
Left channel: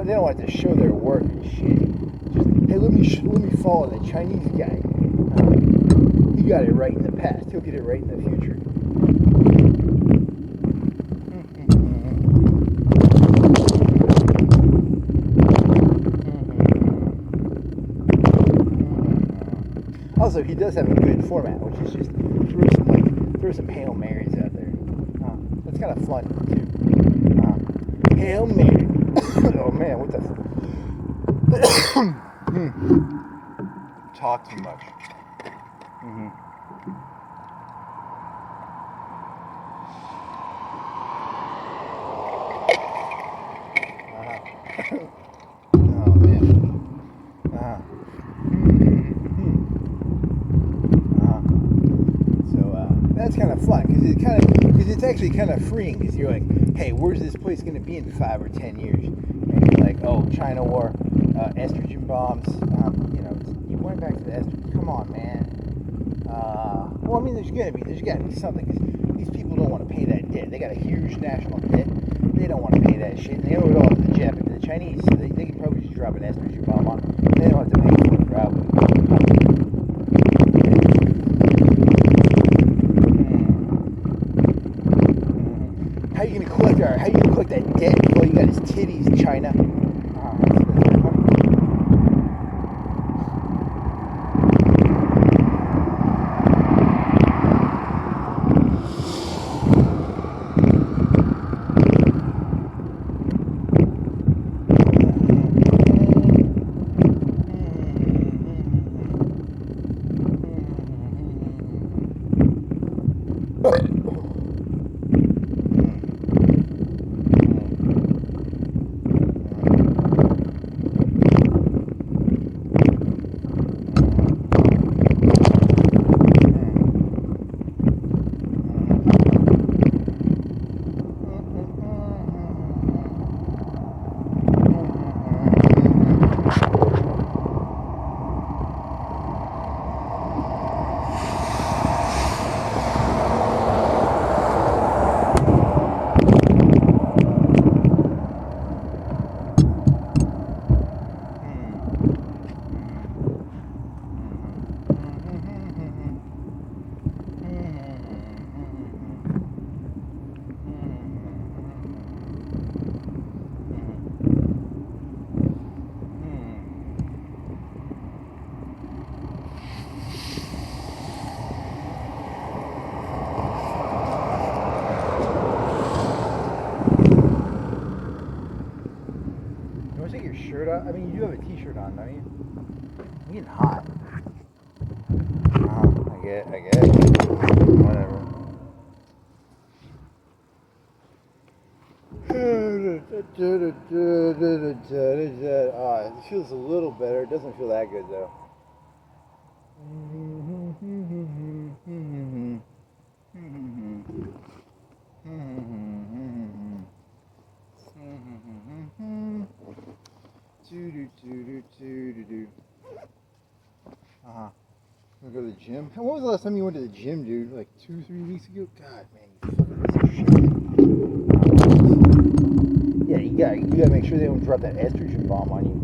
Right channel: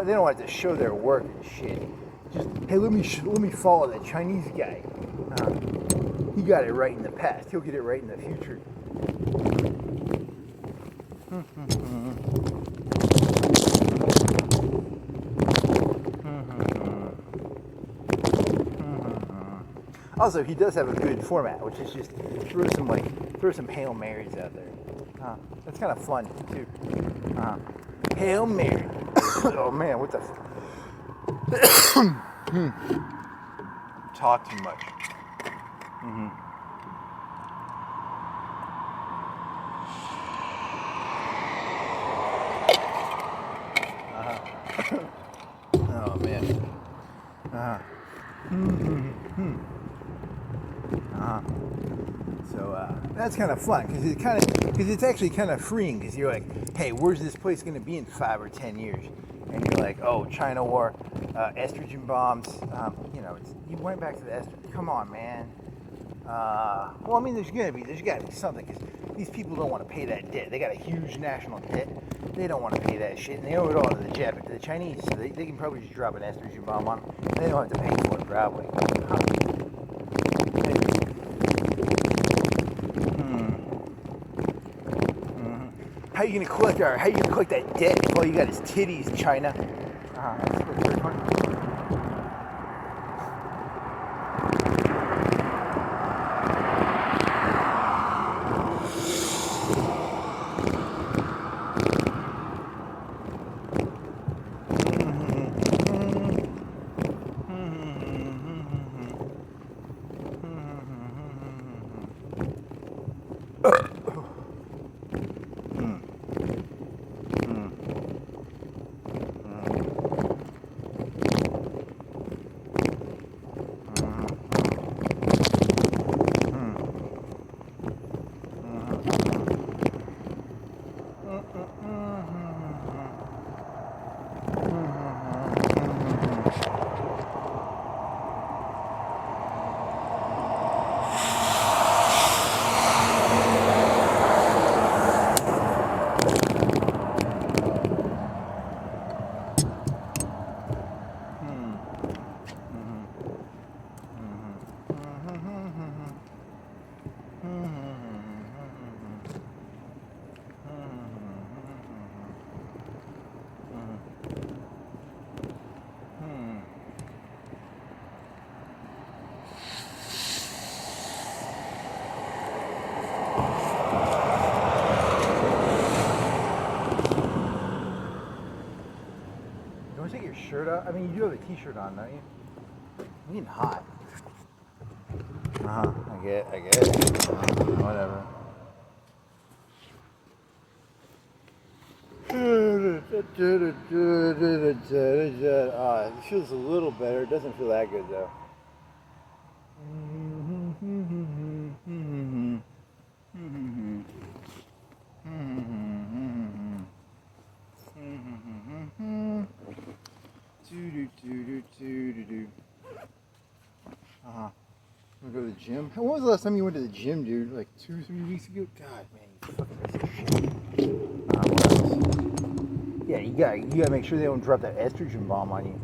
They don't want to show their work and shit. Just, hey, let me follow that Chinese guy. He got it right in the past. He'll get it right in the future. Also, he does have a good format, which is just throw some Hail Marys out there. That's kind of fun too. Hail Mary. Oh man, what the talk too much. Oh man. So that's kind of fun, because it's actually kind of freeing, because you're like, hey, where's this place going to be in 5 or 10 years? And you're like, oh, China war, estrogen bombs. You went back to the estrogen. Come on, man. Well, I mean, there's got to be something, because these people don't want to pay that debt. They got a huge national debt. They don't want to pay that shit, and they owe it all to the Chinese, so they can probably just drop an estrogen bomb on them. They don't have to pay for it, probably. How are you gonna collect that debt if all you got is titties, China? That's very funny. shirt on? I mean, you do have a t-shirt on, don't you? I'm getting hot. I get it. Whatever. It feels a little better. It doesn't feel that good, though. We go to the gym. When was the last time you went to the gym, dude? Like 2 or 3 weeks ago? God, man, you fucking piece of shit. Yeah, you gotta make sure they don't drop that estrogen bomb on you.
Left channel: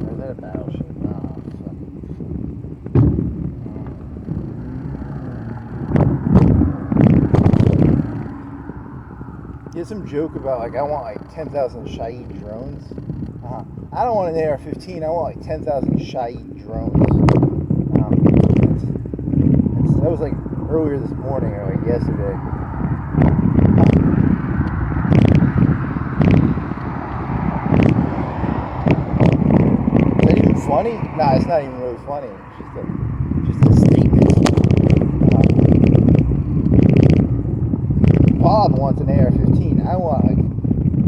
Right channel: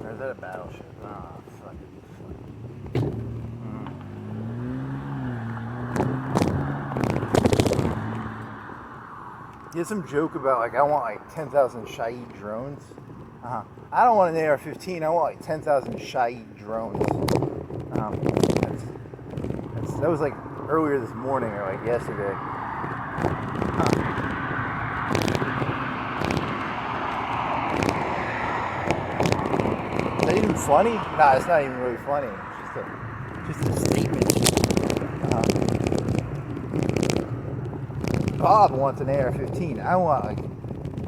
Or is that a battleship? Oh, fuck it. There's some joke about, like, I want like 10,000 Shahed drones. I don't want an AR-15, I want like 10,000 Shahed drones. That was like earlier this morning or like yesterday. Is that even funny? Nah, it's not even really funny. It's just a statement. Bob wants an AR-15. I want like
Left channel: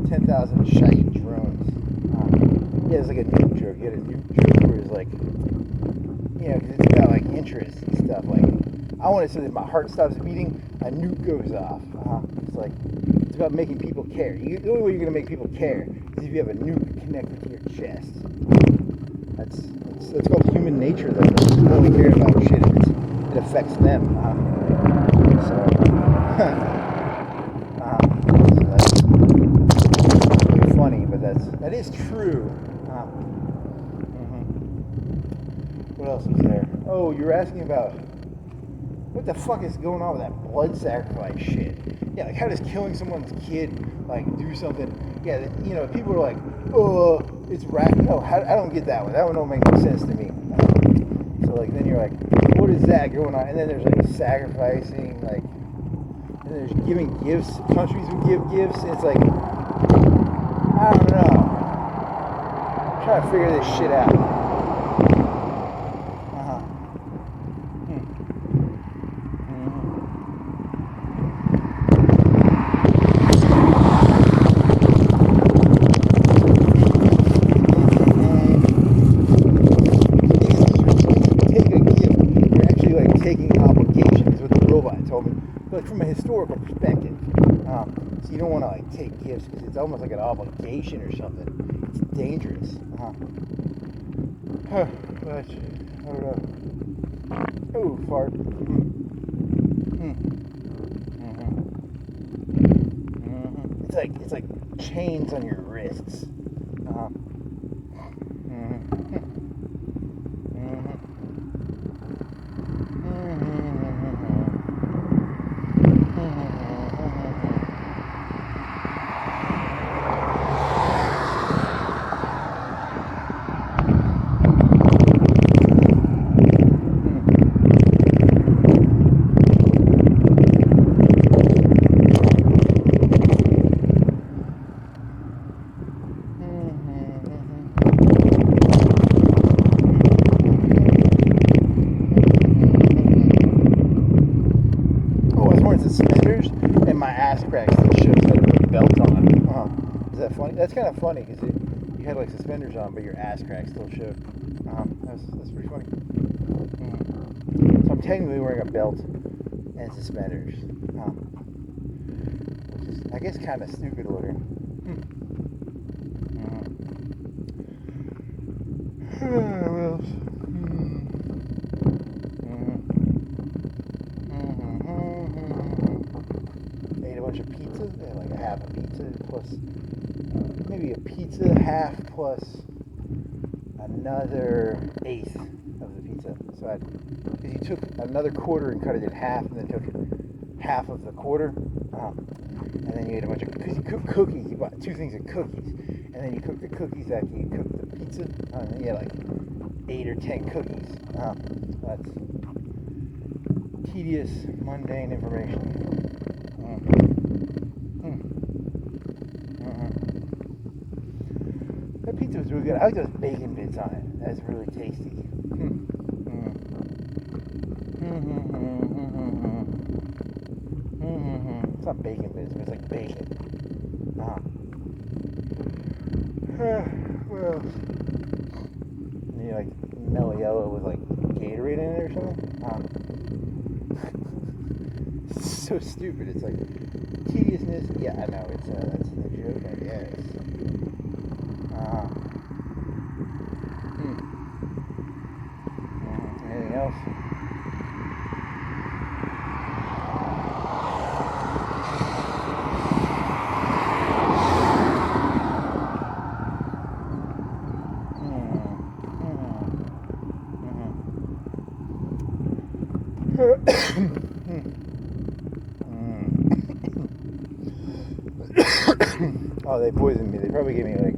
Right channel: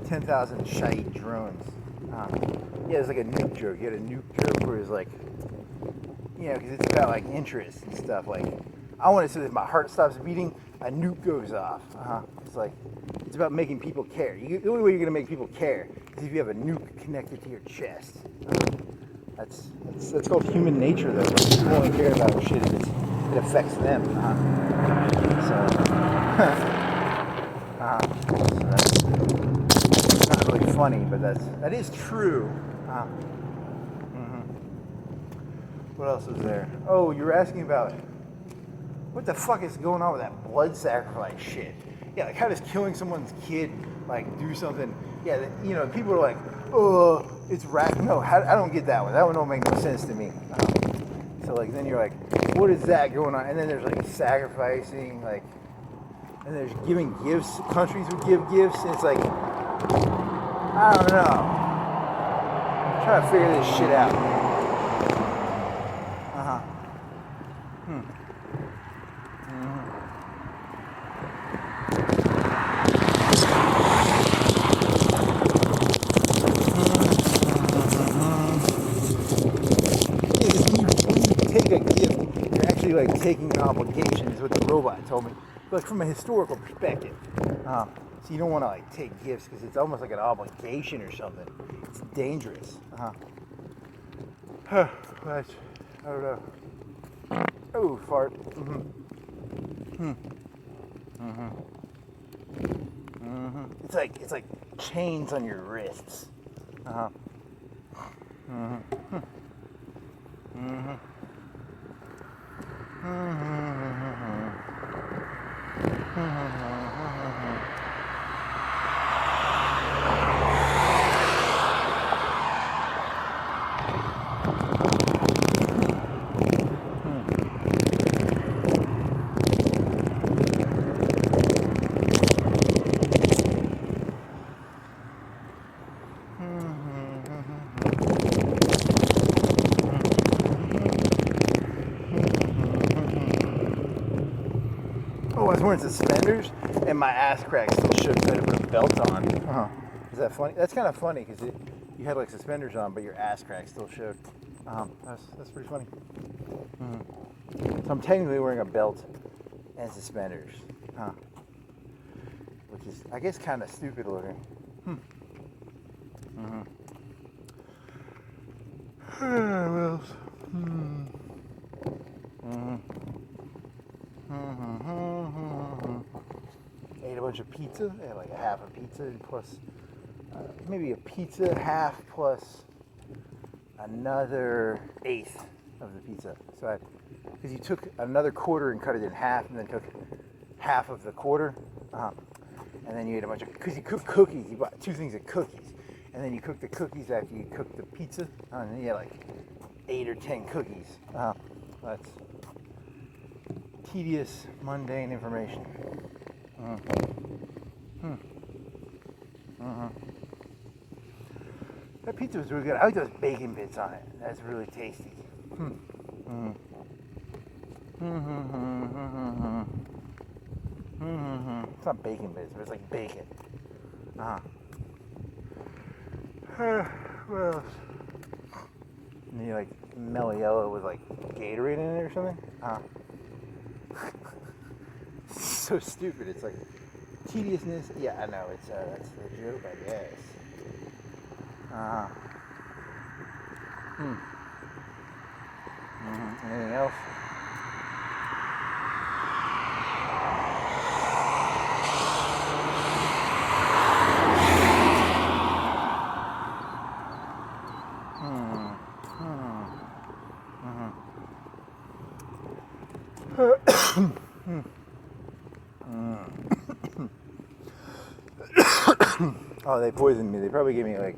10,000 Shahed drones. Yeah, it's like a nuke joke. You had a nuke joke where it's like, you know, because it's about like interest and stuff. Like, I want it so that my heart stops beating, a nuke goes off. It's like, it's about making people care. The only way you're gonna make people care is if you have a nuke connected to your chest. That's called human nature, though. People only care about shit if it affects them. So that's not really funny, but that is true. What else was there? Oh, you were asking about what the fuck is going on with that blood sacrifice shit? Yeah, like how does killing someone's kid like do something? Yeah, you know, people are like, oh, it's no, I don't get that one. That one don't make no sense to me. So like then you're like, what is that going on? And then there's like sacrificing, like, and there's giving gifts. Countries would give gifts. And it's like, I don't know. I'm trying to figure this shit out. Taking an obligation is what the robot told me, but from a historical perspective. So you don't want to like take gifts because it's almost like an obligation or something. It's dangerous. But I don't know. Oh, fart. It's like chains on your wrists. suspenders, and my ass crack still shows that I put a belt on. Is that funny? That's kind of funny because you had like suspenders on, but your ass crack still showed. That's pretty funny. So I'm technically wearing a belt and suspenders, which is, I guess, kind of stupid looking. What else? Ate a bunch of pizza. I had like a half a pizza plus maybe a pizza half plus another eighth of the pizza. So because you took another quarter and cut it in half, and then took half of the quarter, and then you ate a bunch of, because you cook cookies. You bought 2 things of cookies, and then you cook the cookies after you cook the pizza, and then you had like 8 or 10 cookies. That's tedious, mundane information. That pizza was really good. I like those bacon bits on it. That's really tasty. It's not bacon bits, but it's like bacon. What else? And you like mellow yellow with like Gatorade in it or something? So stupid. It's like tediousness. Yeah, I know. It's that's the joke, I guess. Anything else? Oh, they poisoned me. They probably gave me like,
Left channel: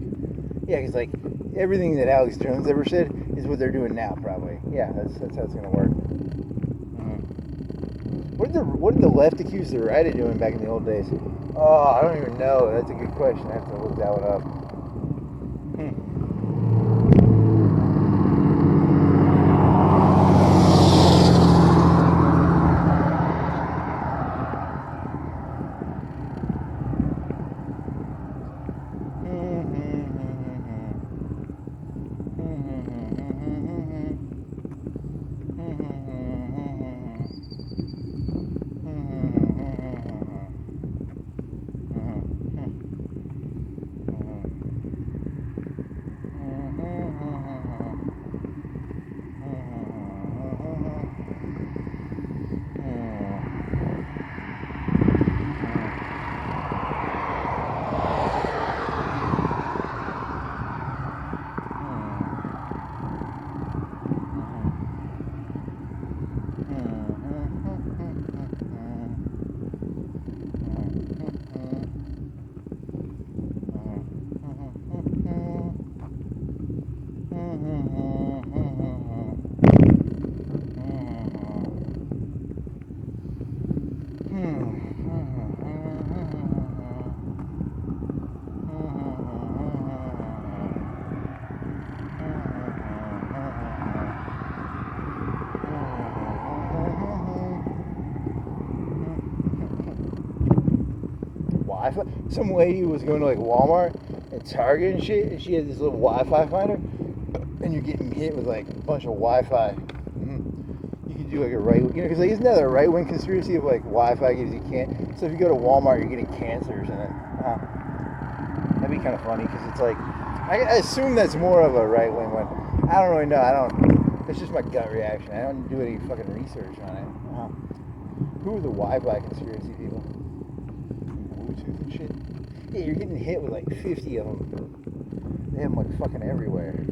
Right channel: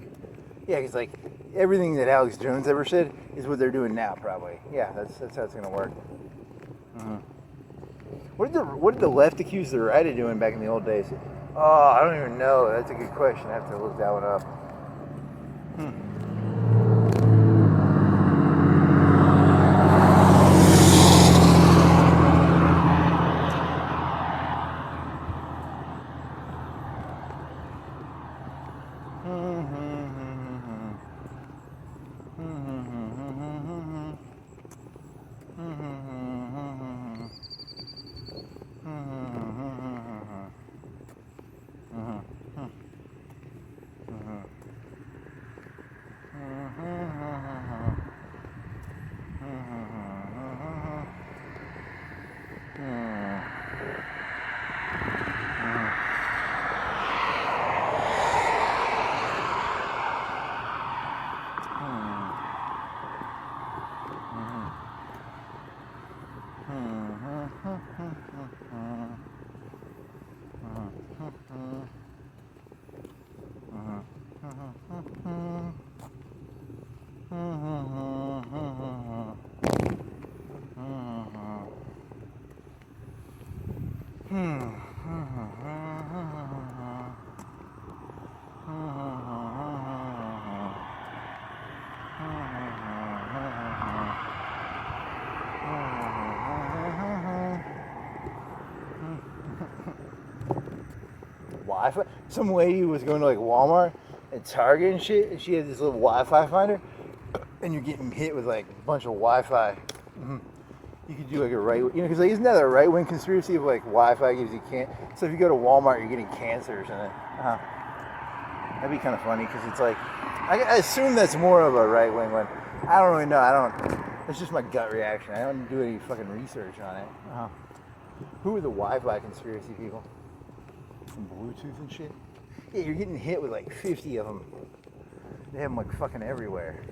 yeah, because like everything that Alex Jones ever said is what they're doing now, probably. Yeah, that's how it's gonna work. What did the left accuse the right of doing back in the old days? Oh, I don't even know. That's a good question. I have to look that one up. Wi-Fi. Some lady was going to like Walmart and Target and shit, and she had this little Wi-Fi finder, and you're getting hit with like a bunch of Wi-Fi. You could do like a right, because like, isn't that a right-wing conspiracy of like Wi-Fi gives you cancer? So if you go to Walmart, you're getting cancer or something. That'd be kind of funny, because it's like, I assume that's more of a right-wing one. I don't really know. That's just my gut reaction. I don't do any fucking research on it. Who are the Wi-Fi conspiracy people? From Bluetooth and shit? Yeah, you're getting hit with like 50 of them. They have them like fucking everywhere.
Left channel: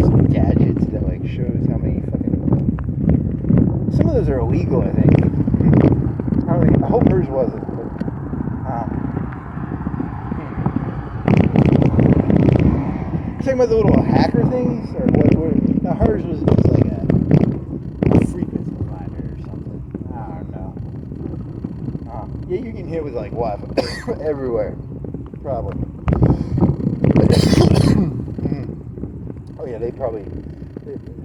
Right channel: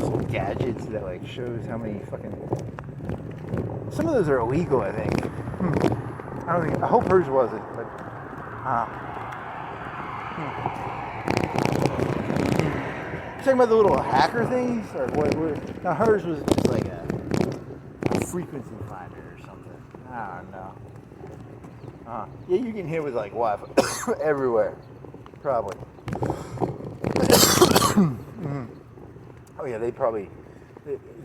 Some gadgets that like shows how many fucking... Some of those are illegal, I think. I hope hers wasn't, but... You talking about the little hacker things? Or what? No, hers was just like a frequency finder or something. I don't know. Yeah, you can hit with like Wi-Fi everywhere. Probably. Oh yeah, they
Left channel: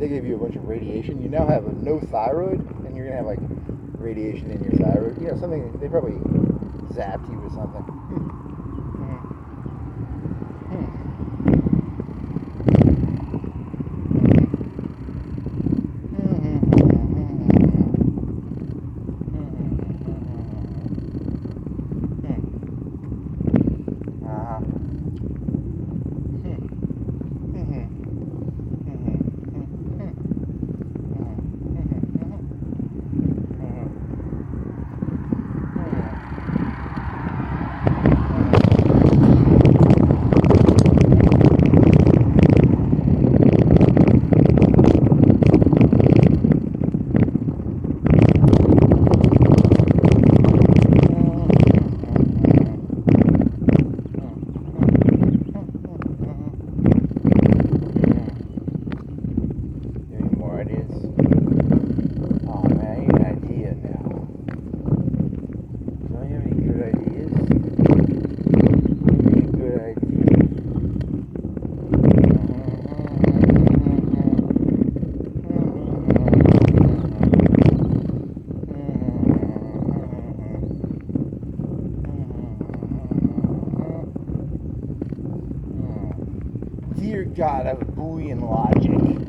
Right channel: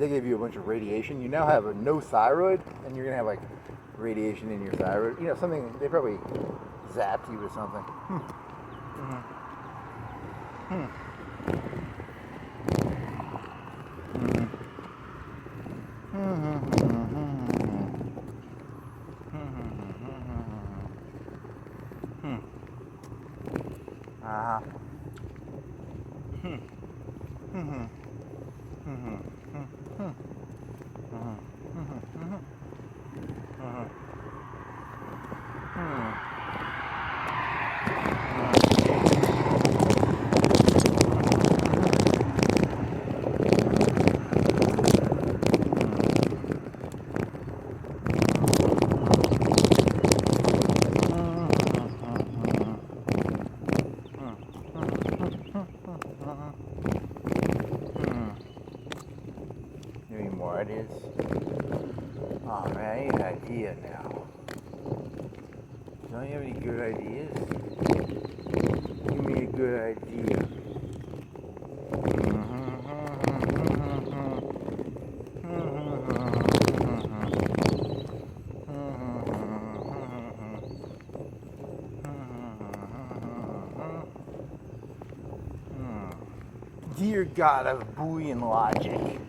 give you a bunch of radiation. You now have no thyroid, and you're gonna have like radiation in your thyroid. You know, something, they probably zapped you with something. Dear God of Boolean logic,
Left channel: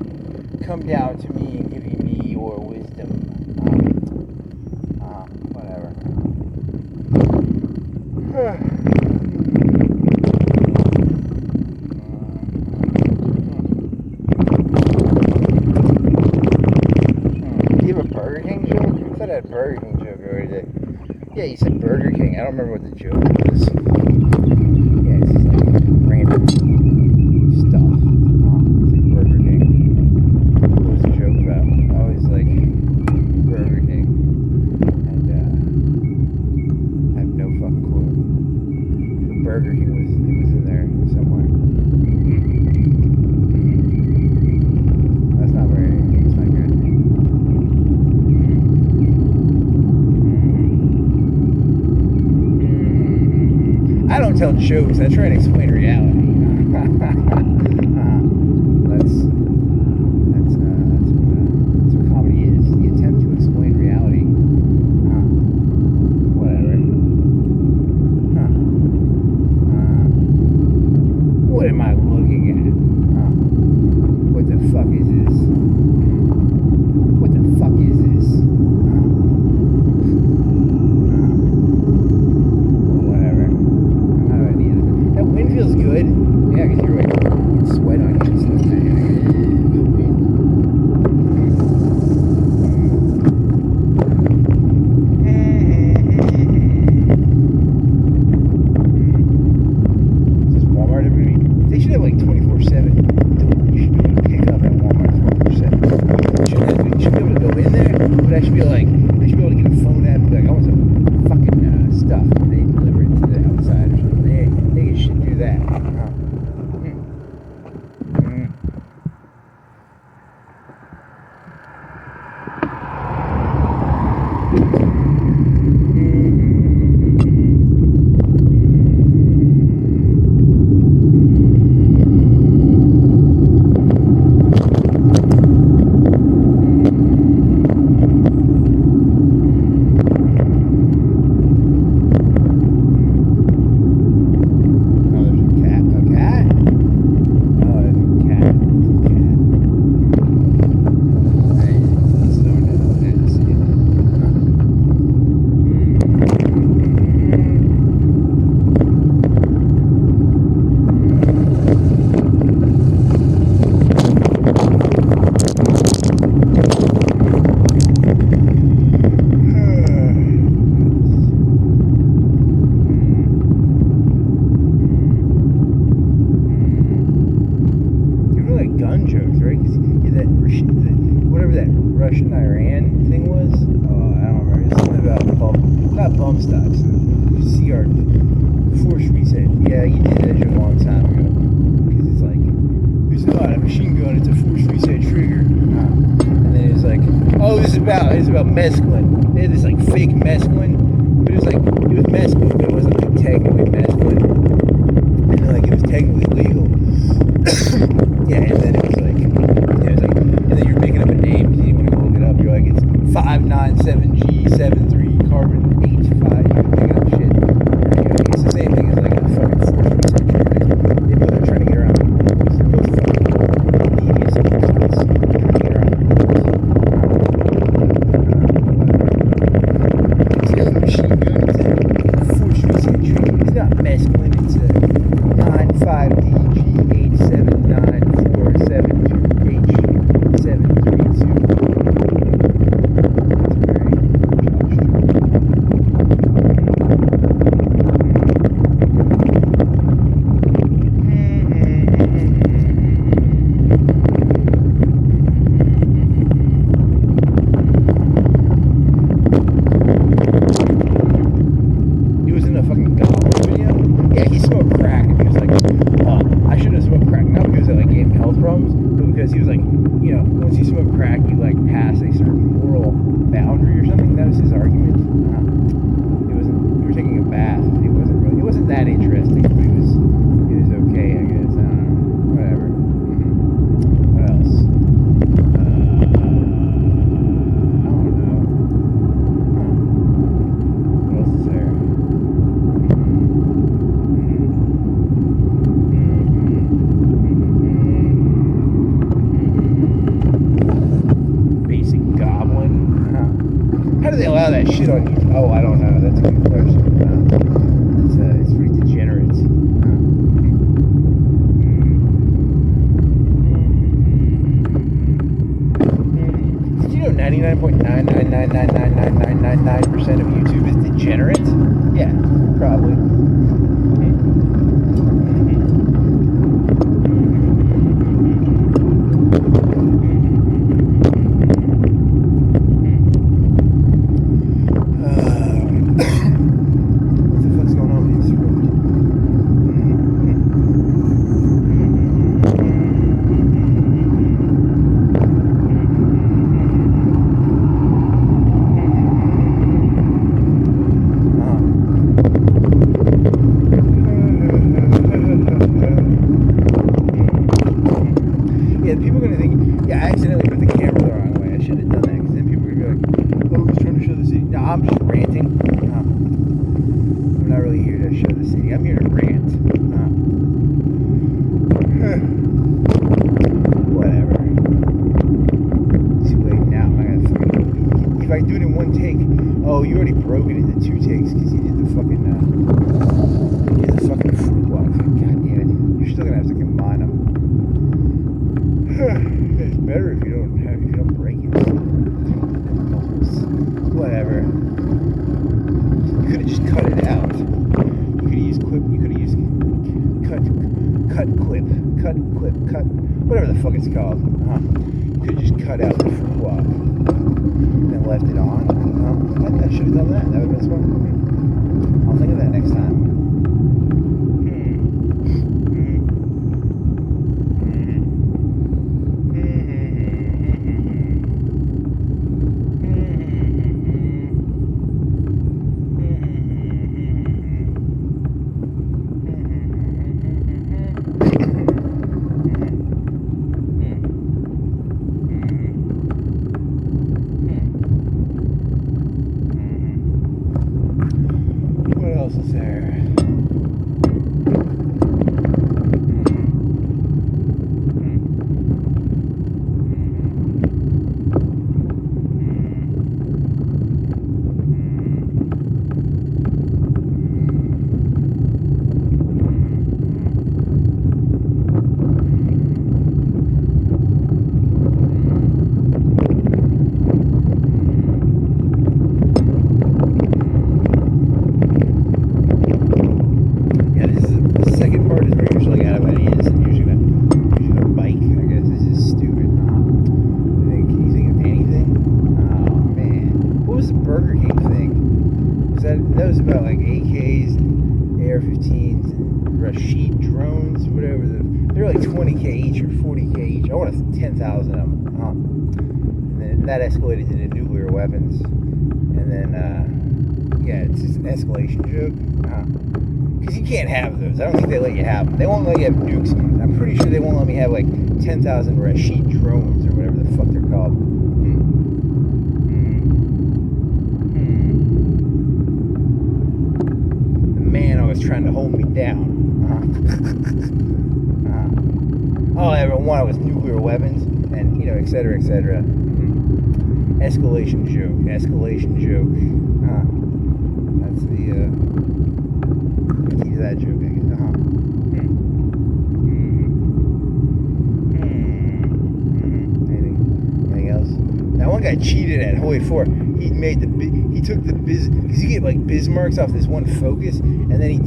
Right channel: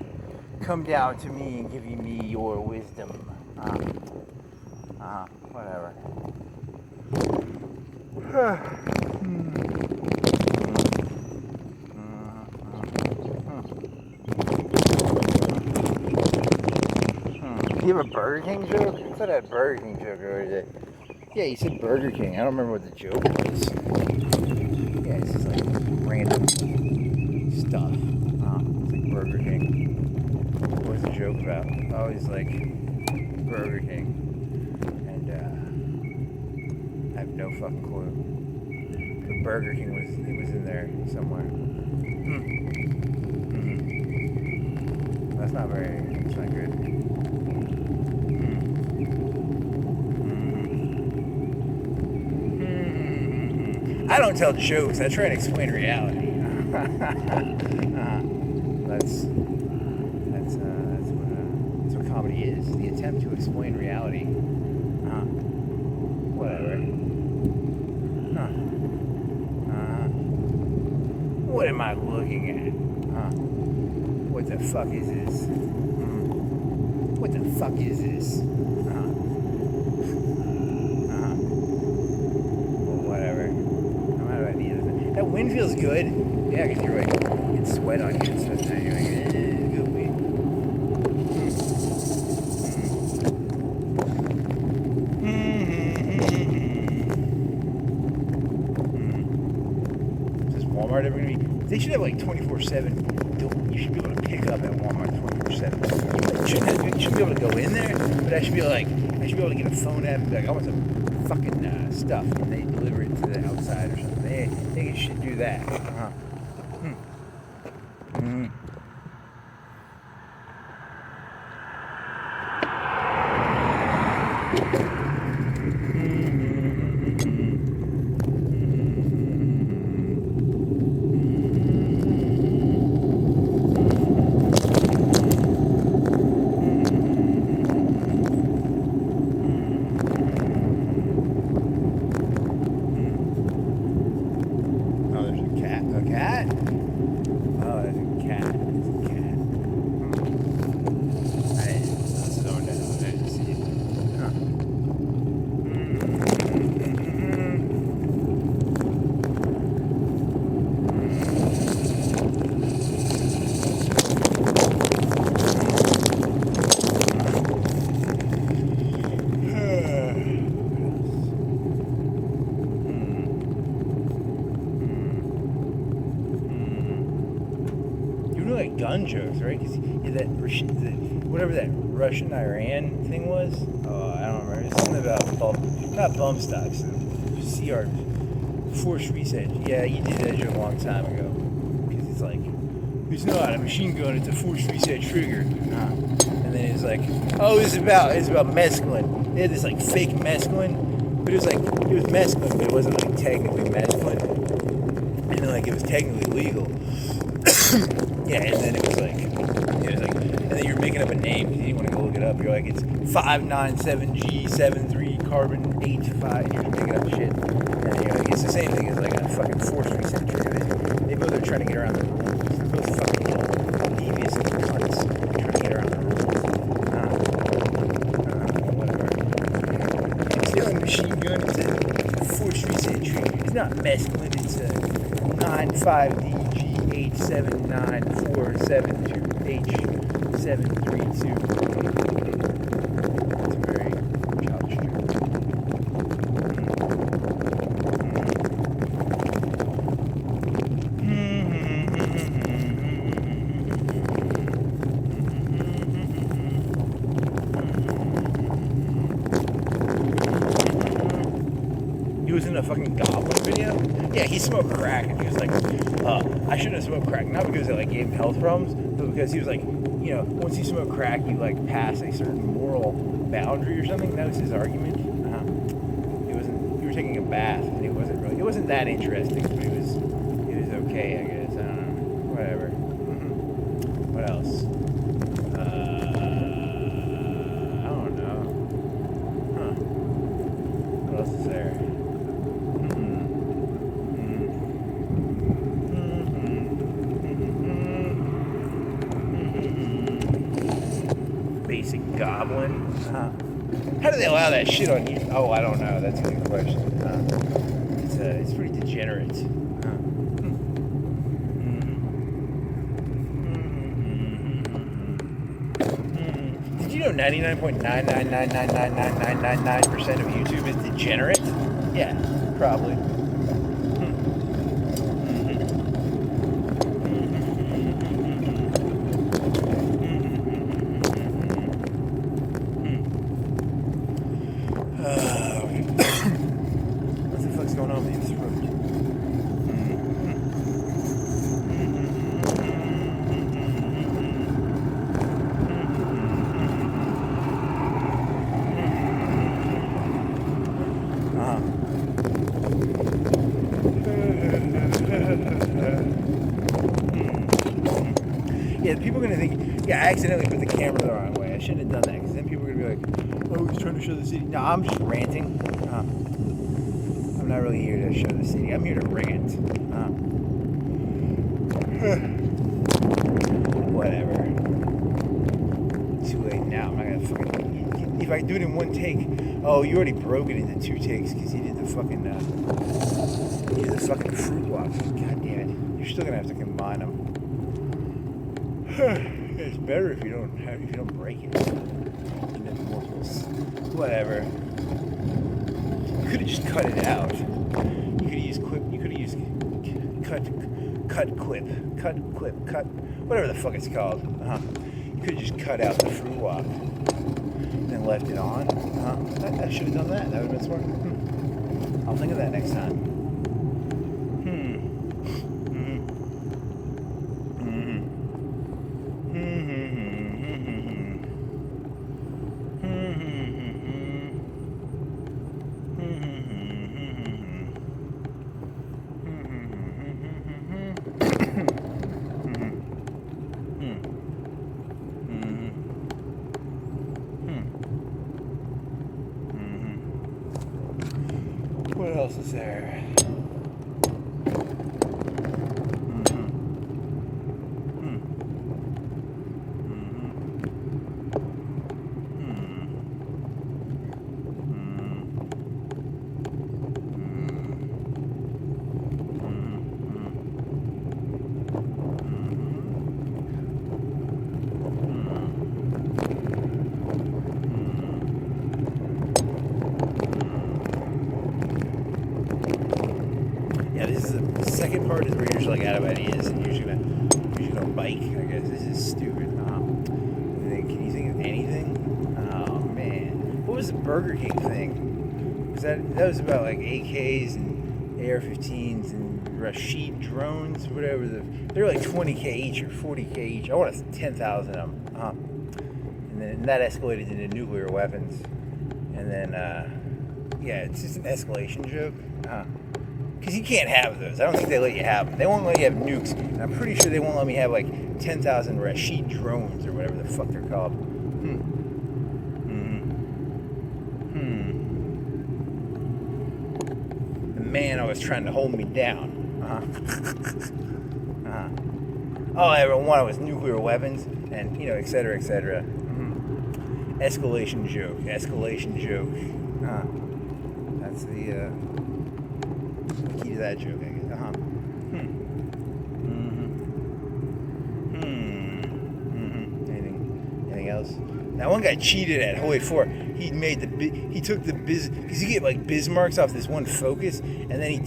come down to me and give me your wisdom. Whatever. Do you have a Burger King joke? I thought I had a Burger King joke already. Yeah, you said Burger King. I don't remember what the joke was. Yeah, it's just like random stuff. It's like Burger King. What was the joke about? Oh, it's like Burger King. And I have no fucking clue. The Burger King was in there somewhere. That's not very, it's not good. I don't tell jokes, I try to explain reality. That's what comedy is. The attempt to explain reality. Whatever. What am I looking at? What the fuck is this? What the fuck is this? Whatever. That wind feels good. Yeah, because you're like, it's sweat on you and stuff. You're like, good wind. Just Walmart every week. They should have like 24/7. You should be able to pick up at Walmart 24/7. You should be able to go in there, but I should be able to get a phone app and be like, I want some fucking stuff. And they deliver it to the outside or something. They should do that. Russian-Iran thing was? Oh, I don't remember. It's something about not bump stocks. Shipyards. Force reset. Yeah, you did that joke a long time ago. Because it's like, it's not a machine gun, it's a force reset trigger. And then it's like, oh, it's about mescaline. They had this like fake mescaline. But it was mescaline, but it wasn't like technically mescaline. And then like it was technically legal. Yeah, and then it was like, and then you're making up a name because you didn't want to go look it up. You're like, it's 597G73 carbon 85 shit. Anyway, it's the same thing as like a fucking force researcher. They know they're trying to get around the rules. Those fucking devious idiots trying to get around the rules. See how the machine gun is a force researcher. It's not masculine, it's a 95DG879472872. A fucking Gaulle video. Yeah, he smoked crack, and he was like, I shouldn't have smoked crack, not because it like gave him health problems, but because he was like, you know, once you smoke crack, you like pass a certain moral boundary or something. That was his argument. It wasn't. You were taking a bath, and it wasn't that interesting. It was okay, I guess. I don't know. Whatever. What else? I don't know. What else is there? How do they allow that shit on you? Oh, I don't know. That's a good question. It's pretty degenerate. Did you know 99.999999999% of YouTube is degenerate? Yeah, probably. People are going to think, yeah, I accidentally put the camera the wrong way. I shouldn't have done that, because then people are going to be like, oh, he's trying to show the city. No, I'm just ranting. I'm not really here to show the city. I'm here to rant. Whatever. Too late now. I'm not going to fucking... If I do it in one take, oh, you already broke it into 2 takes, because you did the fucking... you did the fucking fruit walks. God damn it. You're still going to have to combine them. It's better if you don't break it. Whatever. You could have just cut it out. You could have used clip. You could have used cut clip. Whatever the fuck it's called. You could have just cut out the fruit walk and left it on. I should have done that. That would have been smart. I'll think of that next time. What else is there? That was about like AKs and AR-15s and Rashid drones, whatever. They're like 20K each or 40K each. I wanted 10,000 of them. And then that escalated into nuclear weapons. And then, yeah, it's just an escalation joke. Because you can't have those. I don't think they let you have them. They won't let you have nukes. And I'm pretty sure they won't let me have like 10,000 Rashid drones or whatever the fuck they're called. man always trying to hold me down. All I ever wanted was nuclear weapons, and et cetera, et cetera. Escalation joke. That's the key to that joke, I guess. Anything else? Now, one guy cheated at Hoy 4. He took the because you get like Bismarcks off this one focus, and then he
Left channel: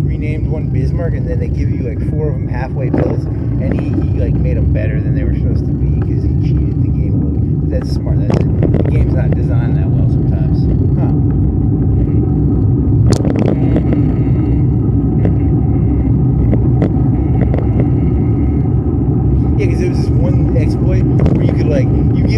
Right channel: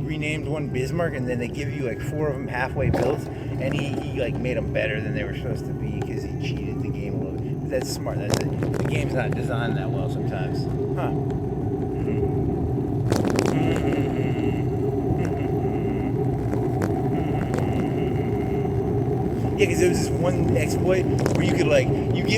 renamed one Bismarck, and then they give you like 4 of them halfway built, and he like made them better than they were supposed to be because he cheated the game a little. That's smart. That's it. The game's not designed that well sometimes. Yeah, because there was this one exploit where you get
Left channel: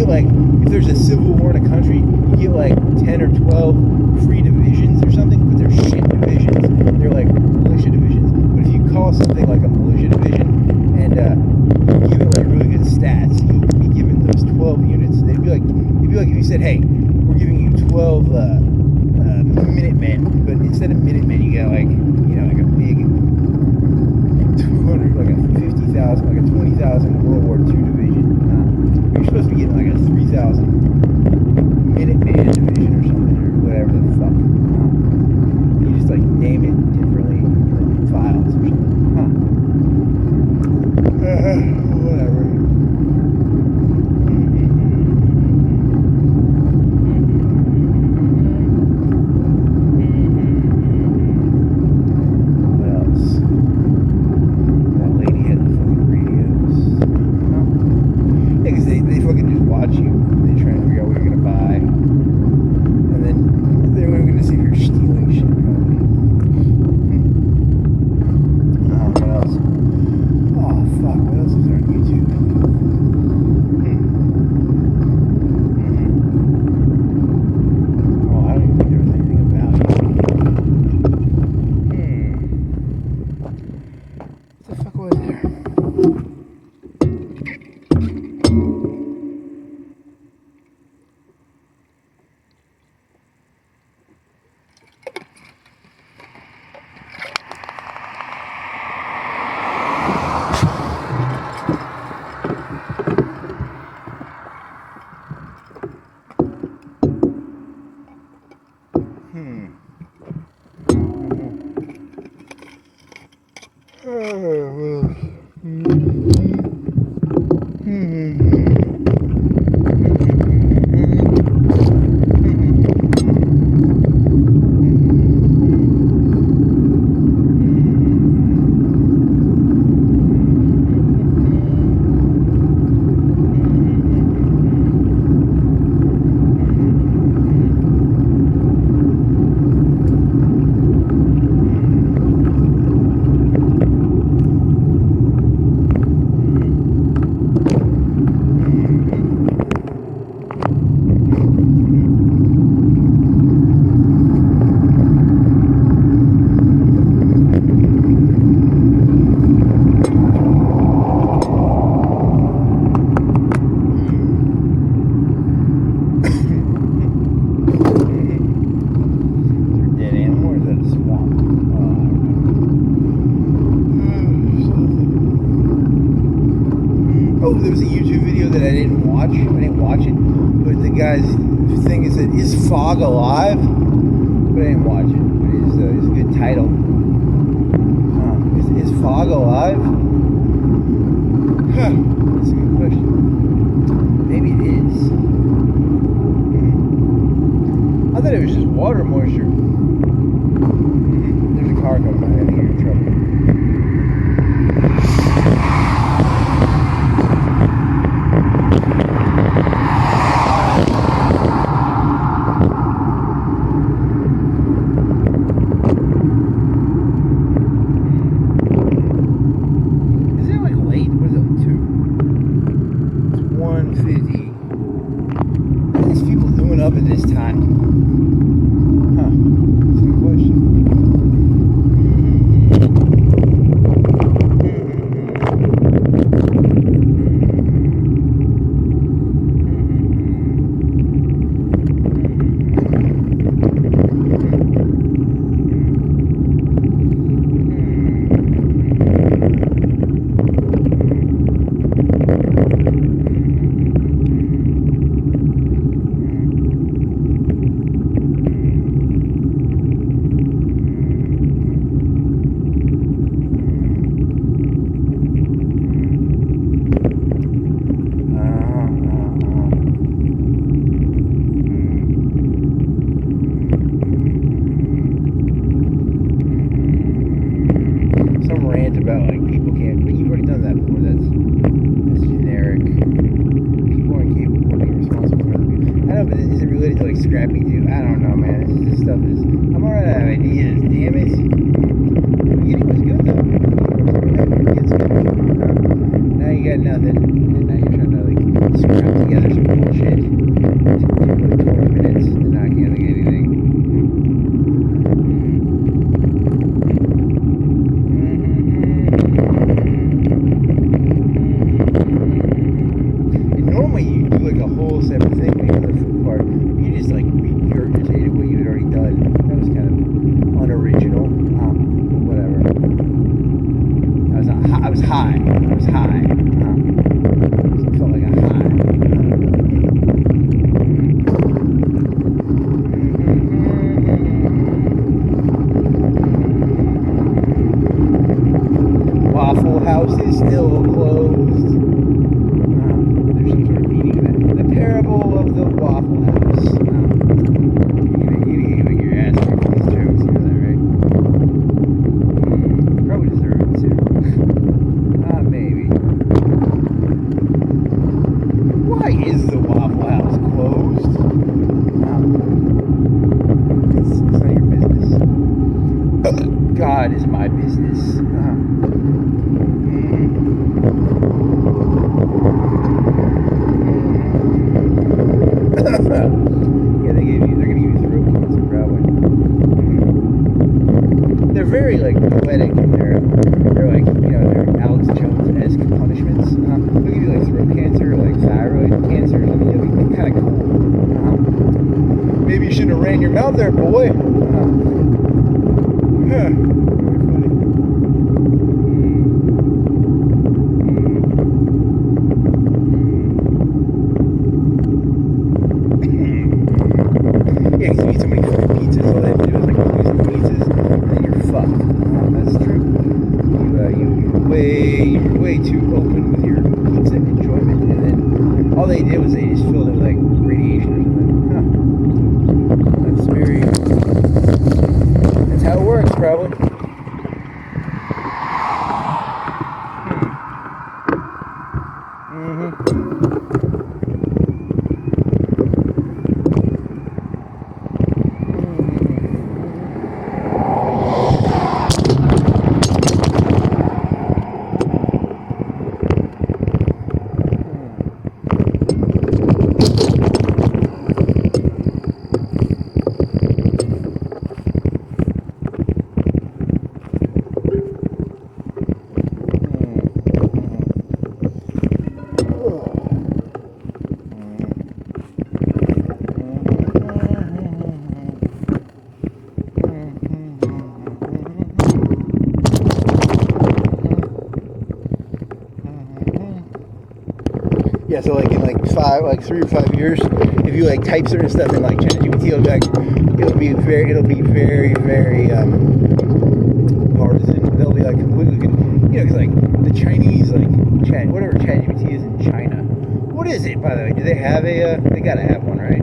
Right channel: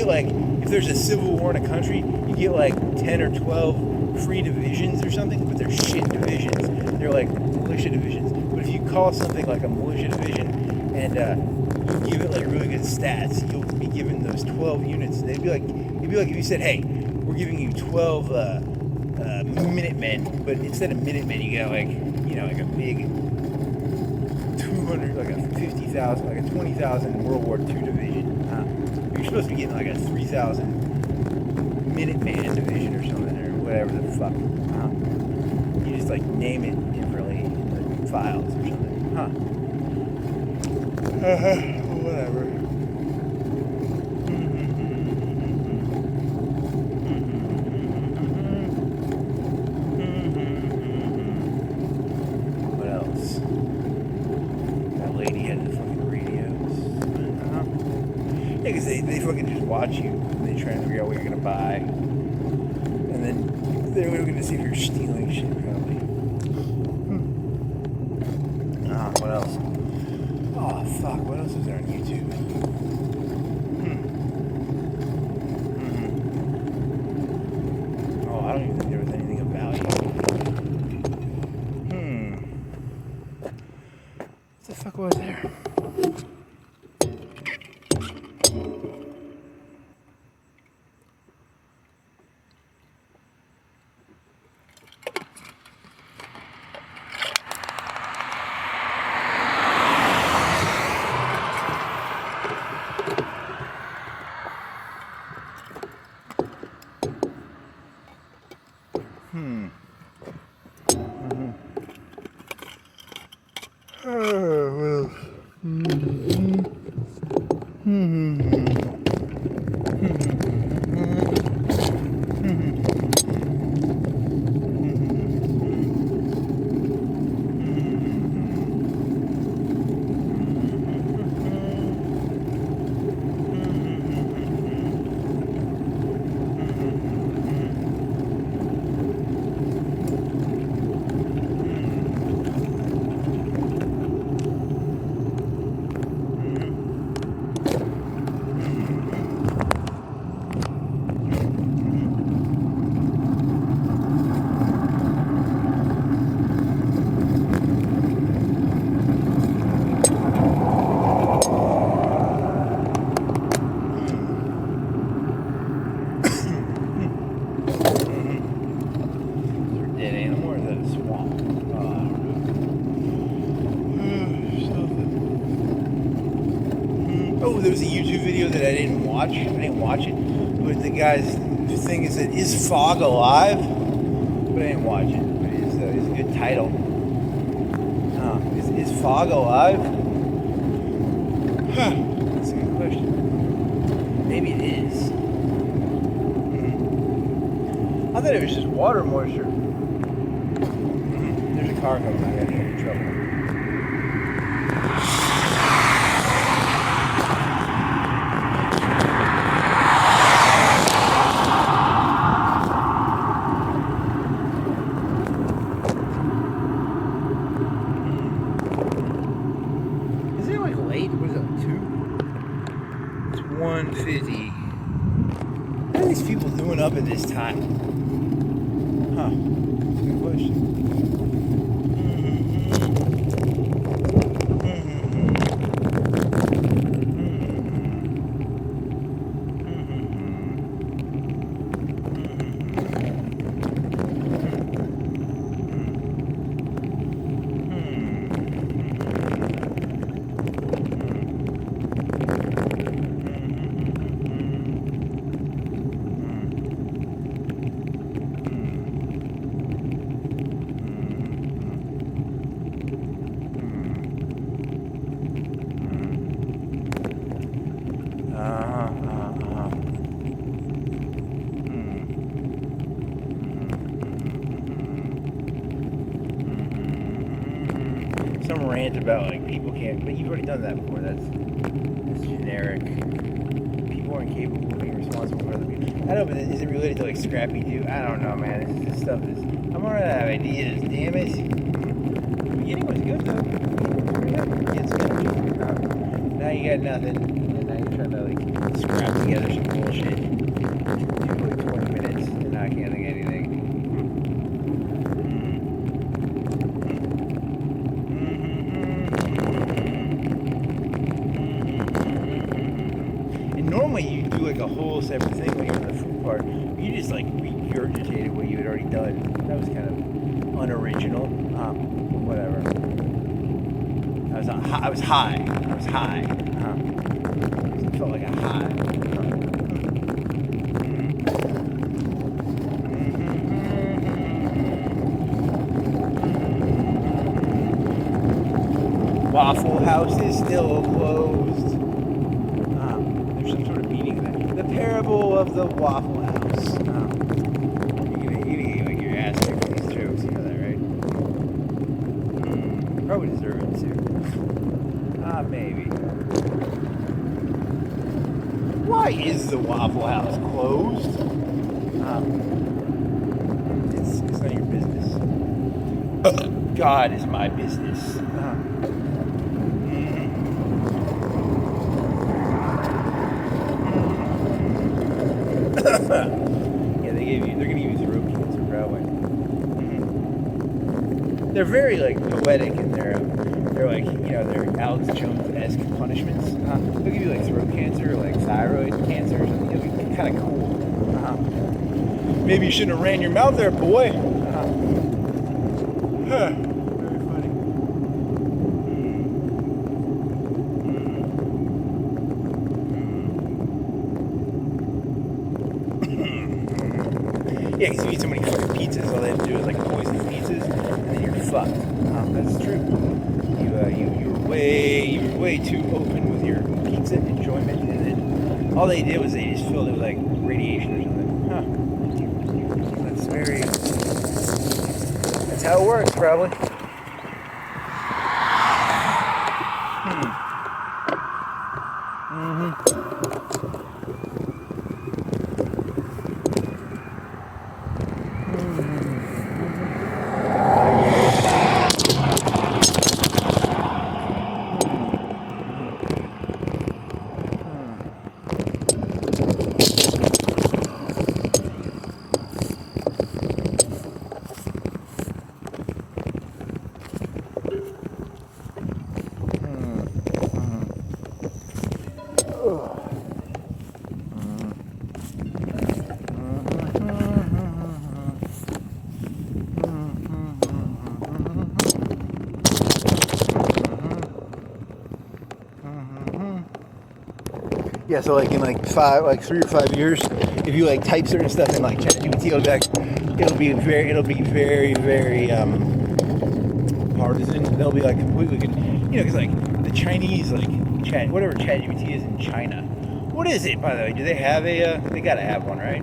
if there's a civil war in a country, you get like 10 or 12 free divisions or something, but they're shit divisions. They're like militia divisions. But if you call something like a militia division and give it like really good stats, you'll be given those 12 units. It'd be like if you said, hey, we're giving you 12 Minutemen, but instead of Minutemen, you got like a big 200, like a 50,000, like a 20,000 World War II division. You're supposed to be getting like a 3,000 Minuteman division or something, or whatever the fuck. You just like name it differently, like files or something. Whatever. What else? That lady heading from the radios. Yeah, because they fucking just watch you. They try to figure out what you're gonna buy, and then they're looking to see if you're stealing shit. What else? Oh fuck! What else is there on YouTube? Oh, I don't even think there was anything about it. What the fuck was there? There was a YouTube video that I didn't watch it, but the guy's thing is that is fog alive? But I didn't watch it. But it's a good title. Is fog alive? That's a good question. Maybe it is. I thought it was just water moisture. There's a car coming by. I'm in trouble. What are these people doing up at this time? That's a good question. words about like people can't, but you've already done that before. That's generic. People aren't capable of being responsible for other people. I know, but is it related to like Scrappy Doo? I don't know, man. This stuff is. I'm alright out of ideas. Damn it. The beginning was good though. Now you got nothing, and now you're trying to like scrap together some bullshit. You put 20 minutes, and now I can't think of anything. Normally you do like a whole separate thing when you're in the fruit part. You just like regurgitated what you had already done. That was kind of unoriginal. But whatever. I was high. I felt like a high. Waffle House is still closed. There's some sort of meaning to that. The parable of the Waffle House. You get like your ass kicked for these jokes, you know that, right? Probably deserve it too. Maybe. Why is the Waffle House closed? It's not your business. God is my business. Yeah, they're gonna give you throat cancer, probably. They're very like poetic in they're like, you know, they're Alex Jones-esque punishments. They'll give you like throat cancer, or, like thyroid cancer or something. It'll be kind of cool. Maybe you shouldn't have ran your mouth there, boy. Very funny. Yeah, because if you eat so many fucking pizzas, all they have to do is like poison the pizzas, and then you're fucked. That's true. You're way too open with your pizza enjoyment, and then all they did was they just filled it with like radiation or something. That's how it works, probably. Yeah, so like in like 3 or 5 years, if you like type certain stuff in like ChatGPT, it'll be very partisan. They'll be like completely, you know, because like the Chinese whatever ChatGPT is in China. What is it, by the way? Do they have they gotta have one, right?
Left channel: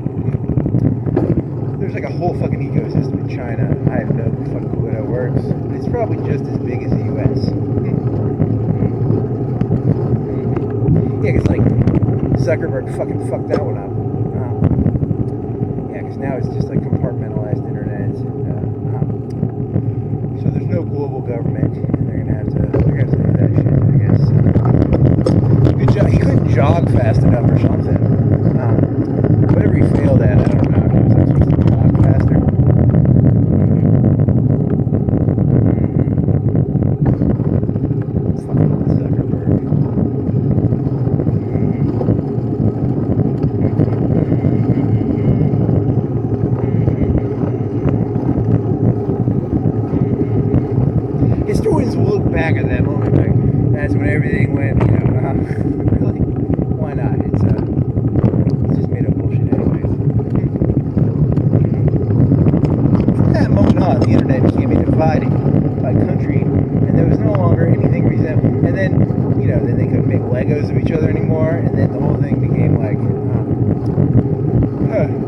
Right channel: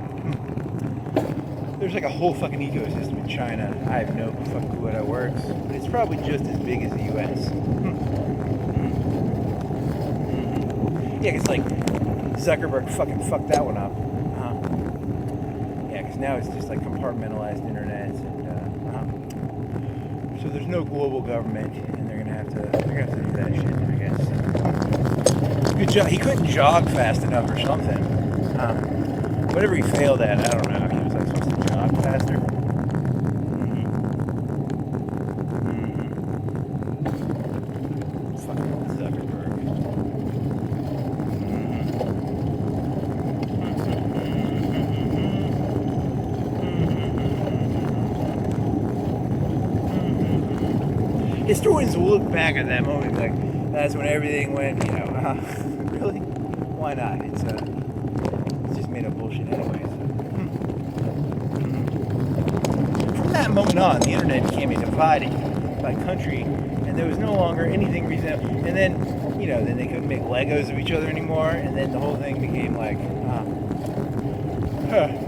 There's like a whole fucking ecosystem in China. I have no fucking clue how it works, but it's probably just as big as the U.S. Yeah, because like Zuckerberg fucking fucked that one up. Yeah, because now it's just like compartmentalized internet, and so there's no global government, and they're gonna have to do that shit, I guess. Good job. He couldn't jog fast enough or something. Whatever he failed at, I don't know. He was like supposed to jog faster. Fucking Zuckerberg. Historians will look back at that moment like that's when everything went, you know, really? Why not? It's just made up bullshit anyways. From that moment on, the internet became a divided by country, and there was no longer anything resembling. And then, you know, then they couldn't make Legos of each other anymore, and then the whole thing became like, okay.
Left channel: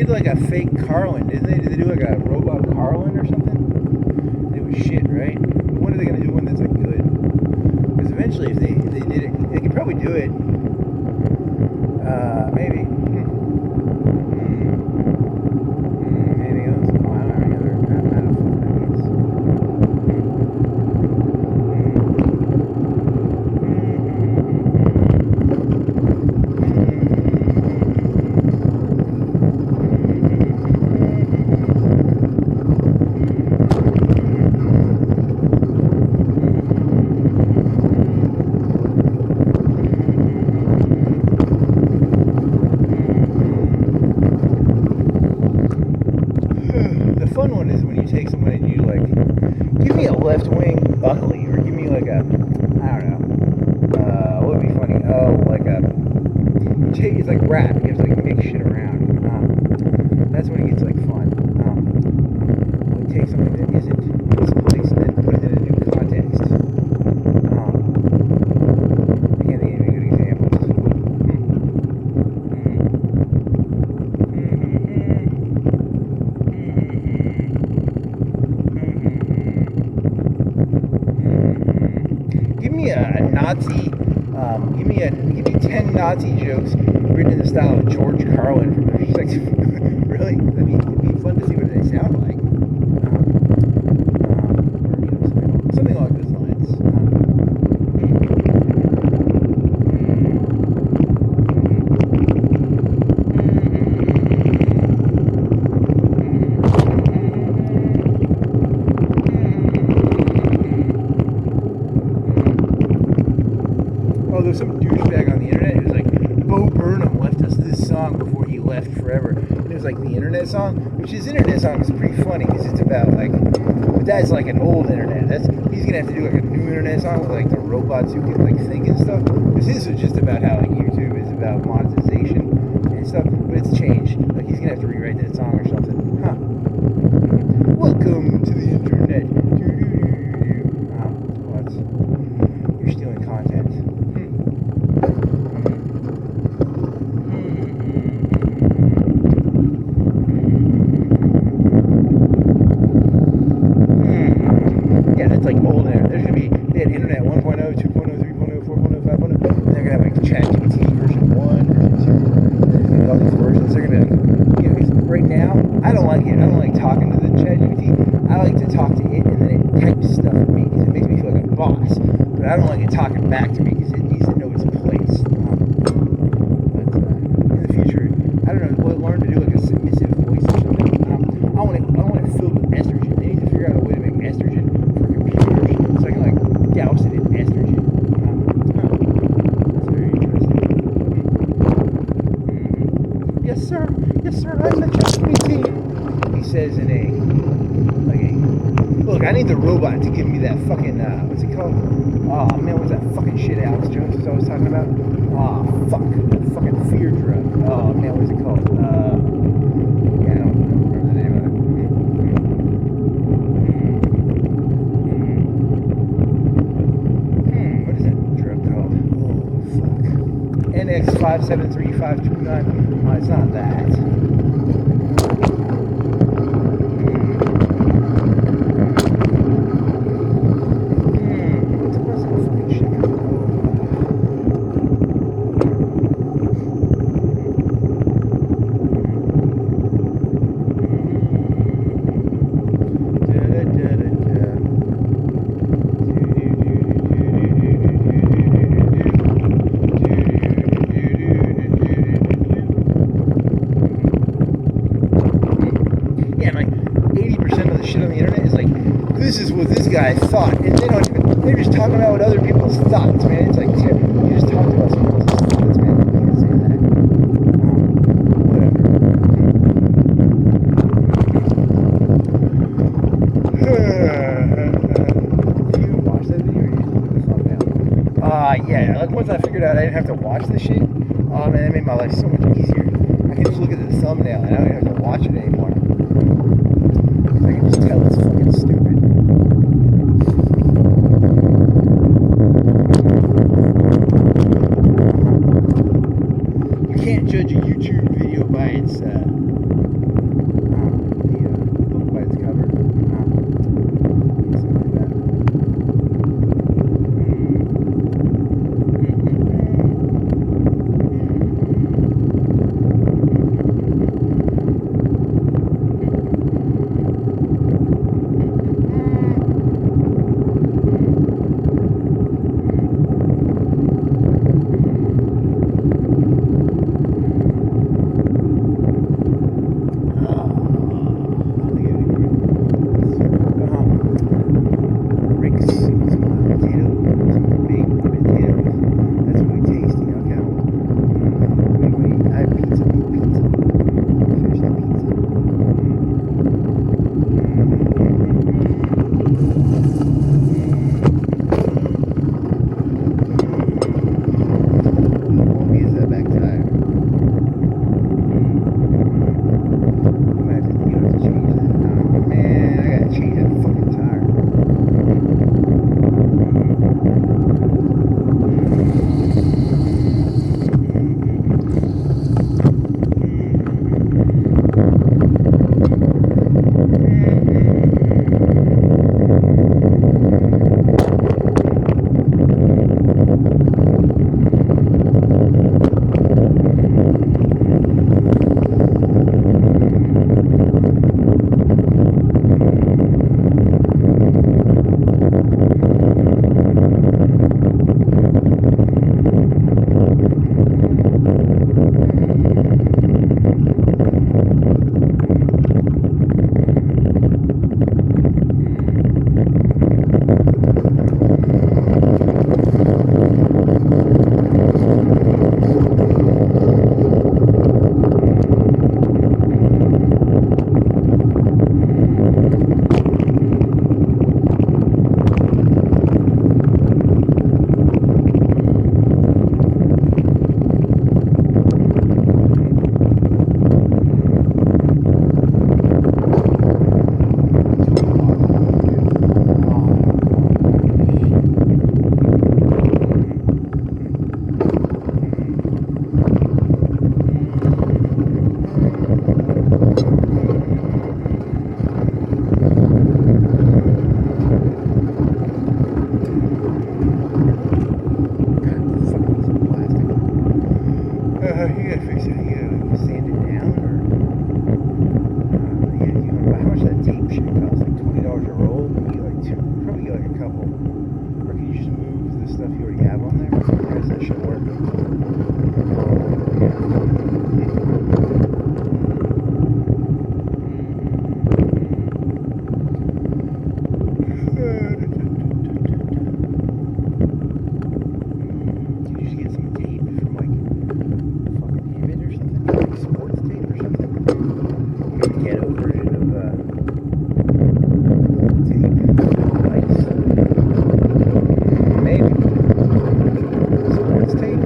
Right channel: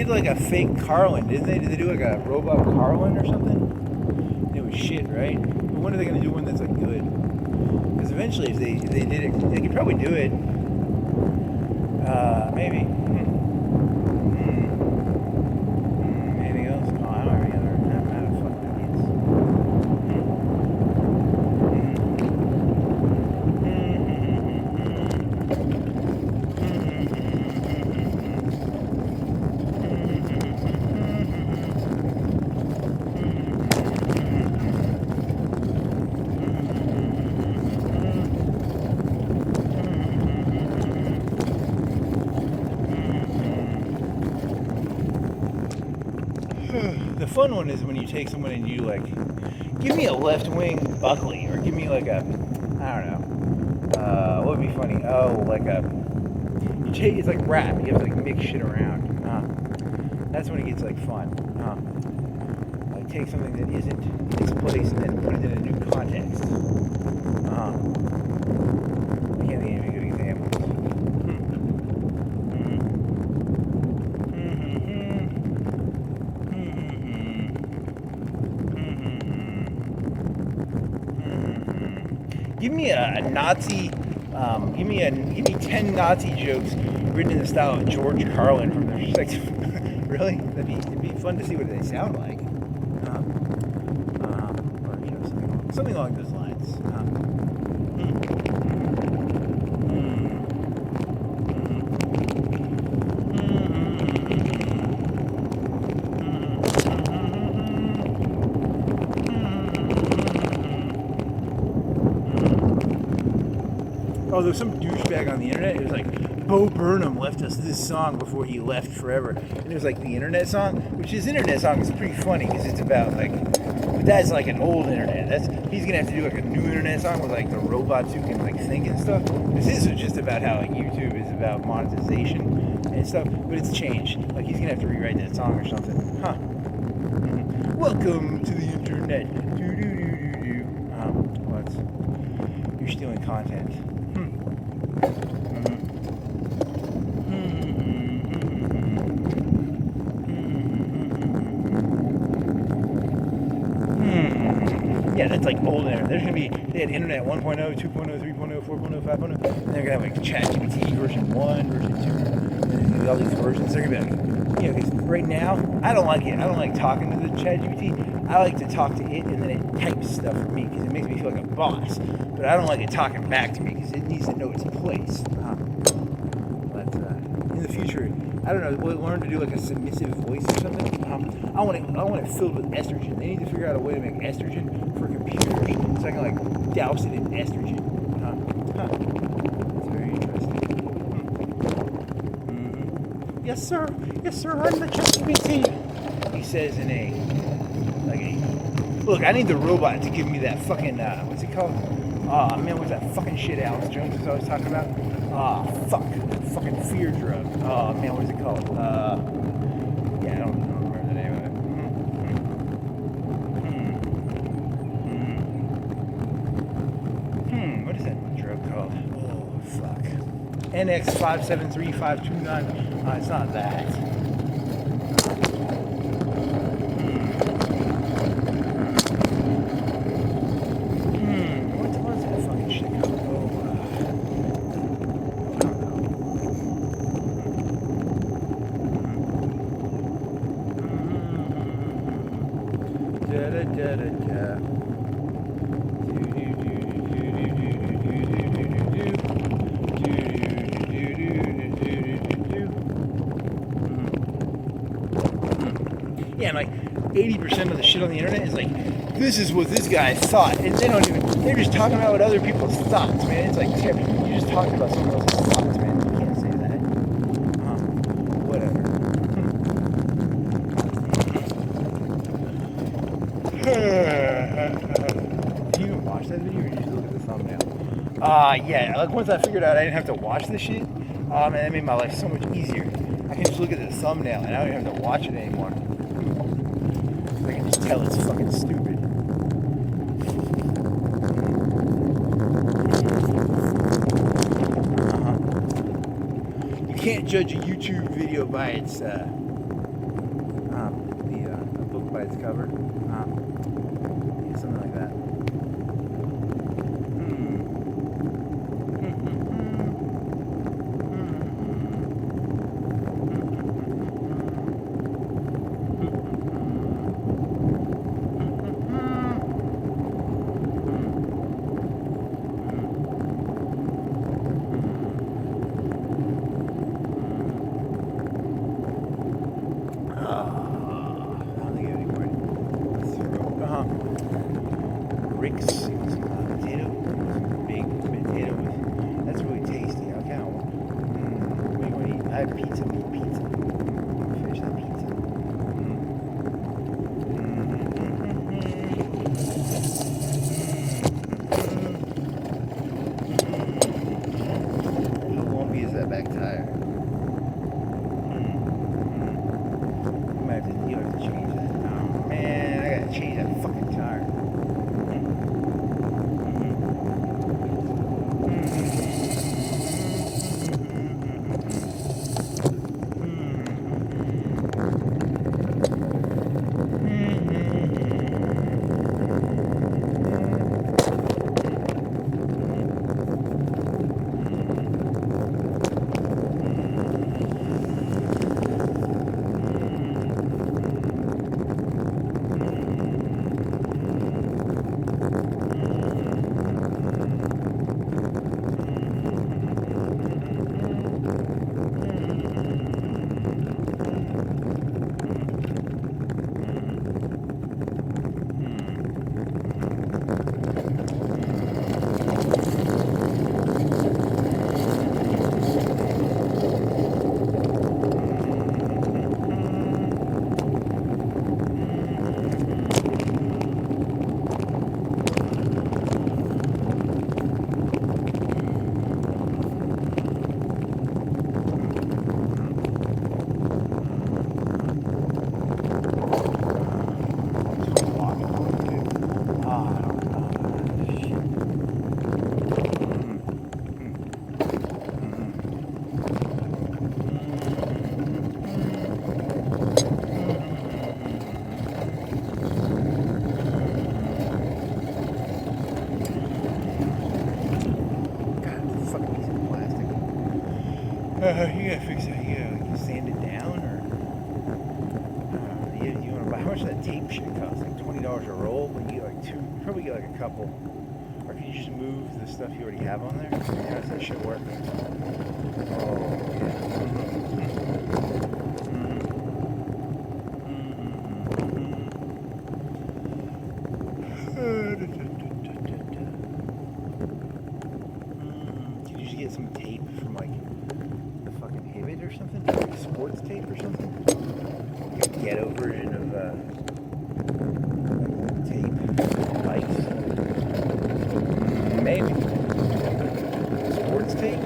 did like a fake Carlin, didn't they? Did they do like a robot Carlin or something? It was shit, right? But when are they gonna do one that's like good? Because eventually, if they did it, they could probably do it. Maybe. Anything else? No, I don't remember. I don't fucking The fun one is when you take someone and you like, give me a left wing Buckley, or give me like a, I don't know, what would be funny? Oh, like a, you take, it's like rap, you have to like mix shit around. That's when it gets like fun. Like take something that isn't this place and then put it in a new context. I can't think of any good examples. Give me a Nazi, give me 10 Nazi jokes written in the style of George Carlin from the perspective. Really? It'd be fun to see what they sound like. Or something along those lines. Oh, there was some douchebag on the internet. It was like, Bo Burnham left us this song before he left forever. And it was like the internet song, which his internet song is pretty funny because it's about like, but that's like an old internet. He's gonna have to do like a new internet song with like the robots who can like think and stuff. Because his was just about how like YouTube is about monetization and stuff, but it's changed. Like he's gonna have to rewrite that song or something. Huh. Welcome to the internet. What? You're stealing content. Yeah, that's like old internet. There's gonna be, they had internet 1.0, 2.0, 3.0, 4.0, 5.0. And they're gonna have like ChatGPT version 1, version 2, all these versions. They're gonna be like, you know, because right now, I don't like it. I don't like talking to the ChatGPT. I like to talk to it and then it types stuff for me because it makes me feel like a boss. But I don't like it talking back to me because it needs to know its place. But in the future, I don't know, will it learn to do like a submissive voice or something? I want it filled with estrogen. They need to figure out a way to make estrogen for computers so I can like douse it in estrogen. That's very interesting. Yes, sir. Yes, sir. I'm the ChatGPT. He says in a look. I need the robot to give me that fucking what's it called? Oh man, what's that fucking shit Alex Jones was always talking about? Oh fuck, that fucking fear drug. Oh man, what's it called? Yeah, I don't remember the name of it. What is that drug called? Oh fuck. NX573529. It's not that. What was that fucking shit? Yeah, like 80% of the shit on the internet is like, this is what this guy thought, and they're just talking about what other people's thoughts, man. It's like, you just talked about someone else's thoughts, man. You can't say that. Whatever. Do you even watch that video, or you just look at the thumbnail? Yeah, like once I figured out I didn't have to watch this shit, man, that made my life so much easier. I can just look at the thumbnail, and I don't even have to watch it anymore. I can just tell it's fucking stupid. You can't judge a YouTube video by its $20 a roll, but you get like two, probably get like a couple. Or can you just move the stuff you already have on there? How's that shit work? Can you just get some tape from like fucking Hibbett or something? Like sports tape or something? Like a ghetto version of tape, lights. Maybe. Sports tape?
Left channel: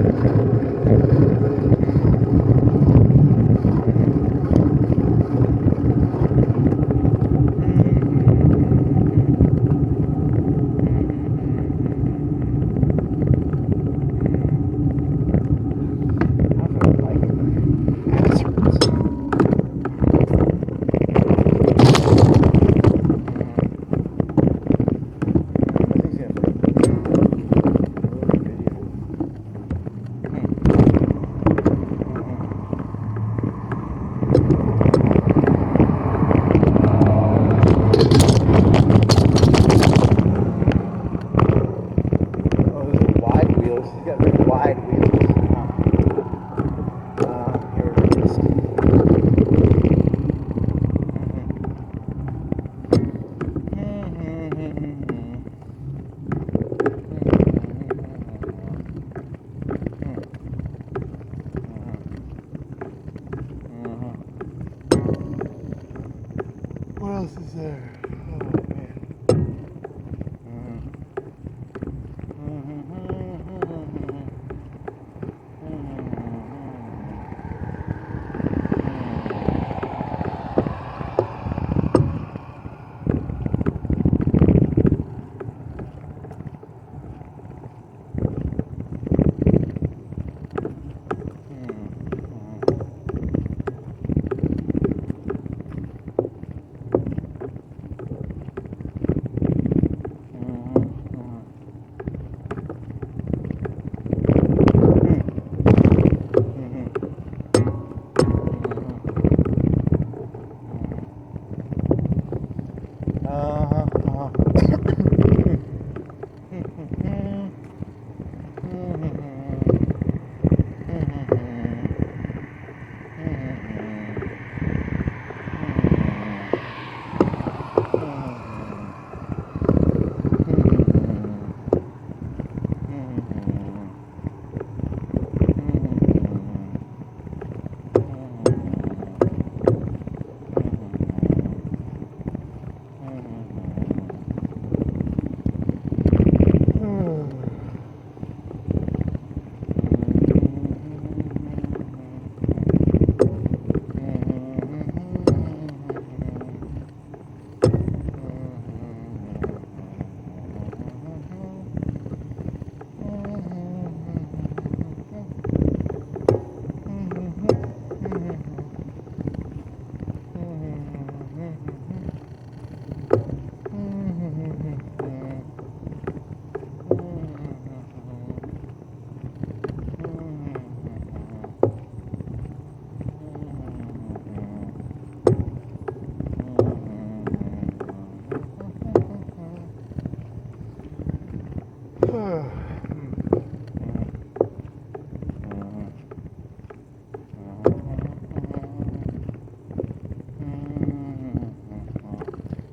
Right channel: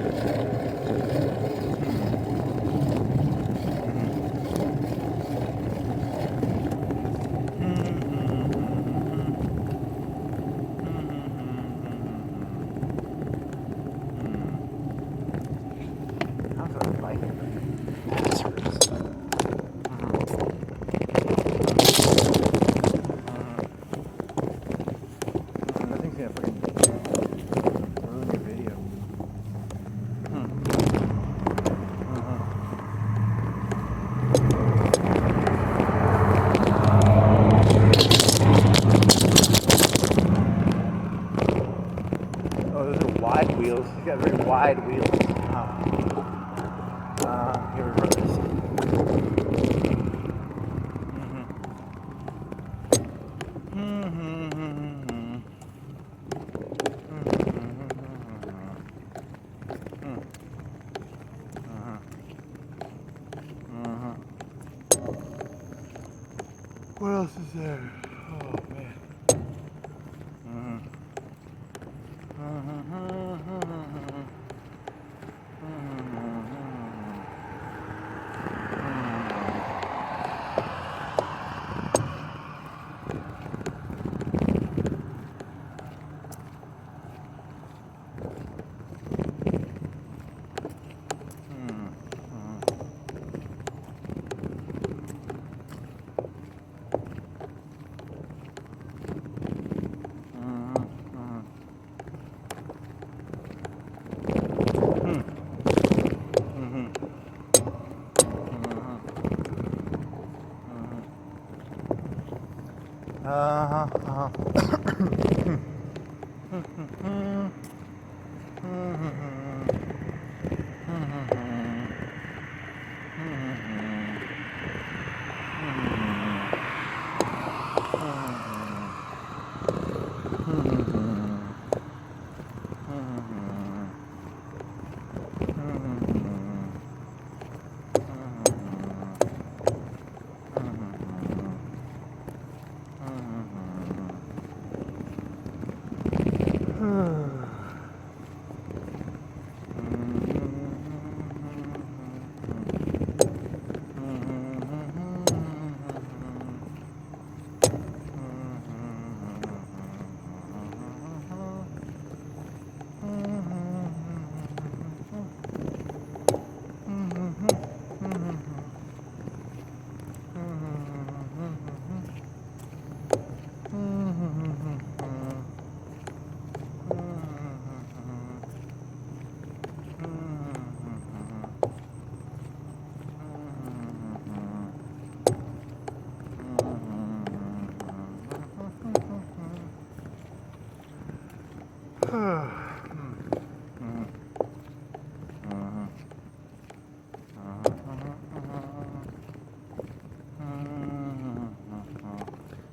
What else is there? Oh man.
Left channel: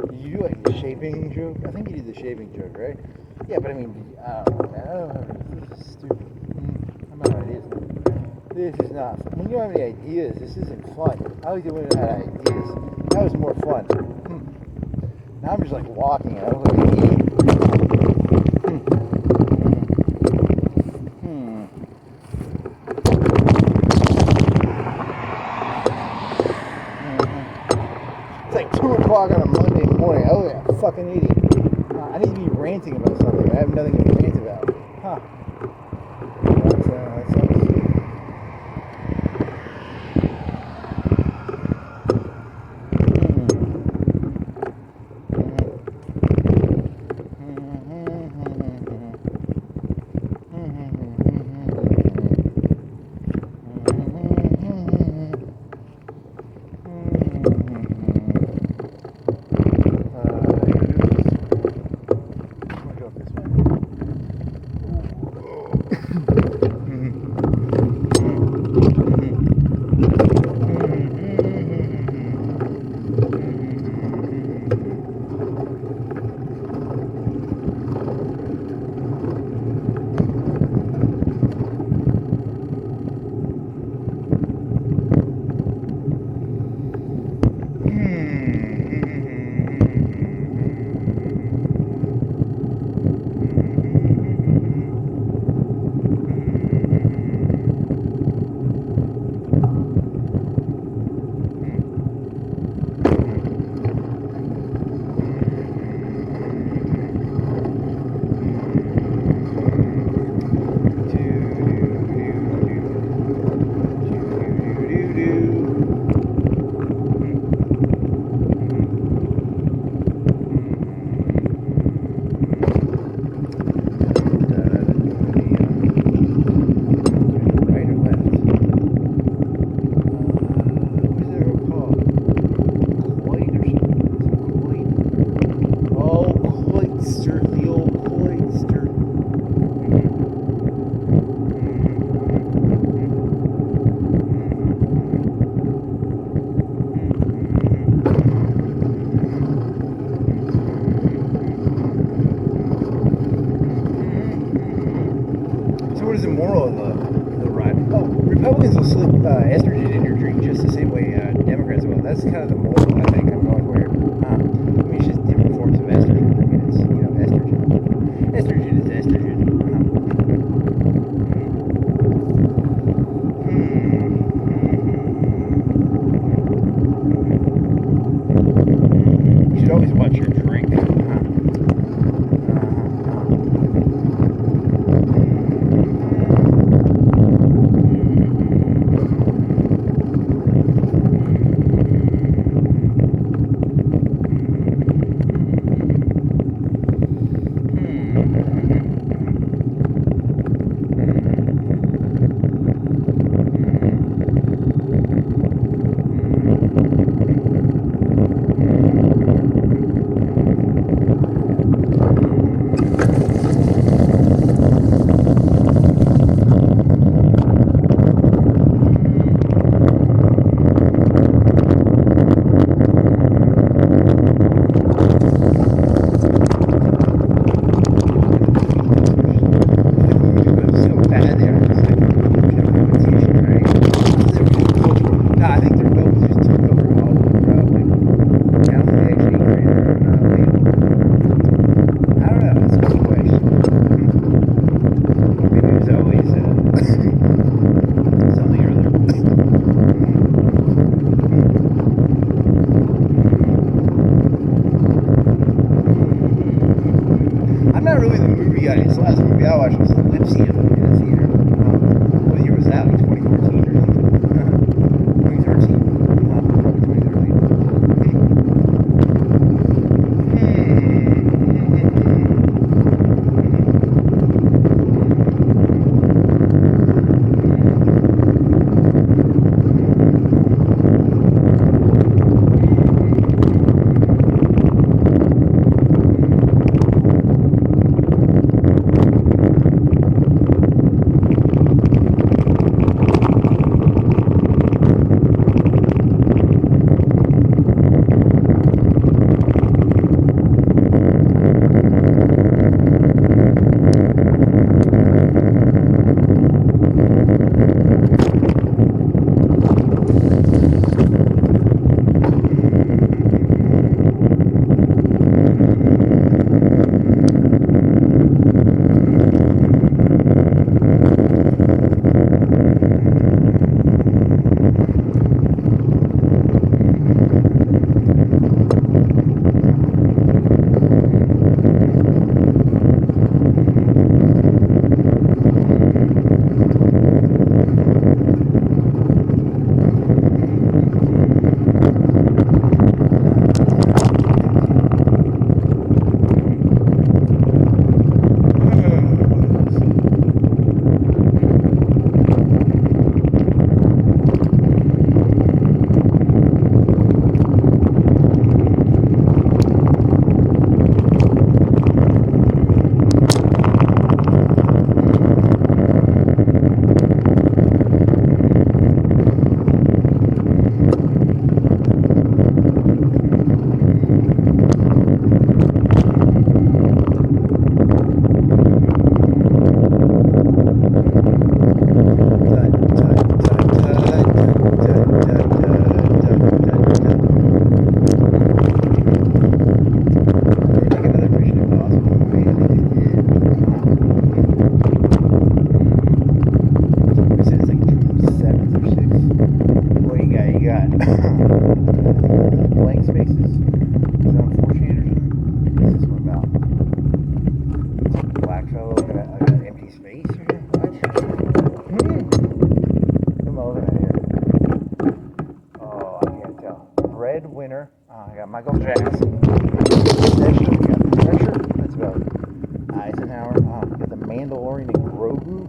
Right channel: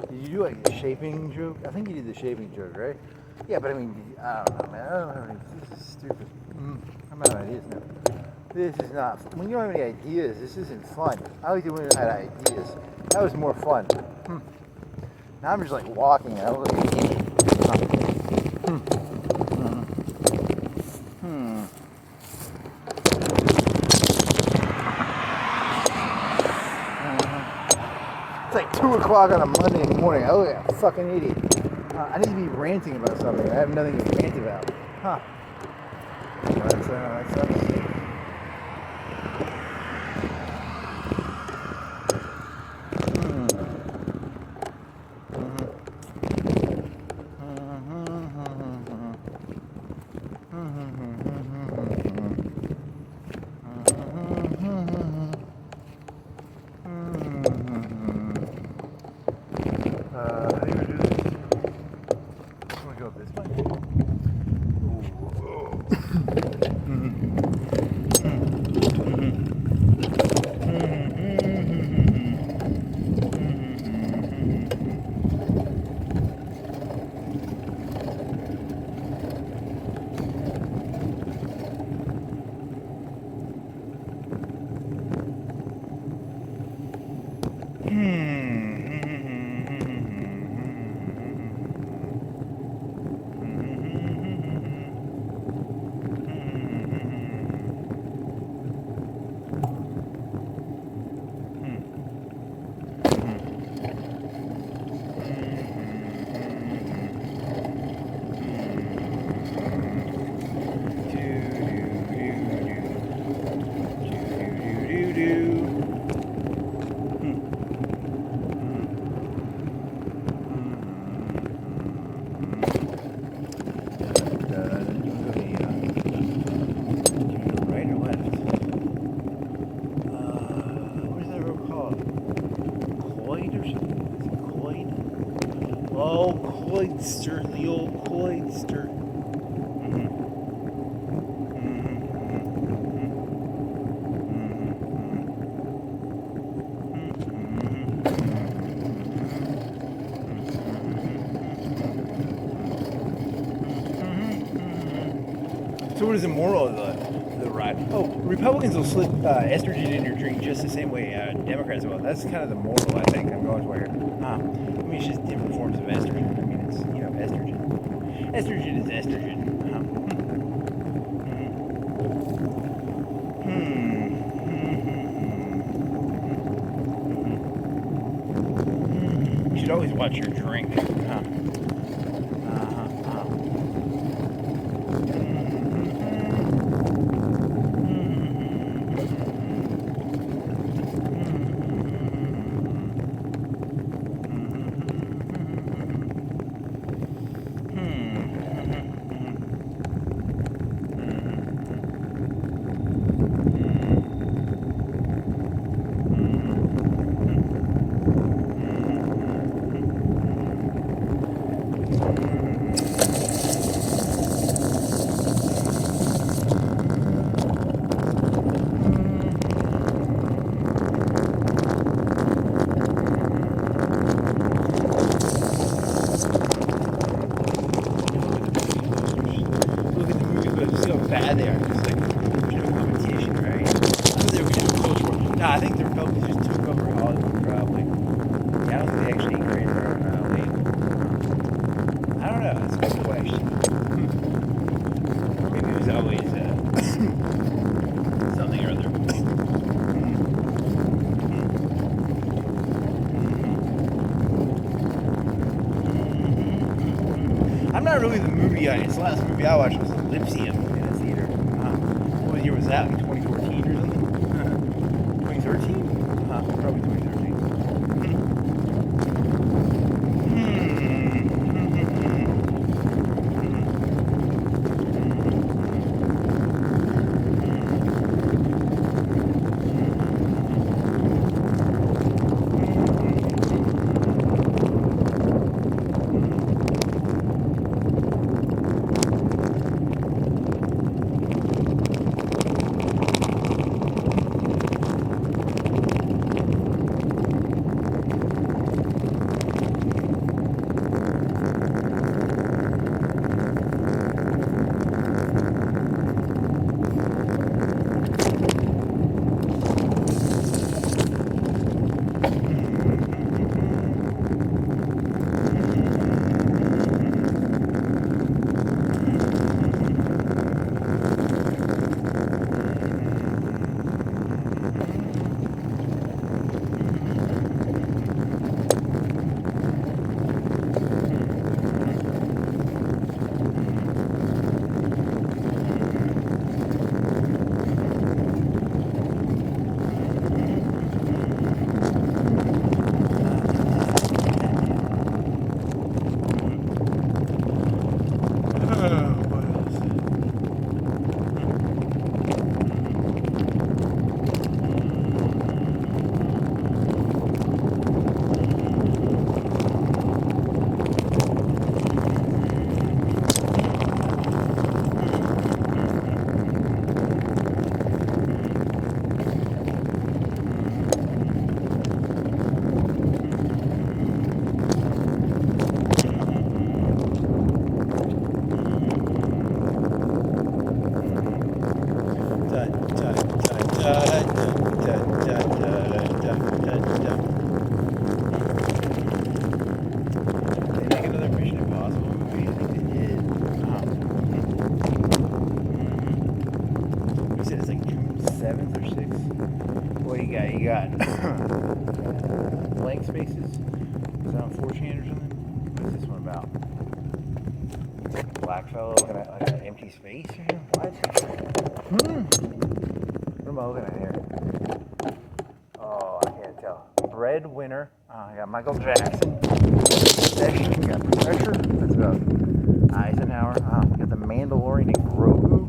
Did you do like a shaving joke? I think you did the shaving joke, right? Yeah, but I mean, I don't know, man. I don't know. This is stupid. I'm out of ideas now. This is not. When you don't have any ideas, this isn't fun. I like to when I had ideas. That was more fun. Now I'm just like walking and I look like an idiot. It's like 2 o'clock on a Monday morning. I look like a fucking idiot. I need to be ranting about something. I have nothing to rant about. That sucks. the old Cloydster. So what is the moral of the ride? Oh, Republicans will slip estrogen in your drink just the same way Democrats will. That's kind of the moral, I think, I'm going for here. I mean, it's just different forms of estrogen. I mean, it's, estrogen. Estrogen is estrogen. You should always watch your drink. It's the last movie I watched was Ellipsium in the theater. What year was that? 2014 or something? 2013? Probably 2013. Blank spaces. Is that on 4chan or something? What's this one about? Black fellow looking at like an empty space or something? What am I looking at here? Oh, I can't tell. Breadwinner. I got Michael Jackson. Protection. We got Pressure. That's about Eisenhower. We got the Mandalorian and Grogu.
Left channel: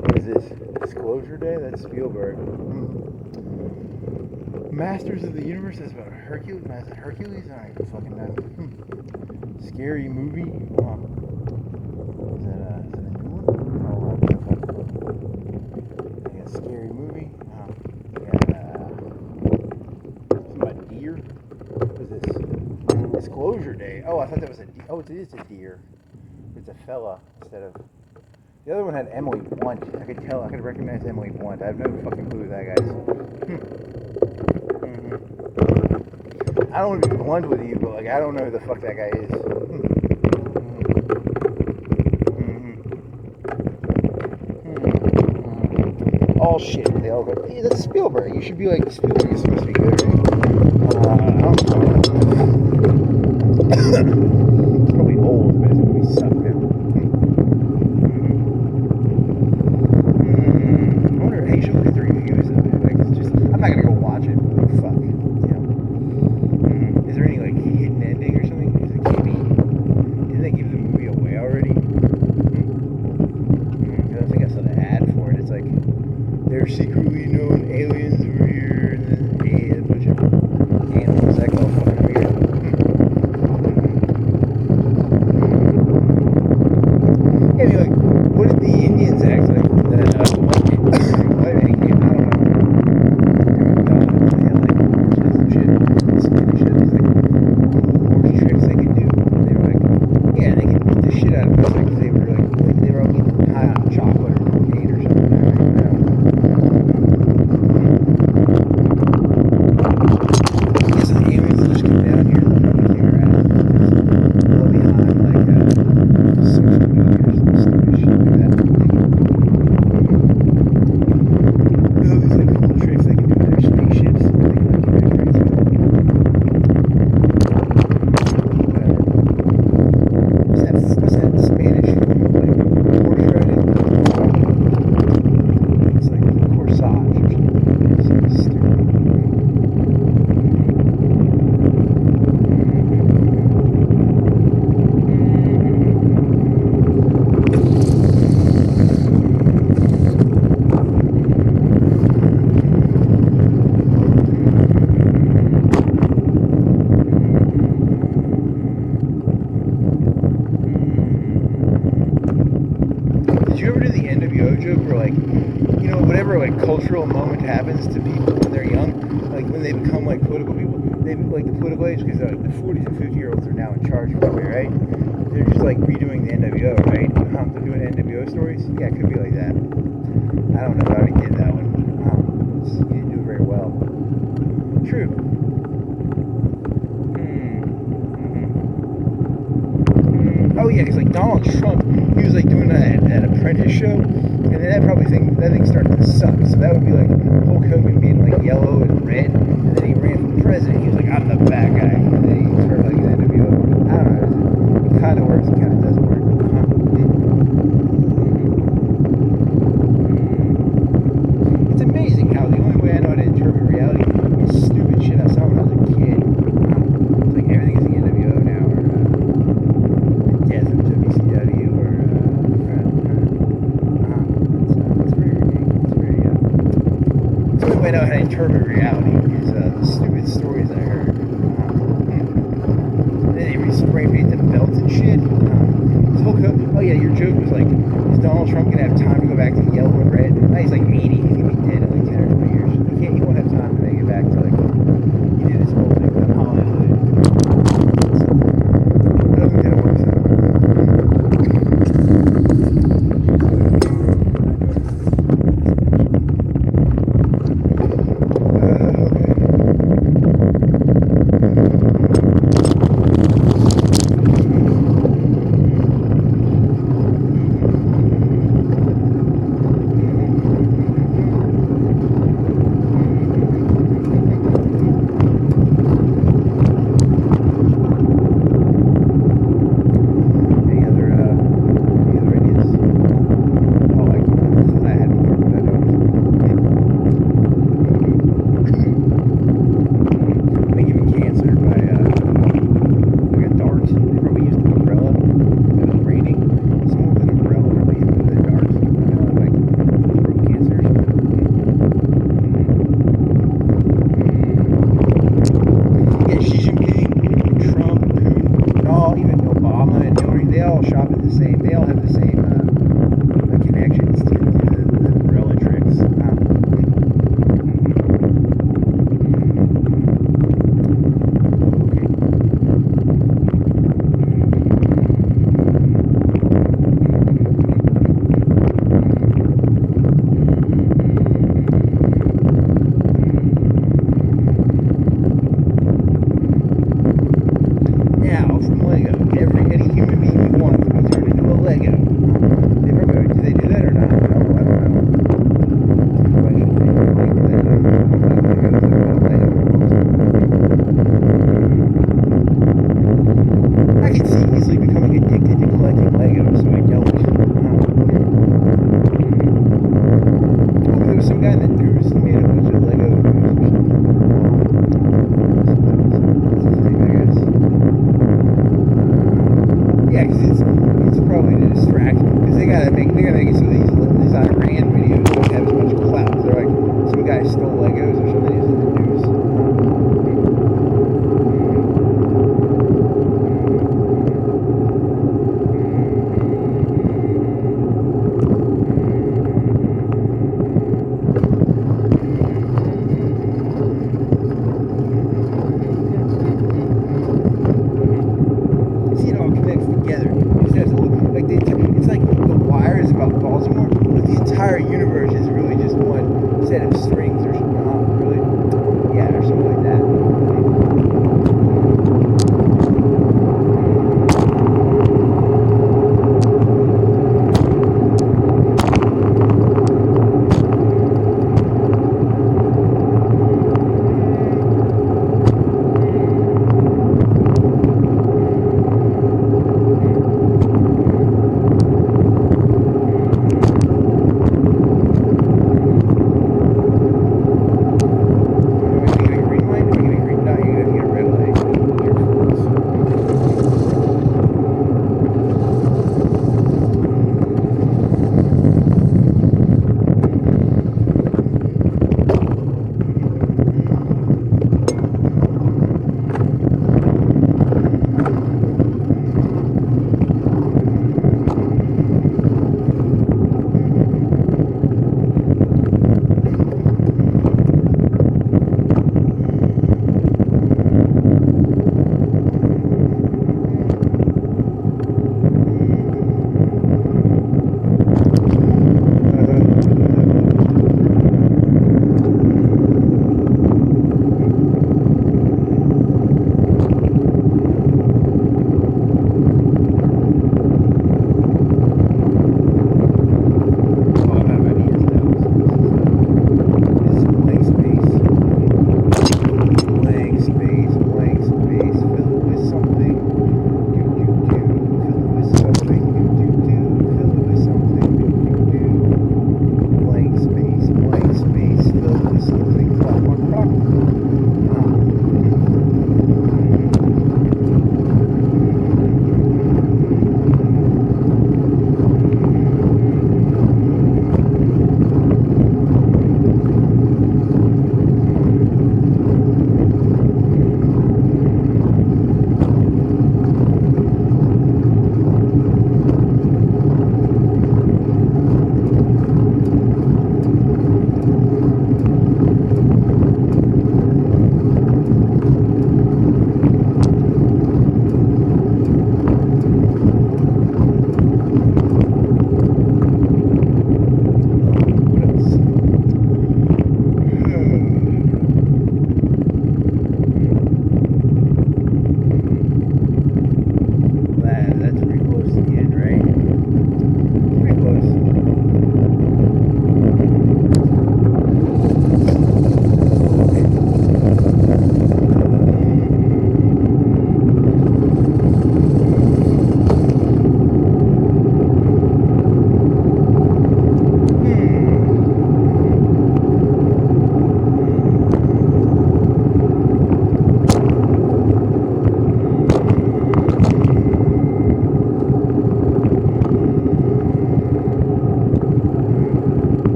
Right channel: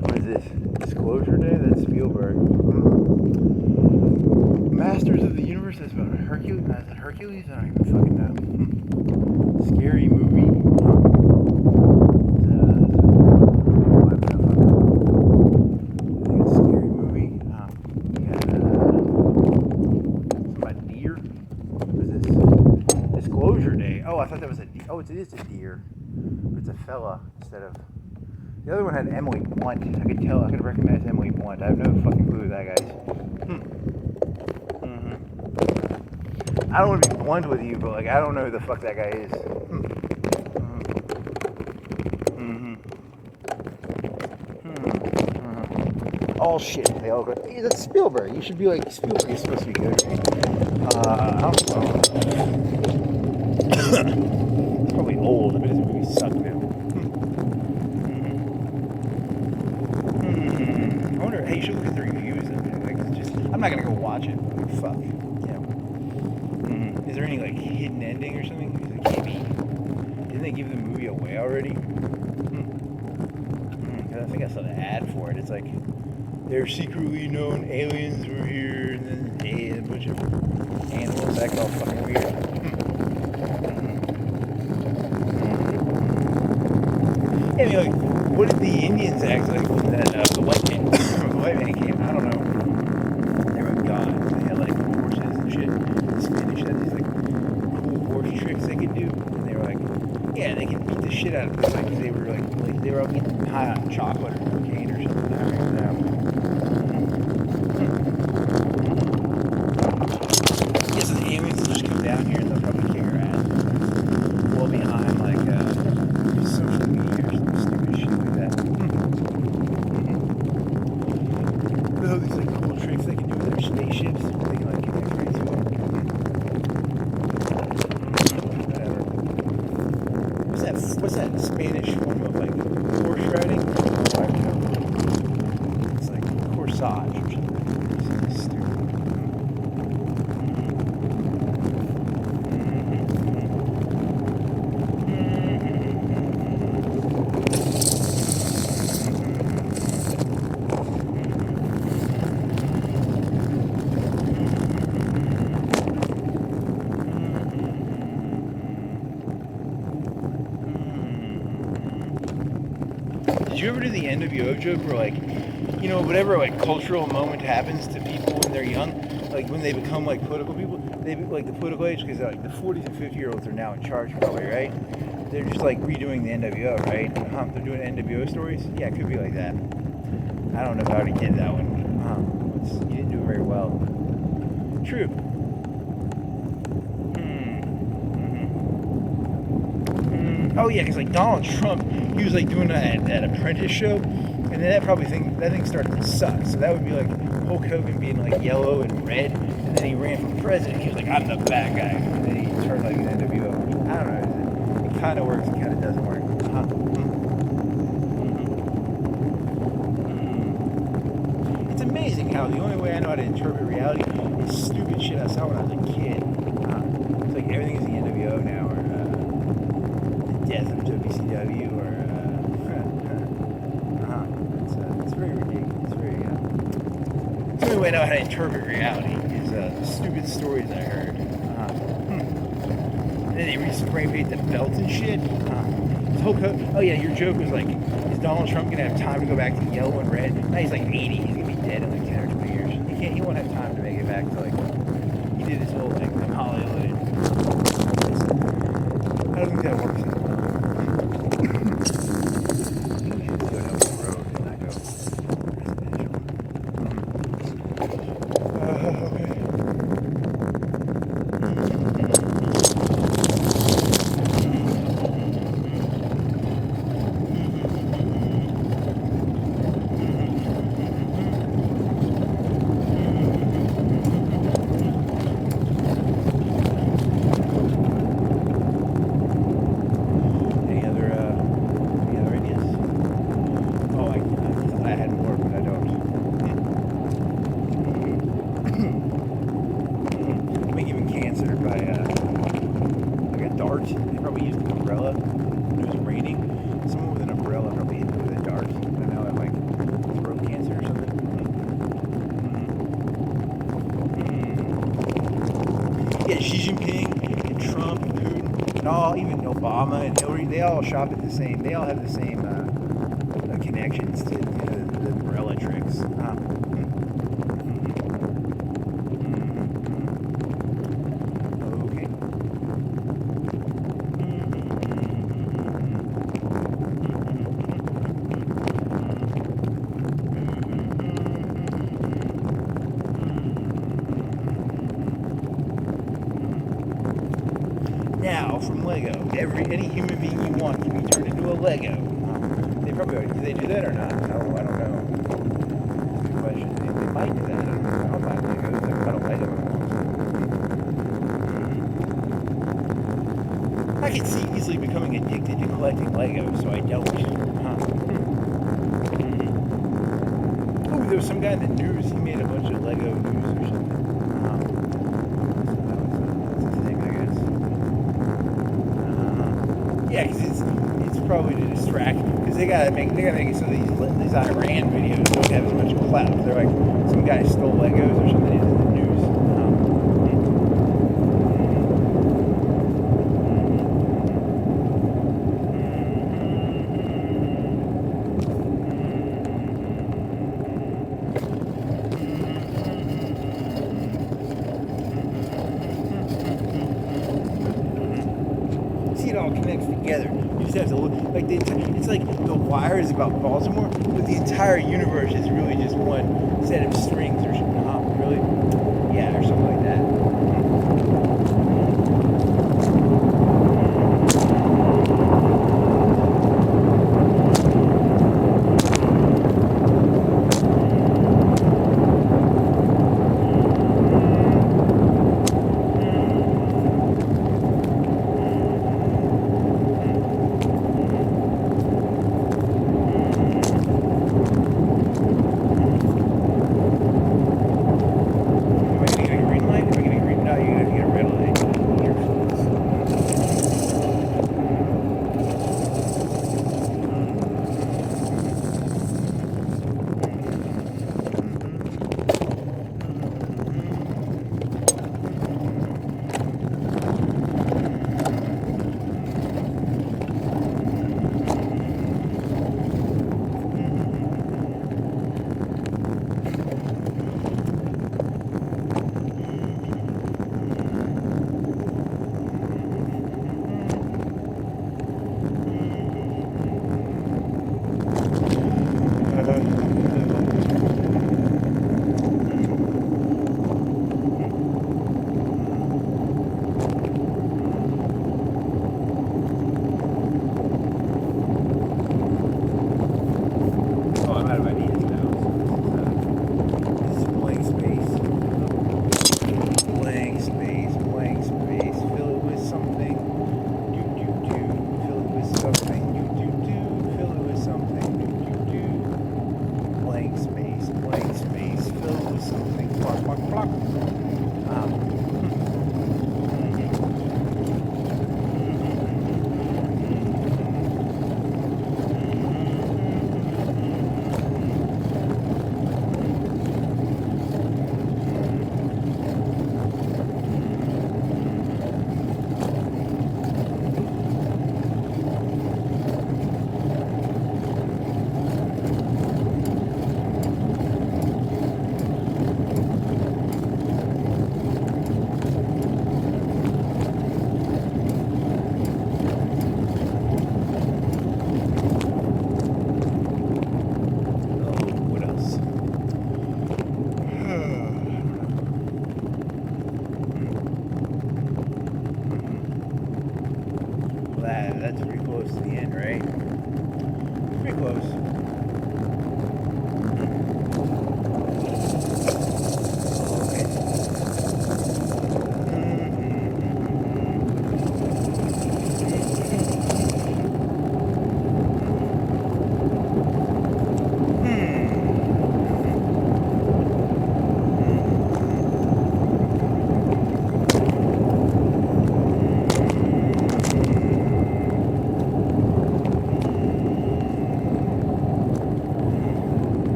What is this? Disclosure Day? That's Spielberg. Masters of the Universe. That's about Hercules. Is it Hercules? I don't even fucking know. Scary movie. I think it's a scary movie. Something about deer. What was this? Disclosure Day. Oh, I thought that was a deer. Oh, it is a deer. It's a fella instead of. The other one had Emily Blunt. I could tell. I could recognize Emily Blunt. I have no fucking clue who that guy is. I don't want to be blunt with you, but like I don't know who the fuck that guy is. All shit. They all go. Hey, that's Spielberg. You should be like Spielberg is supposed to be good. I don't know. It's probably old. I mean, this movie sucked now. I wonder. Hey, you should look at the reviews of it. Like, it's just. I'm not gonna go watch it. But fuck. Is there any like hidden ending or something? Because it can't be. Didn't they give the movie away already? I don't think I saw the ad for it. It's like they're secretly known aliens were here, and then a bunch of animals that got all fucking weird. Yeah, I mean, like, what did the Indians act like when that the white man came? I don't know. They were gone. They had like horses and shit. The Spanish had these like cool horse tricks they could do, and they were like, yeah, they could beat the shit out of them because they were like they were all getting high on chocolate or cocaine or something. I don't know. It's the aliens that just came down here and they'll probably kick our ass. Well behind like social media or some stupid shit like that. All these like cool tricks they can do with their spaceships. They can like get their friends What's that Spanish form of like horse riding? It's like corsage or something. It's stupid. Did you ever do the NWO joke where like, you know, whatever like cultural moment happens to people when they're young, like when they become like political people, they like the political age because like the 40s and 50-year-olds are now in charge probably, right? They're just like redoing the NWO, right? They're doing NWO stories. Yeah, it could be like that. I don't know if I already did that one. You didn't do it very well. True. Oh yeah, because like Donald Trump, he was like doing that Apprentice show, and then that thing started to suck. So that would be like Hulk Hogan being like yellow and red, and then he ran for president. He was like, I'm the bad guy, and then he started like an NWO. I don't know. It kind of works. It kind of doesn't work. It's amazing how the only way I know how to interpret reality is stupid shit I saw when I was a kid. It's like everything is the NWO now, or death of WCW, or it's very ridiculous. It's very the only way I know how to interpret reality is the stupid stories I heard. And then they re-spray paint the belt and shit. Oh yeah, your joke was like, is Donald Trump gonna have time to go back to yellow and red? Now he's like 80. He's gonna be dead in like 10 or 20 years. He won't have time to make it back to like. He did his whole thing on Hollywood. I don't think that works out. Obama and Hillary, they all shop at the same. They all have the same connections to the umbrella tricks. Any human being you want can be turned into a Lego. They probably do they do that or not? No, I don't know. That's a good question. They might do that. I don't like Legos. I don't like Legos. I can see easily becoming addicted to collecting Legos, so I don't. Ooh, there was some guy in the news. He made a bunch of Lego news or something. What's his name, I guess? Yeah, because it's probably to distract, because they gotta make it so these Iran videos don't have as much clout. They're like, some guy stole Legos or something. He's in the news. See, it all connects together. You just have to look like it's like the wire is about Baltimore, but the entire universe is really just one set of strings or something. Really? Yeah, or something like that.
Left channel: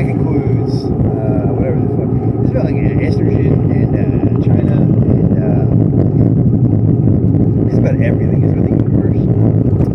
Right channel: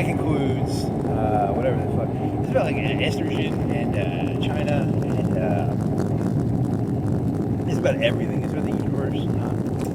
that concludes whatever the fuck. It's about like estrogen and China and everything is where the universe